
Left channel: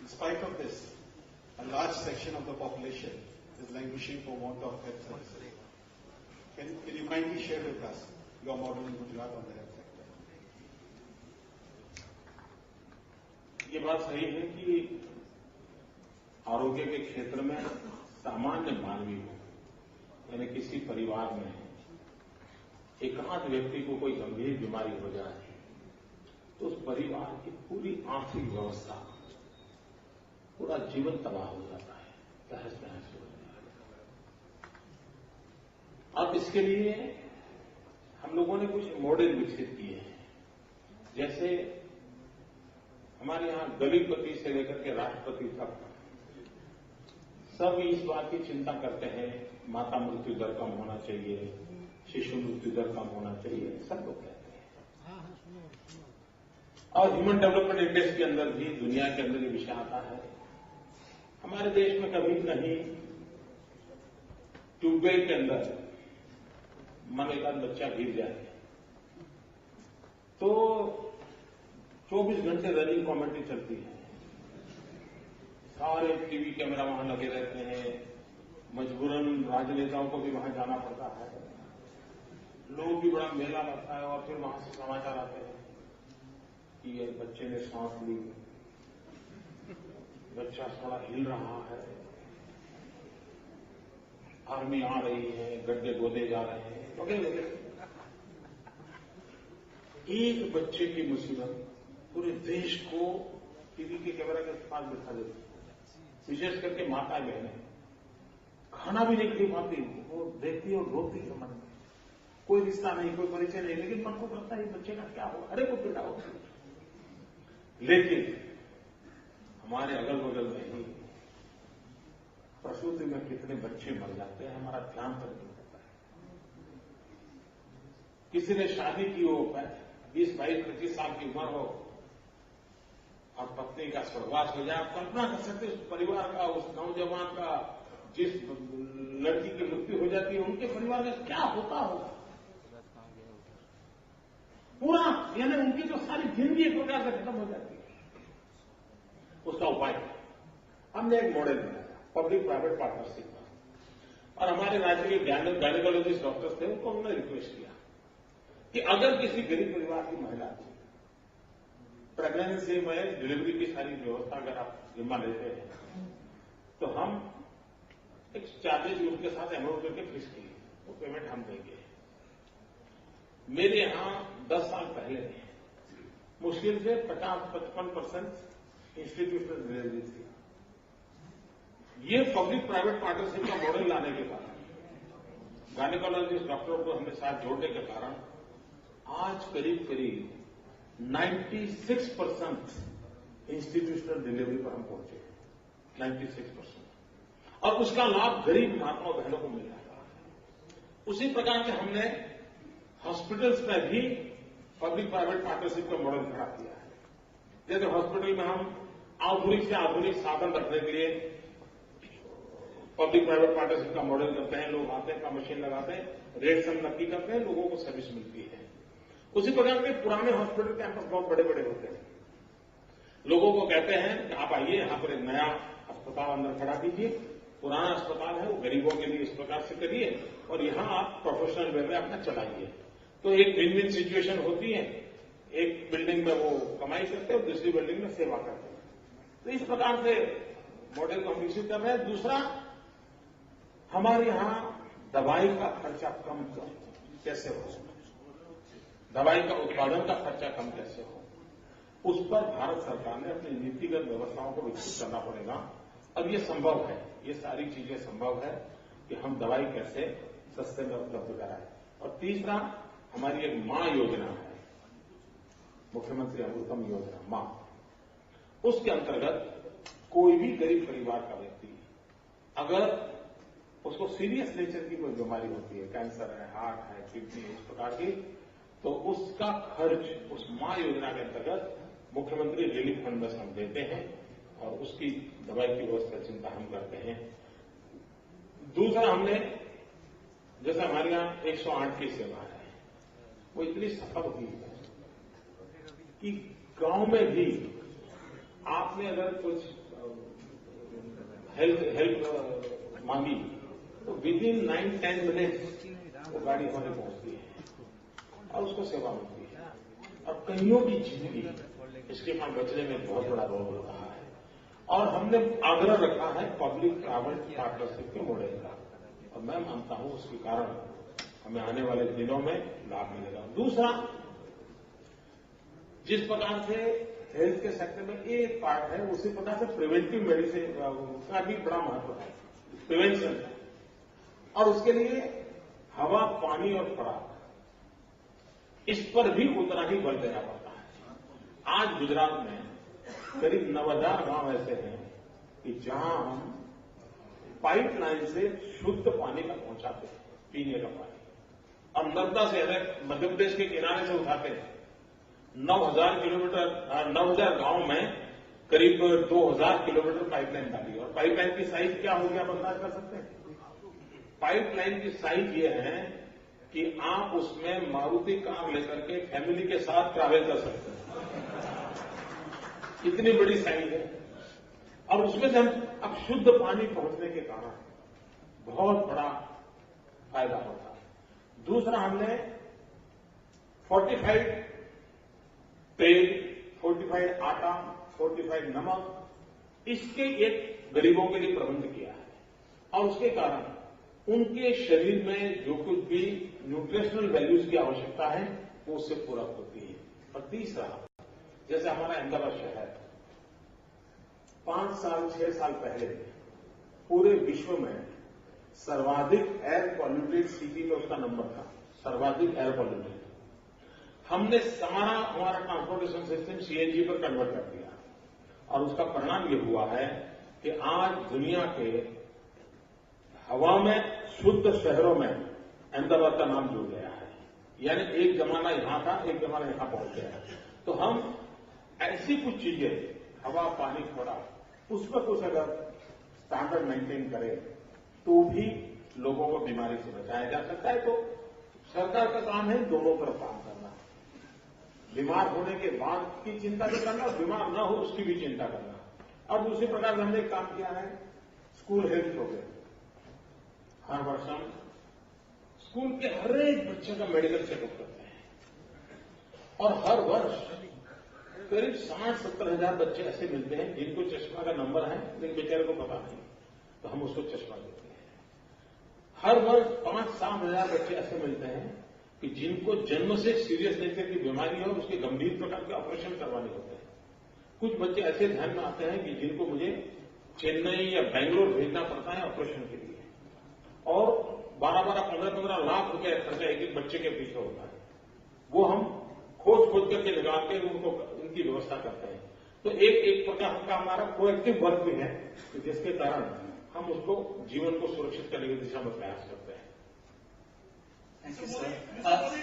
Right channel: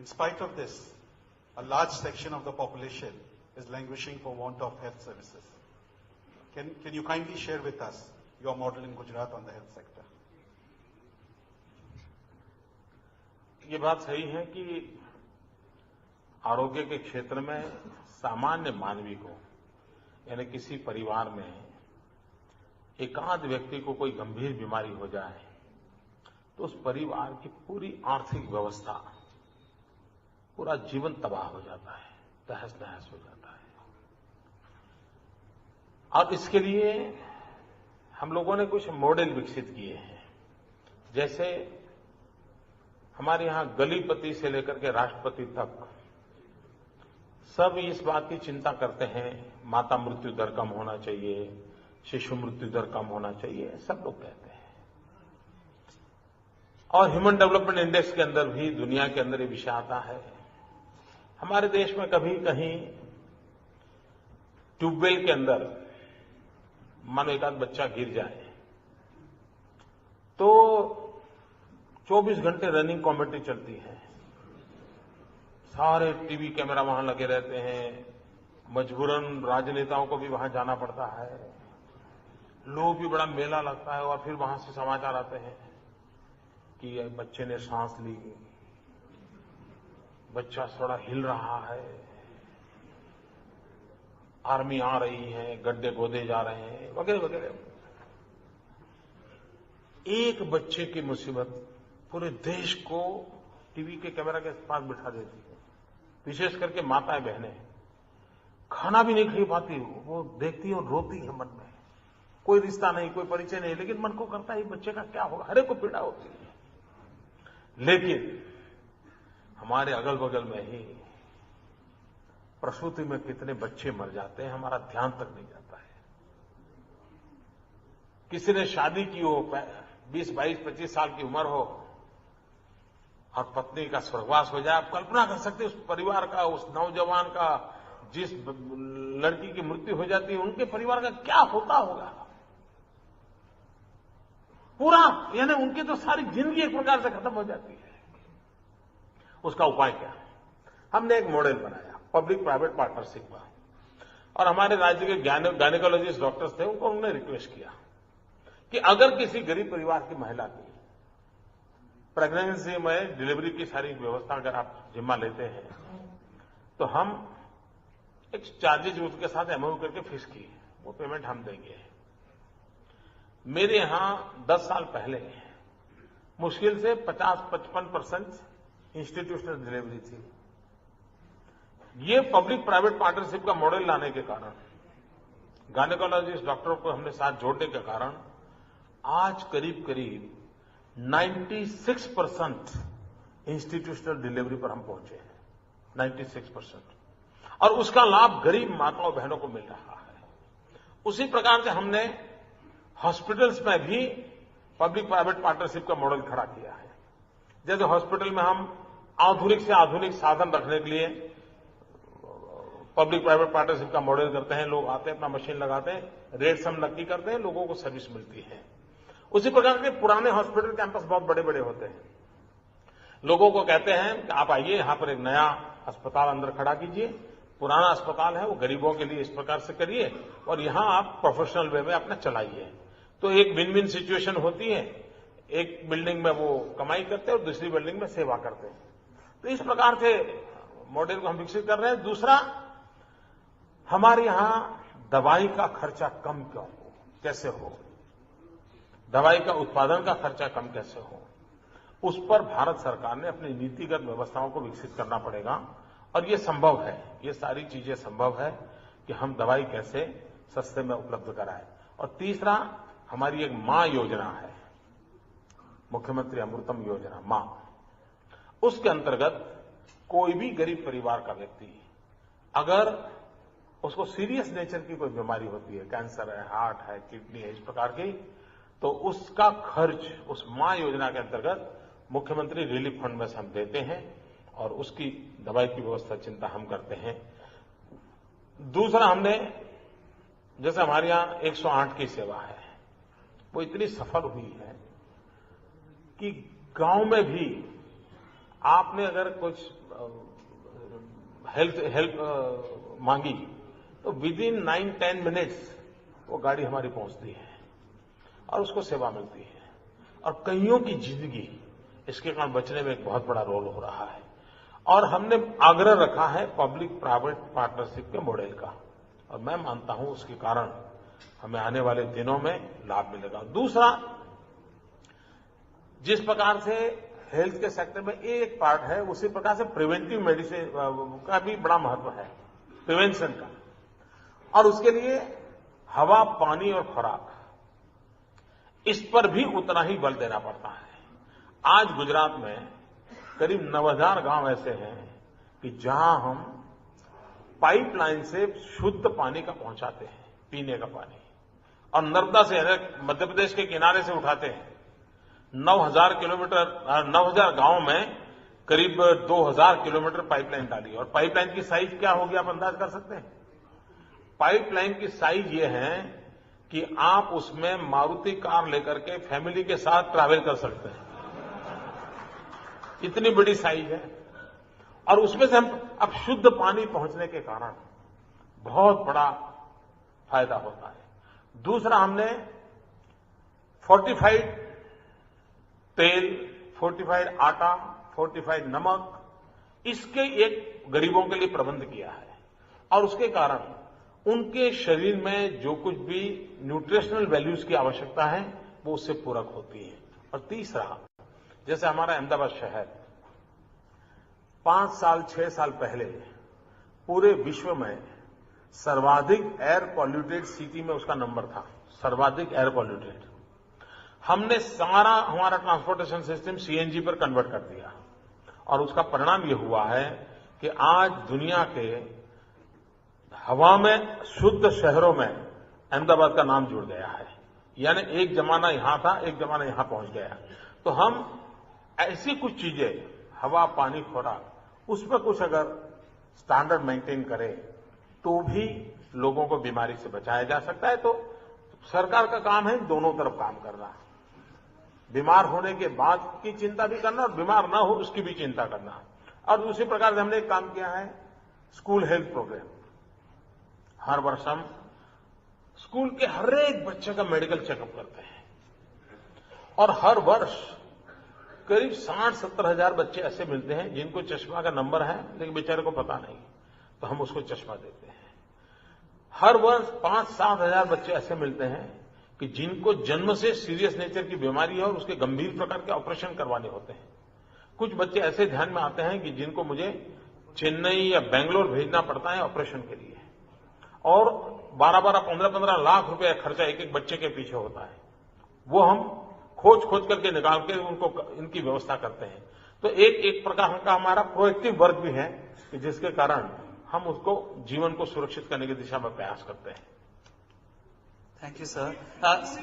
In spite of this, a large section of the population is languishing for want of health services. Can you kindly share with us your model in Gujarat on the health sector? ये बात सही है कि आरोग्य के क्षेत्र में सामान्य मानवी को, यानी किसी परिवार में एकांत व्यक्ति को कोई गंभीर बीमारी हो जाए तो उस परिवार की पूरी आर्थिक व्यवस्था, पूरा जीवन तबाह हो जाता है, तहस नहस हो जाता है। अब इसके लिए हम लोगों ने कुछ मॉडल विकसित किए हैं। जैसे हमारे यहां गलीपति से लेकर के राष्ट्रपति तक सब इस बात की चिंता करते हैं, माता मृत्यु दर कम होना चाहिए, शिशु मृत्यु दर कम होना चाहिए, सब लोग कहते हैं। और ह्यूमन डेवलपमेंट इंडेक्स के अंदर भी दुनिया के अंदर ये विषय आता है। हमारे देश में कभी कहीं ट्यूबवेल के अंदर मानो एक आध बच्चा गिर जाए तो 24 घंटे रनिंग कमेटी चलती है, सारे टीवी कैमरा वहां लगे रहते हैं, मजबूरन राजनेताओं को भी वहां जाना पड़ता है, लोग भी बड़ा मेला लगता है, और फिर वहां से समाचार आते हैं कि एक बच्चे ने सांस ली, बच्चा थोड़ा हिल रहा है, आर्मी आ रही है, गड्ढे खोदे जा रहे हैं, वगैरह वगैरह। एक बच्चे की मुसीबत पूरे देश को टीवी के कैमरा के पास बिठा देती है। विशेष करके माताएं बहनें खाना भी नहीं खा पाती, वो देखती है और रोती है मन में। कोई रिश्ता नहीं, कोई परिचय नहीं, लेकिन मन को करता है बच्चे का क्या होगा, हर एक को पीड़ा होती है। लेकिन हमारे अगल बगल में ही प्रसूति में कितने बच्चे मर जाते हैं, हमारा ध्यान तक नहीं जाता है। किसी ने शादी की हो, 20, 22, 25 साल की उम्र हो और पत्नी का स्वर्गवास हो जाए, आप कल्पना कर सकते हैं उस परिवार का, उस नौजवान का, जिस लड़की की मृत्यु हो जाती है उनके परिवार का क्या होता होगा। पूरा यानी उनकी तो सारी जिंदगी एक प्रकार से खत्म हो जाती है। उसका उपाय क्या? हमने एक मॉडल बनाया पब्लिक प्राइवेट पार्टनरशिप का, और हमारे राज्य के गायनेकोलॉजिस्ट डॉक्टर्स थे, उनको हमने रिक्वेस्ट किया कि अगर किसी गरीब परिवार की महिला की प्रेगनेंसी में डिलीवरी की सारी व्यवस्था अगर आप जिम्मा लेते हैं तो हम एक चार्जेज उसके साथ एमओयू करके फिक्स किए, वो पेमेंट हम देंगे। मेरे यहां 10 साल पहले मुश्किल से 50-55% इंस्टीट्यूशनल डिलीवरी थी। ये पब्लिक प्राइवेट पार्टनरशिप का मॉडल लाने के कारण, गायनेकोलॉजिस्ट डॉक्टरों को हमने साथ जोड़ने के कारण आज करीब करीब 96% इंस्टीट्यूशनल डिलीवरी पर हम पहुंचे हैं, 96%। और उसका लाभ गरीब माताओं बहनों को मिल रहा है। उसी प्रकार से हमने हॉस्पिटल्स में भी पब्लिक प्राइवेट पार्टनरशिप का मॉडल खड़ा किया है। जैसे हॉस्पिटल में हम आधुनिक से आधुनिक साधन रखने के लिए पब्लिक प्राइवेट पार्टनरशिप का मॉडल करते हैं। लोग आते हैं, अपना मशीन लगाते हैं, रेट्स हम नक्की करते हैं, लोगों को सर्विस मिलती है। उसी प्रकार के पुराने हॉस्पिटल कैंपस बहुत बड़े बड़े होते हैं। लोगों को कहते हैं कि आप आइए, यहां पर एक नया अस्पताल अंदर खड़ा कीजिए, पुराना अस्पताल है वो गरीबों के लिए इस प्रकार से करिए और यहां आप प्रोफेशनल वे में अपना चलाइए। तो एक विन विन सिचुएशन होती है। एक बिल्डिंग में वो कमाई करते हैं और दूसरी बिल्डिंग में सेवा करते हैं। तो इस प्रकार से मॉडल को हम विकसित कर रहे हैं। दूसरा, हमारे यहां दवाई का खर्चा कम कैसे हो, दवाई का उत्पादन का खर्चा कम कैसे हो, उस पर भारत सरकार ने अपनी नीतिगत व्यवस्थाओं को विकसित करना पड़ेगा। और ये संभव है, ये सारी चीजें संभव है कि हम दवाई कैसे सस्ते में उपलब्ध कराएं। और तीसरा, हमारी एक मां योजना है, मुख्यमंत्री अमृतम योजना मां। उसके अंतर्गत कोई भी गरीब परिवार का व्यक्ति अगर उसको सीरियस नेचर की कोई बीमारी होती है, कैंसर है, हार्ट है, किडनी है, इस प्रकार की, तो उसका खर्च उस मां योजना के अंतर्गत मुख्यमंत्री रिलीफ फंड में से हम देते हैं और उसकी दवाई की व्यवस्था चिंता हम करते हैं। दूसरा, हमने जैसे हमारे यहां 108 की सेवा है, वो इतनी सफल हुई है कि गांव में भी आपने अगर कुछ हेल्प मांगी तो विद इन 9-10 मिनट्स वो गाड़ी हमारी पहुंचती है और उसको सेवा मिलती है। और कईयों की जिंदगी इसके कारण बचने में एक बहुत बड़ा रोल हो रहा है। और हमने आग्रह रखा है पब्लिक प्राइवेट पार्टनरशिप के मॉडल का, और मैं मानता हूं उसके कारण हमें आने वाले दिनों में लाभ मिलेगा। दूसरा, जिस प्रकार से हेल्थ के सेक्टर में एक पार्ट है, उसी प्रकार से प्रिवेंटिव मेडिसिन का भी बड़ा महत्व है, प्रिवेंशन का। और उसके लिए हवा, पानी और खुराक, इस पर भी उतना ही बल देना पड़ता है। आज गुजरात में करीब 9000 गांव ऐसे हैं कि जहां हम पाइपलाइन से शुद्ध पानी का पहुंचाते हैं, पीने का पानी, और नर्मदा से मध्य प्रदेश के किनारे से उठाते हैं। 9000 गांव में करीब 2000 किलोमीटर पाइपलाइन डाली, और पाइपलाइन की साइज क्या होगी आप अंदाज कर सकते हैं? पाइपलाइन की साइज ये है कि आप उसमें मारुति कार लेकर के फैमिली के साथ ट्रैवल कर सकते हैं, इतनी बड़ी साइज है। और उसमें से हम अब शुद्ध पानी पहुंचने के कारण बहुत बड़ा फायदा होता है। दूसरा, हमने फोर्टिफाइड तेल, फोर्टिफाइड आटा, फोर्टिफाइड नमक, इसके एक गरीबों के लिए प्रबंध किया है। और उसके कारण उनके शरीर में जो कुछ भी न्यूट्रिशनल वैल्यूज की आवश्यकता है वो उससे पूरक होती है। और तीसरा, जैसे हमारा अहमदाबाद शहर 5 साल 6 साल पहले पूरे विश्व में सर्वाधिक एयर पॉल्यूटेड सिटी में उसका नंबर था, सर्वाधिक एयर पॉल्यूटेड। हमने सारा हमारा ट्रांसपोर्टेशन सिस्टम सीएनजी पर कन्वर्ट कर दिया और उसका परिणाम यह हुआ है कि आज दुनिया के हवा में शुद्ध शहरों में अहमदाबाद का नाम जुड़ गया है। यानी एक जमाना यहां था, एक जमाना यहां पहुंच गया। तो हम ऐसी कुछ चीजें, हवा, पानी, खुराक, उस पर कुछ अगर स्टैंडर्ड मेंटेन करें तो भी लोगों को बीमारी से बचाया जा सकता है। तो सरकार का काम है दोनों तरफ काम करना, बीमार होने के बाद की चिंता भी करना और बीमार ना हो उसकी भी चिंता करना। और दूसरी प्रकार से हमने एक काम किया है, स्कूल हेल्थ प्रोग्राम। हर वर्ष हम स्कूल के हर एक बच्चे का मेडिकल चेकअप करते हैं और हर वर्ष करीब 60-70 हजार बच्चे ऐसे मिलते हैं जिनको चश्मा का नंबर है लेकिन बेचारे को पता नहीं, तो हम उसको चश्मा देते हैं। हर वर्ष 5-7 हजार बच्चे ऐसे मिलते हैं कि जिनको जन्म से सीरियस नेचर की बीमारी है और उसके गंभीर प्रकार के ऑपरेशन करवाने होते हैं। कुछ बच्चे ऐसे ध्यान में आते हैं कि जिनको मुझे चेन्नई या बेंगलोर भेजना पड़ता है ऑपरेशन के लिए, और 12-12, 15-15 लाख रुपए खर्चा एक एक बच्चे के पीछे होता है। वो हम खोज करके निकाल के उनको इनकी व्यवस्था करते हैं। तो एक प्रकार का हमारा प्रोएक्टिव वर्क भी है कि जिसके कारण हम उसको जीवन को सुरक्षित करने की दिशा में प्रयास करते हैं। Thank you, sir.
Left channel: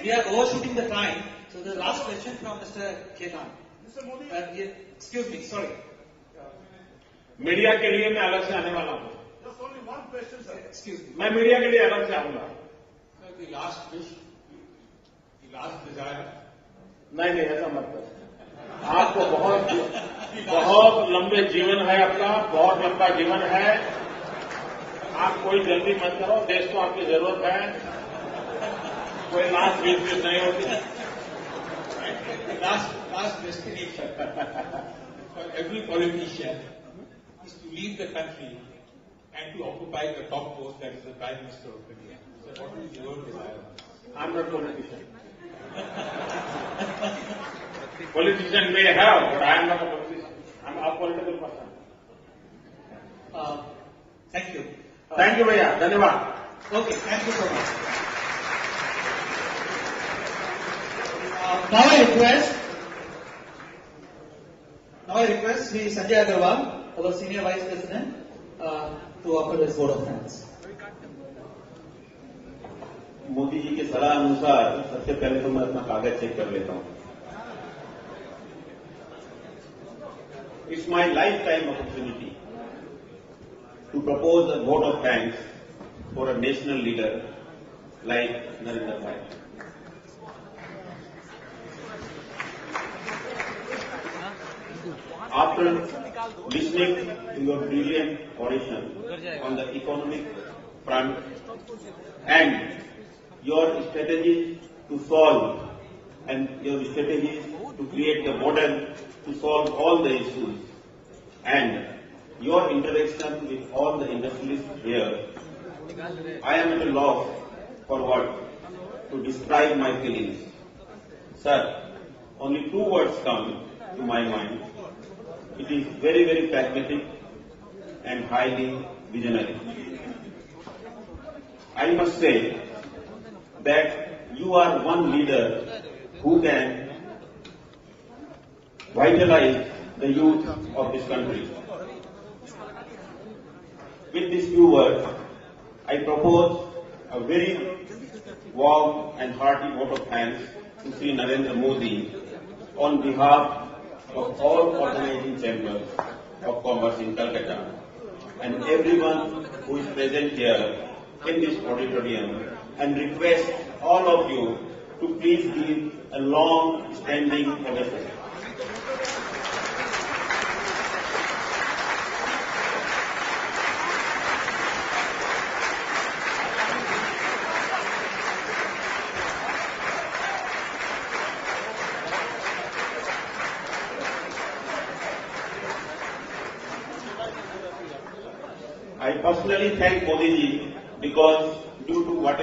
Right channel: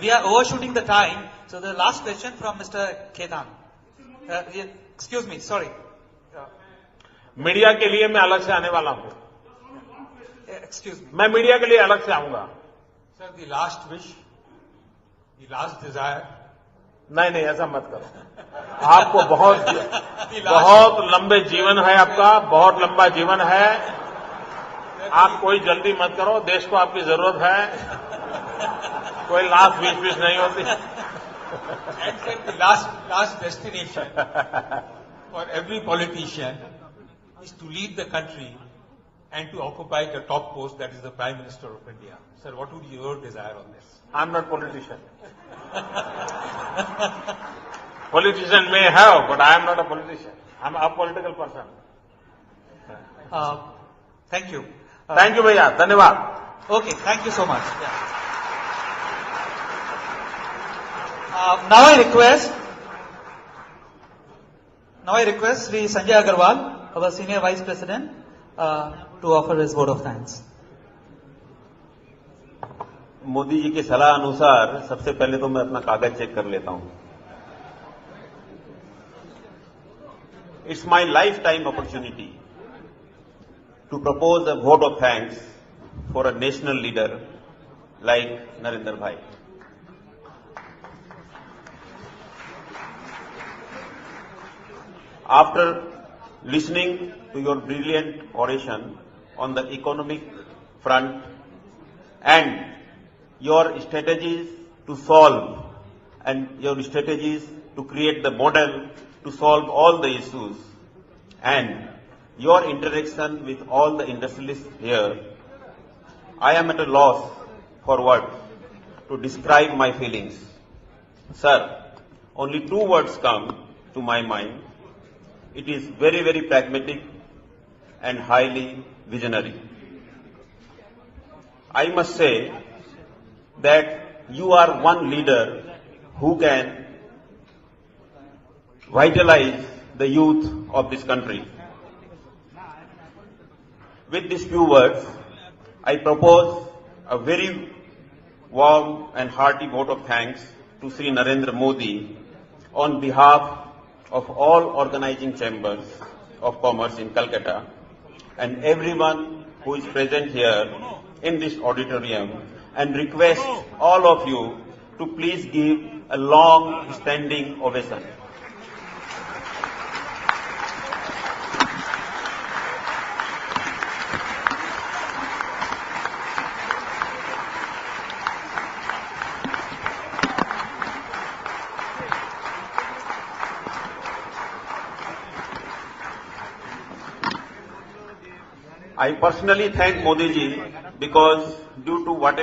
We are overshooting the time, so the last question from Mr. Ketan. Excuse me, sorry. Media के लिए मैं अलग से आने वाला हूं। Excuse me. मैं मीडिया के लिए अलग से आऊंगा। Sir, the last wish, the last desire. नहीं, ऐसा मत करो। आपको बहुत लंबे जीवन है, आपका बहुत लंबा जीवन है। आप कोई जल्दी मत करो, देश को आपकी जरूरत है। कोई लास्ट विश नहीं होती। The last destination for every politician is to lead the country and to occupy the top post, that is the Prime Minister of India. Sir, what would be your desire on this? I'm not politician. Politician may have, but I am not a politician. I'm a political person. Thank you. Thank you, भैया, धन्यवाद। Okay, thank you so much. Now I request Sri Sanjay Agarwal, our Senior Vice President, to offer his vote of thanks. Modi ji की सलाह अनुसार सबसे पहले तो मैं अपना कागज चेक कर लेता हूं। It's my lifetime opportunity to propose a vote of thanks for a national leader like Narendra Bhai. After listening to your brilliant oration on the economic front and your strategies to solve and your strategies to create the model to solve all the issues and your interaction with all the industrialists here, I am at a loss for words to describe my feelings. Sir, only 2 words come to my mind. It is very, very pragmatic and highly visionary. I must say that you are one leader who can vitalize the youth of this country. With these few words, I propose a very warm and hearty vote of thanks to Sri Narendra Modi on behalf of all organizing chambers of commerce in Calcutta and everyone who is present here in this auditorium, and request all of you to please give a long standing ovation. I personally thank Modi ji because due to whatever